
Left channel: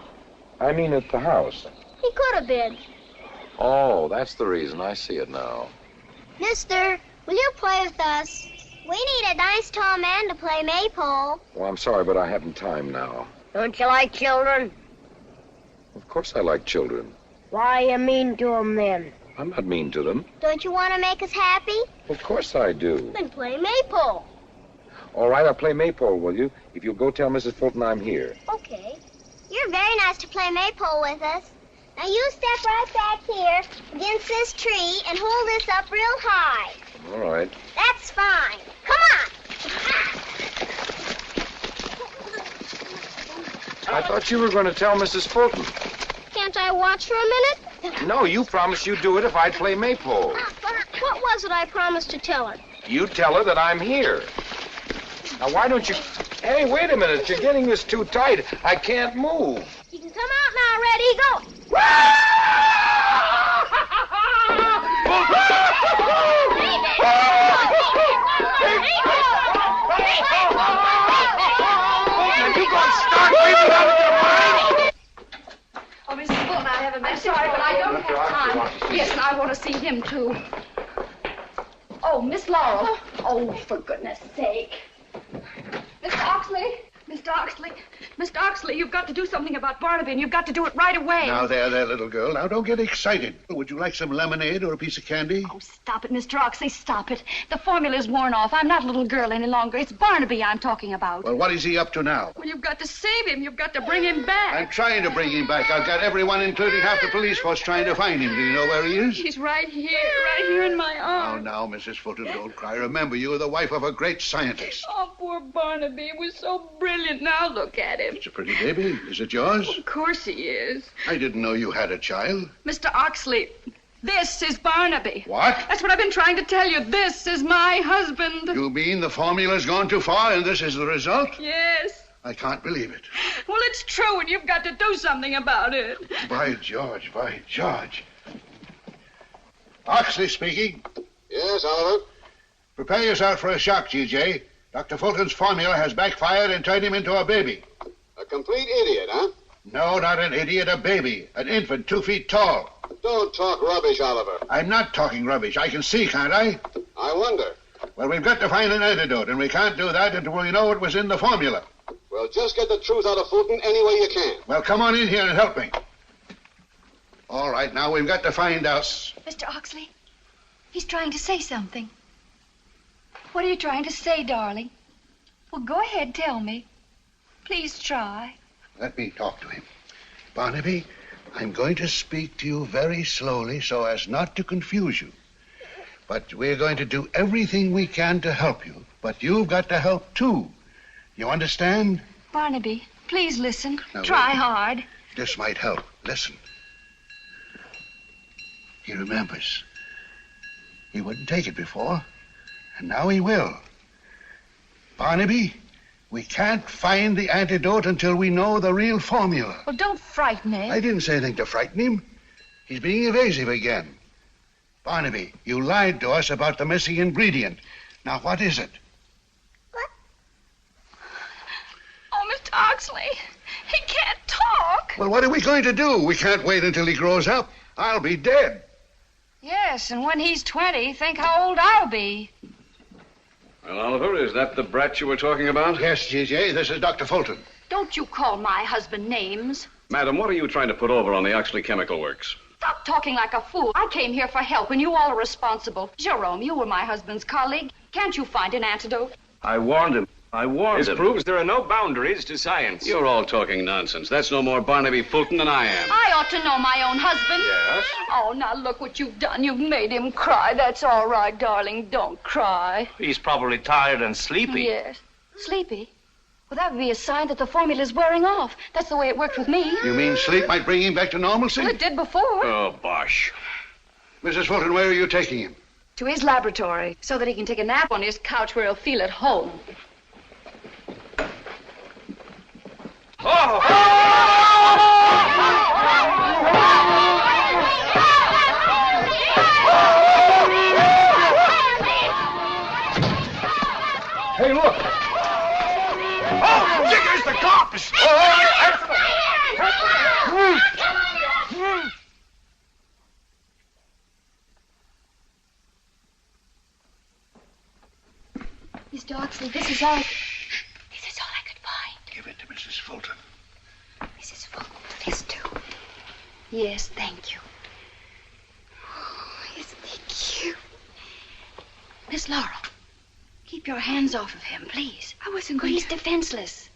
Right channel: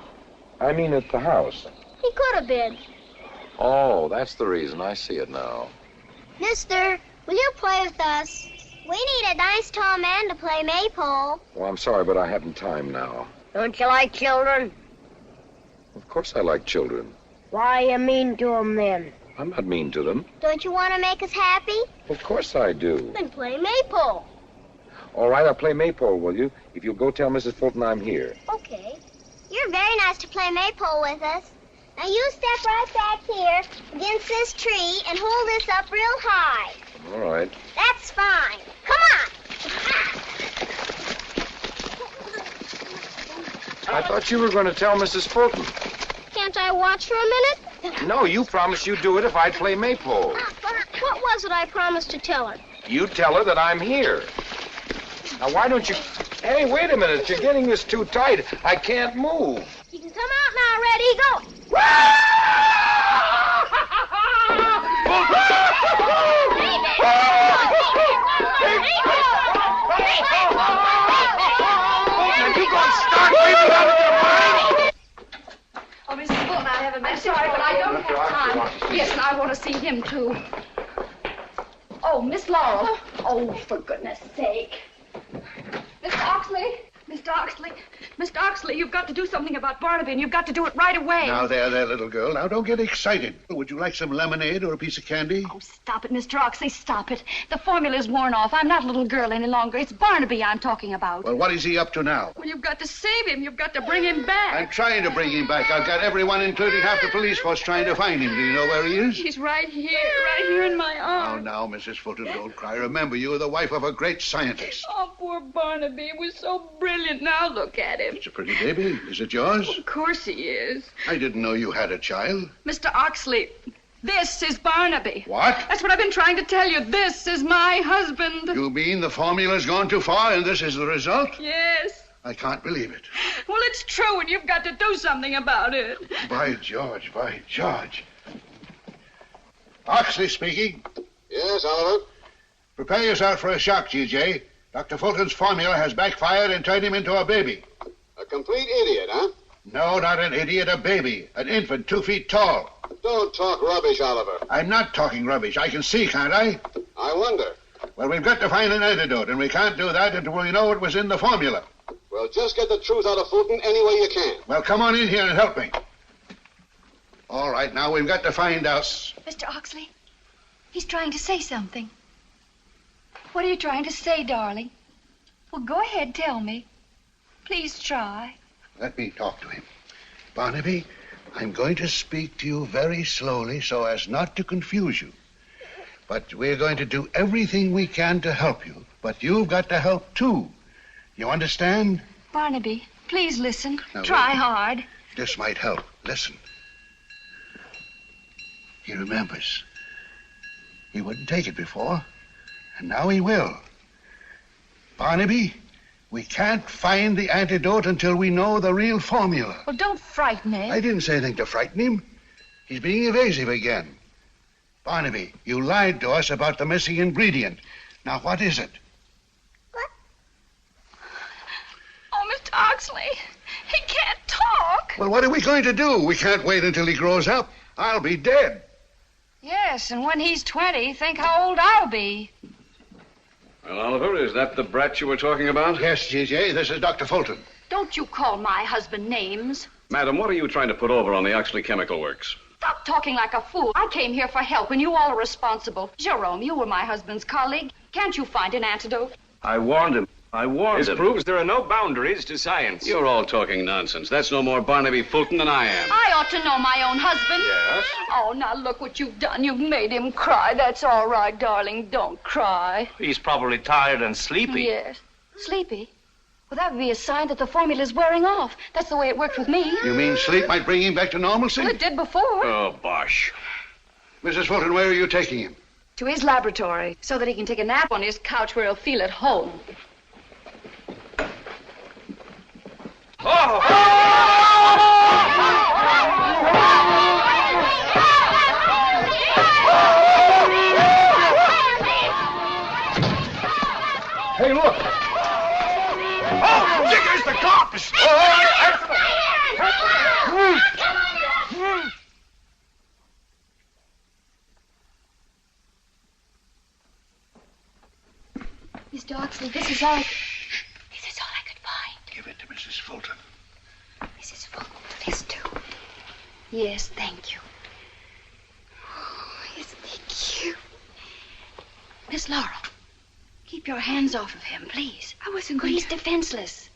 I mean at the house. He could have been. Oh, that's the reason. I see it now. Mister, will you play with us? We need a nice tall man to play maypole. Well, I'm sorry, but I haven't time now. Don't you like children? Of course I like children. Why are you mean to them then? I'm not mean to them. Don't you want to make us happy? Of course I do. Then play maypole. All right, I'll play maypole, will you? If you'll go tell Mrs. Fulton I'm here. Okay. You're very nice to play maypole with us. Now you step right back here against this tree and hold this up real high. All right. That's fine. Come on. I thought you were going to tell Mrs. Fulton. Can't I watch for a minute? No, you promised you'd do it if I'd play maypole. What was it I promised to tell her? You tell her that I'm here. Now, why don't you... Hey, wait a minute. You're getting this too tight. I can't move. You can come out now, Ready? Go. Oh, Mrs. Fulton, I have a message, but I don't have time. Yes, and I want to see him, too. Oh, Miss Laurel. Oh, for goodness sake. Mr. Oxley. Mr. Oxley, you've got to do something about Barnaby, and you've got to do it right away. Now, there, little girl. Now, don't get excited. Would you like some lemonade or a piece of candy? Oh, stop it, Mr. Oxley, stop it. The formula's worn off. I'm not a little girl any longer. It's Barnaby I'm talking about. Well, what is he up to now? Well, you've got to save him. You've got to bring him back. I'm trying to bring him back. I've got everyone, including half the police force, trying to find him. Do you know where he is? He's right here in my arms. Now, Mrs. Fulton, don't cry. Remember, you are the wife of a great scientist. Oh, poor Barnaby. He was so brilliant. Now look at him. It's a pretty baby. Is it yours? Of course he is. I didn't know you had a child. Mr. Oxley, this is Barnaby. What? That's what I've been trying to tell you. This is my husband. You mean the formula's gone too far and this is the result? Yes. I can't believe it. Well, it's true, and you've got to do something about it. By George, by George. Oxley speaking. Yes, Oliver? Prepare yourself for a shock, G.J. Dr. Fulton's formula has backfired and turned him into a baby. A complete idiot, huh? No, not an idiot, a baby. An infant 2 feet tall. Don't talk rubbish, Oliver. I'm not talking rubbish. I can see, can't I? I wonder. Well, we've got to find an antidote, and we can't do that until we know what was in the formula. Well, just get the truth out of Fulton any way you can. Well, come on in here and help me. All right, now we've got to find out. Mr. Oxley, he's trying to say something. What are you trying to say, darling? Well, go ahead, tell me. Please try. Let me talk to him. Barnaby, I'm going to speak to you very slowly so as not to confuse you. But we're going to do everything we can to help you. But you've got to help, too. You understand? Barnaby, please listen. Now, try wait. hard. This might help. Listen. He remembers. He wouldn't take it before, and now he will. Barnaby, we can't find the antidote until we know the real formula. Well, don't frighten me. I didn't say anything to frighten him. He's being evasive again. Barnaby, you lied to us about the missing ingredient. Now, what is it? Oh, Mr. Oxley, he can't talk. Well, what are we going to do? We can't wait until he grows up. I'll be dead. Yes, and when he's 20, think how old I'll be. Well, Oliver, is that the brat you were talking about? Yes, G.J., this is Dr. Fulton. Don't you call my husband names. Madam, what are you trying to put over on the Oxley Chemical Works? Stop talking like a fool. I came here for help, and you all are responsible. Jerome, you were my husband's colleague. Can't you find an antidote? I warned him. This proves there are no boundaries to science. You're all talking nonsense. That's no more Barnaby Fulton than I am. I ought to know my own husband. Yes? Oh, now look what you've done. You've made him cry. That's all right, darling. Don't cry. He's probably tired and sleepy. Yes. Sleepy? Well, that would be a sign that the formula's wearing off. That's the way it worked with me. You mean sleep might bring him back to normalcy? Well, it did before. Oh, bosh. Mrs. Fulton, where are you taking him? To his laboratory, so that he can take a nap on his couch where he'll feel at home. Oh! Hey, look. Oh, there's the cops. Mr. Oxley, this is all I could find. Give it to Mrs. Fulton. Mrs. Fulton, this too. Yes, thank you. Oh, isn't he cute? Miss Laurel, keep your hands off of him, please. I wasn't going to... He's defenseless.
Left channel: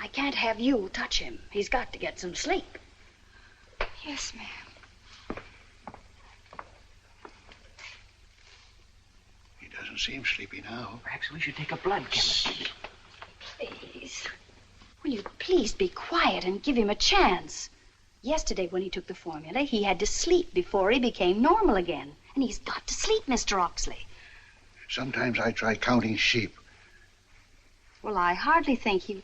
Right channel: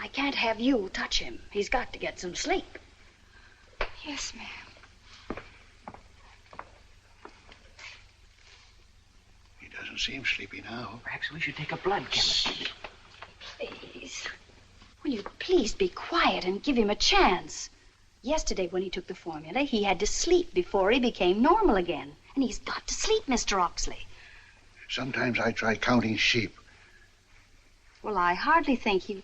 I can't have you touch him. He's got to get some sleep. Yes, ma'am. He doesn't seem sleepy now. Perhaps we should take a blood chemistry. Please. Will you please be quiet and give him a chance? Yesterday, when he took the formula, he had to sleep before he became normal again. And he's got to sleep, Mr. Oxley. Sometimes I try counting sheep. Well, I hardly think he...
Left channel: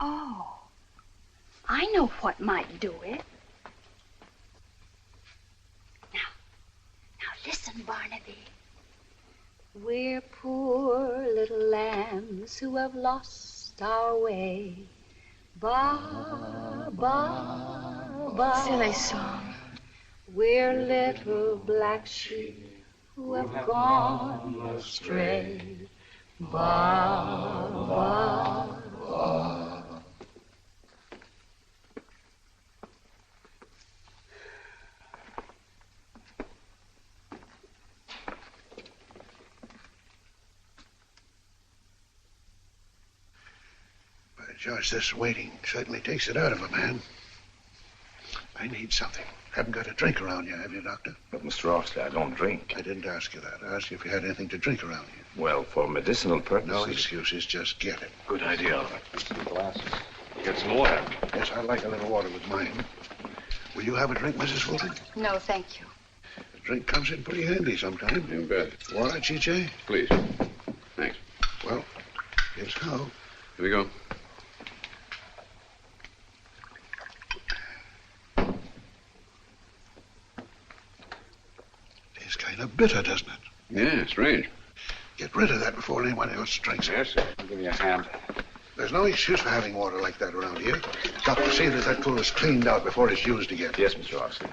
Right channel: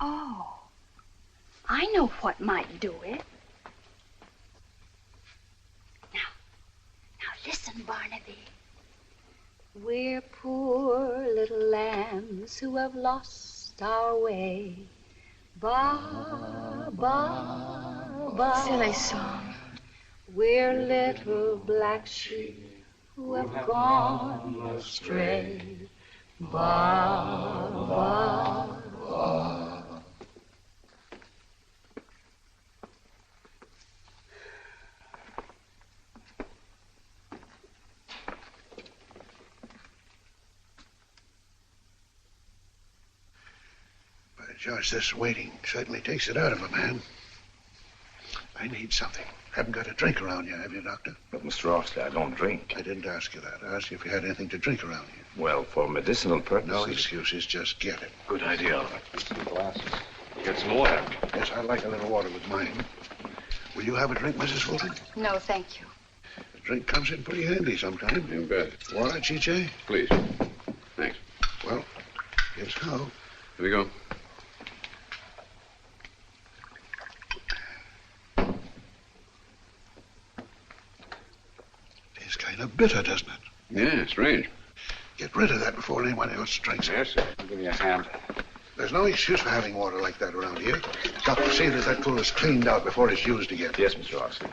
Oh, I know what might do it. Now listen, Barnaby. We're poor little lambs who have lost our way. Ba, ba, ba. Silly song. We're little black sheep who have gone astray. Ba, ba, ba. Judge, this waiting certainly takes it out of a man. I need something. Haven't got a drink around you, have you, Doctor? But, Mr. Oxley, I don't drink. I didn't ask you that. I asked you if you had anything to drink around you. Well, for medicinal purposes. No excuses. Just get it. Good idea, all right. Some glasses. Get some water. Yes, I'd like a little water with mine. Will you have a drink, Mrs. Fulton? No, thank you. A drink comes in pretty handy sometime. You bet. All right, CJ? Please. Thanks. Well, here's how. Here we go. It's kind of bitter, doesn't it? Yeah, strange. Get rid of that before anyone else drinks it. Yes, sir. I'll give you a hand. There's no excuse for having water like that around here. Got to see that that pool is cleaned out before it's used again. Yes, Mr. Oxley.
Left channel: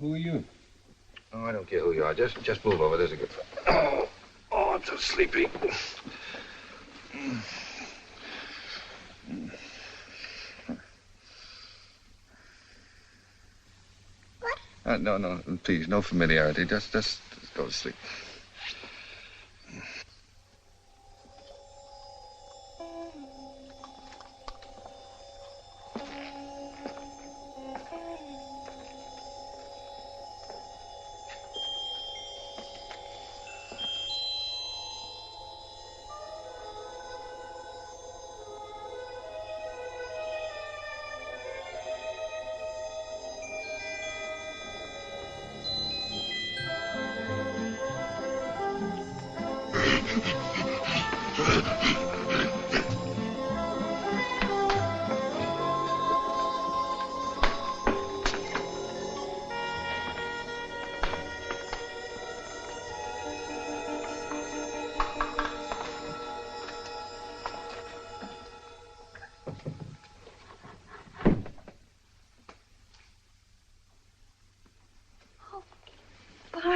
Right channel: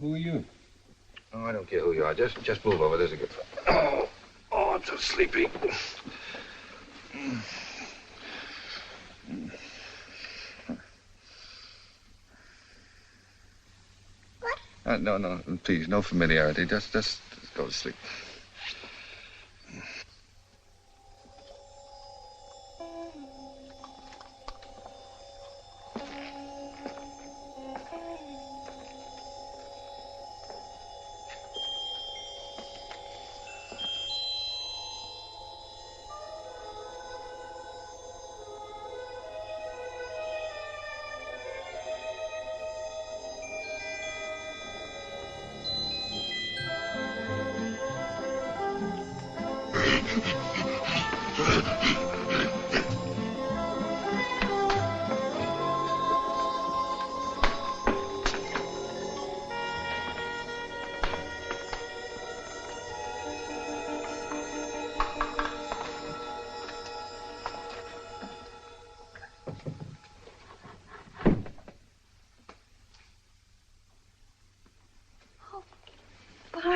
Who are you? Oh, I don't care who you are. Just move over. There's a good... Oh, I'm so sleepy. No, please, no familiarity. Just go to sleep.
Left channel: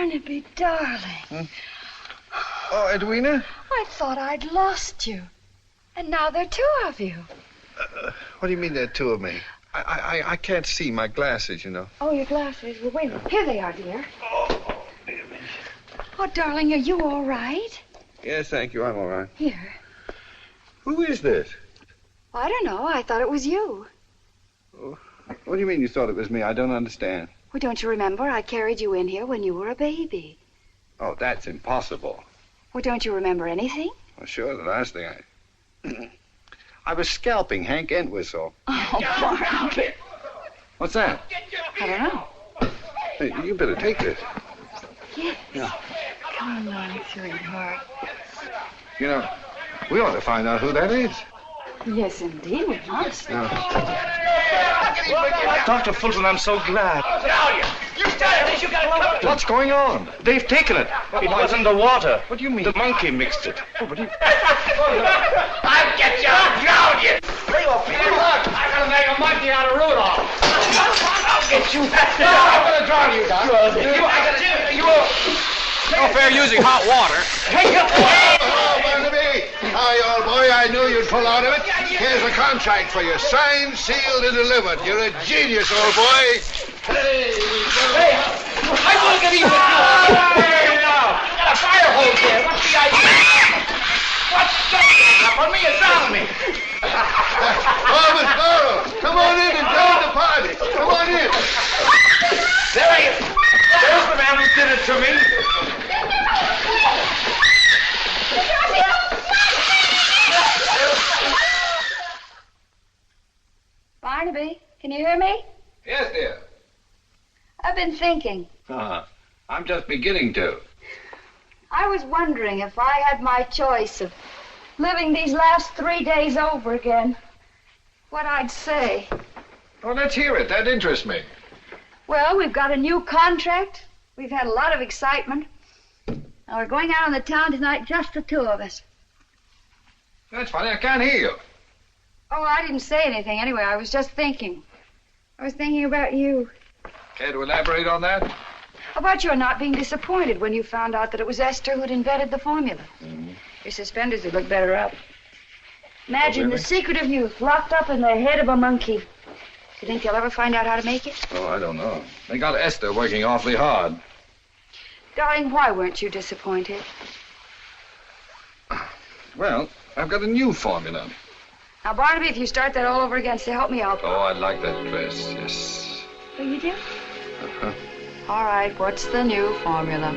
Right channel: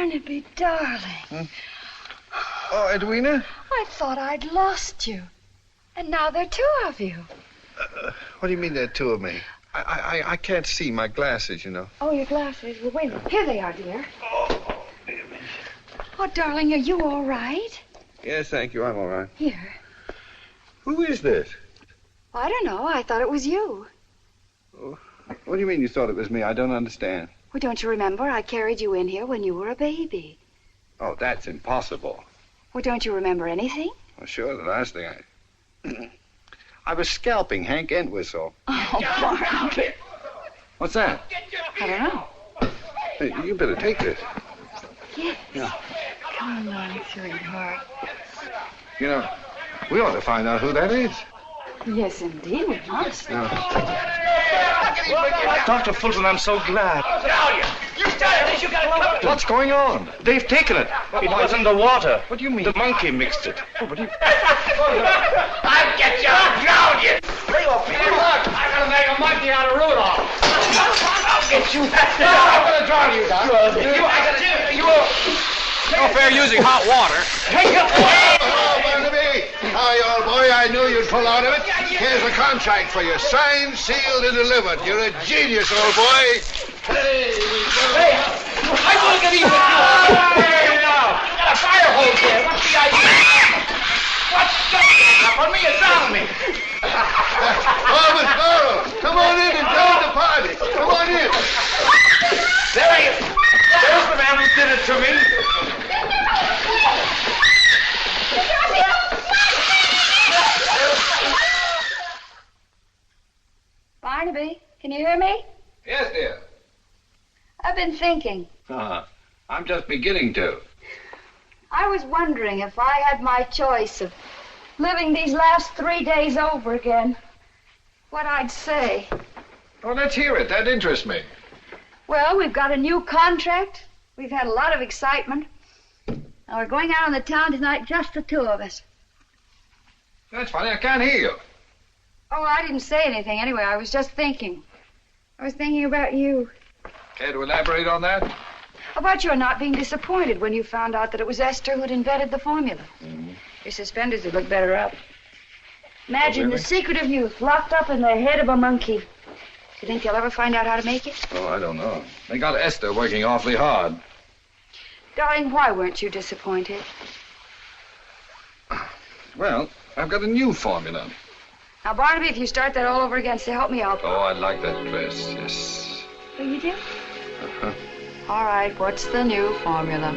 Barnaby, darling. Huh? Oh, Edwina? I thought I'd lost you. And now there are two of you. What do you mean there are two of me? I can't see my glasses, you know. Oh, your glasses. Well, wait a minute. Here they are, dear. Oh, darling, are you all right? Yes, thank you. I'm all right. Here. Who is this? I don't know. I thought it was you. Oh, what do you mean you thought it was me? I don't understand. Well, don't you remember? I carried you in here when you were a baby. Oh, that's impossible. Well, don't you remember anything? Well, sure, the last thing I was scalping Hank Entwistle. Oh, Barnaby. What's that? I don't know. Hey, you better take this. Yes. Yeah. Come on, sweetheart. You know, we ought to find out who that is. Yes, indeed, we must. Dr. Fulton, I'm so glad. You started this. You got to What's going on? They've taken it. It was in the water. What do you mean? The monkey mixed it. Oh, what do you... I'll get you. I'll drown you. Lay off me. Look, I'm going to make a monkey out of Rudolph. I'll get you. I'm going to drown you, Doc. No fair using hot water. Hi, old boy. I knew you'd pull out of it. Here's a contract for you. Signed, sealed, and delivered. You're a genius, old boy. Hey, I'm going to get you. Hey, now. You got a fire hose there. What's the idea? What's that? Put me and drown me. Oh, Miss Laurel, come on in and join the party. Come on in. There he is. There's the man who did it to me. Barnaby, can you hear me? Yes, dear. I've been thinking. I'm just beginning to. I was wondering if I had my choice of living these last 3 days over again, what I'd say. Well, let's hear it. That interests me. Well, we've got a new contract. We've had a lot of excitement. And we're going out on the town tonight, just the two of us. That's funny. I can't hear you. Oh, I didn't say anything anyway. I was just thinking. I was thinking about you. Care to elaborate on that? About your not being disappointed when you found out that it was Esther who'd invented the formula. Mm-hmm. Your suspenders would look better up. Imagine really? the secret of youth locked up in the head of a monkey. Do you think they'll ever find out how to make it? Oh, I don't know. They got Esther working awfully hard. Darling, why weren't you disappointed? Well, I've got a new formula. Now, Barnaby, if you start that all over again, say, help me out. Oh, I'd like that dress, yes. Oh, you do? Uh-huh. All right, what's the new formula?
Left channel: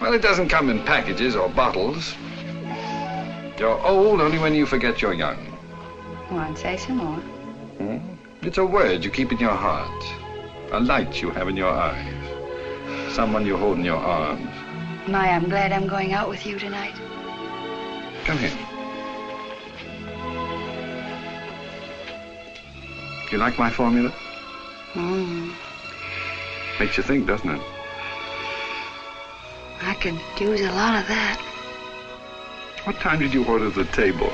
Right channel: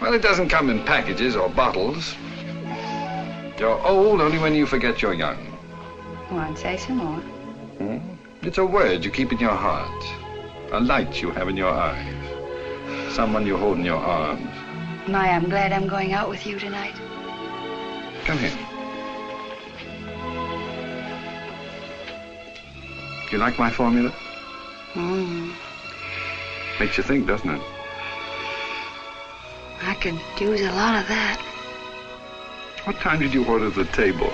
Well, it doesn't come in packages or bottles. You're old only when you forget you're young. Go on, say some more. It's a word you keep in your heart, a light you have in your eyes, someone you hold in your arms. My, I'm glad I'm going out with you tonight. Come here. Do you like my formula? Makes you think, doesn't it? I could use a lot of that. What time did you order the table?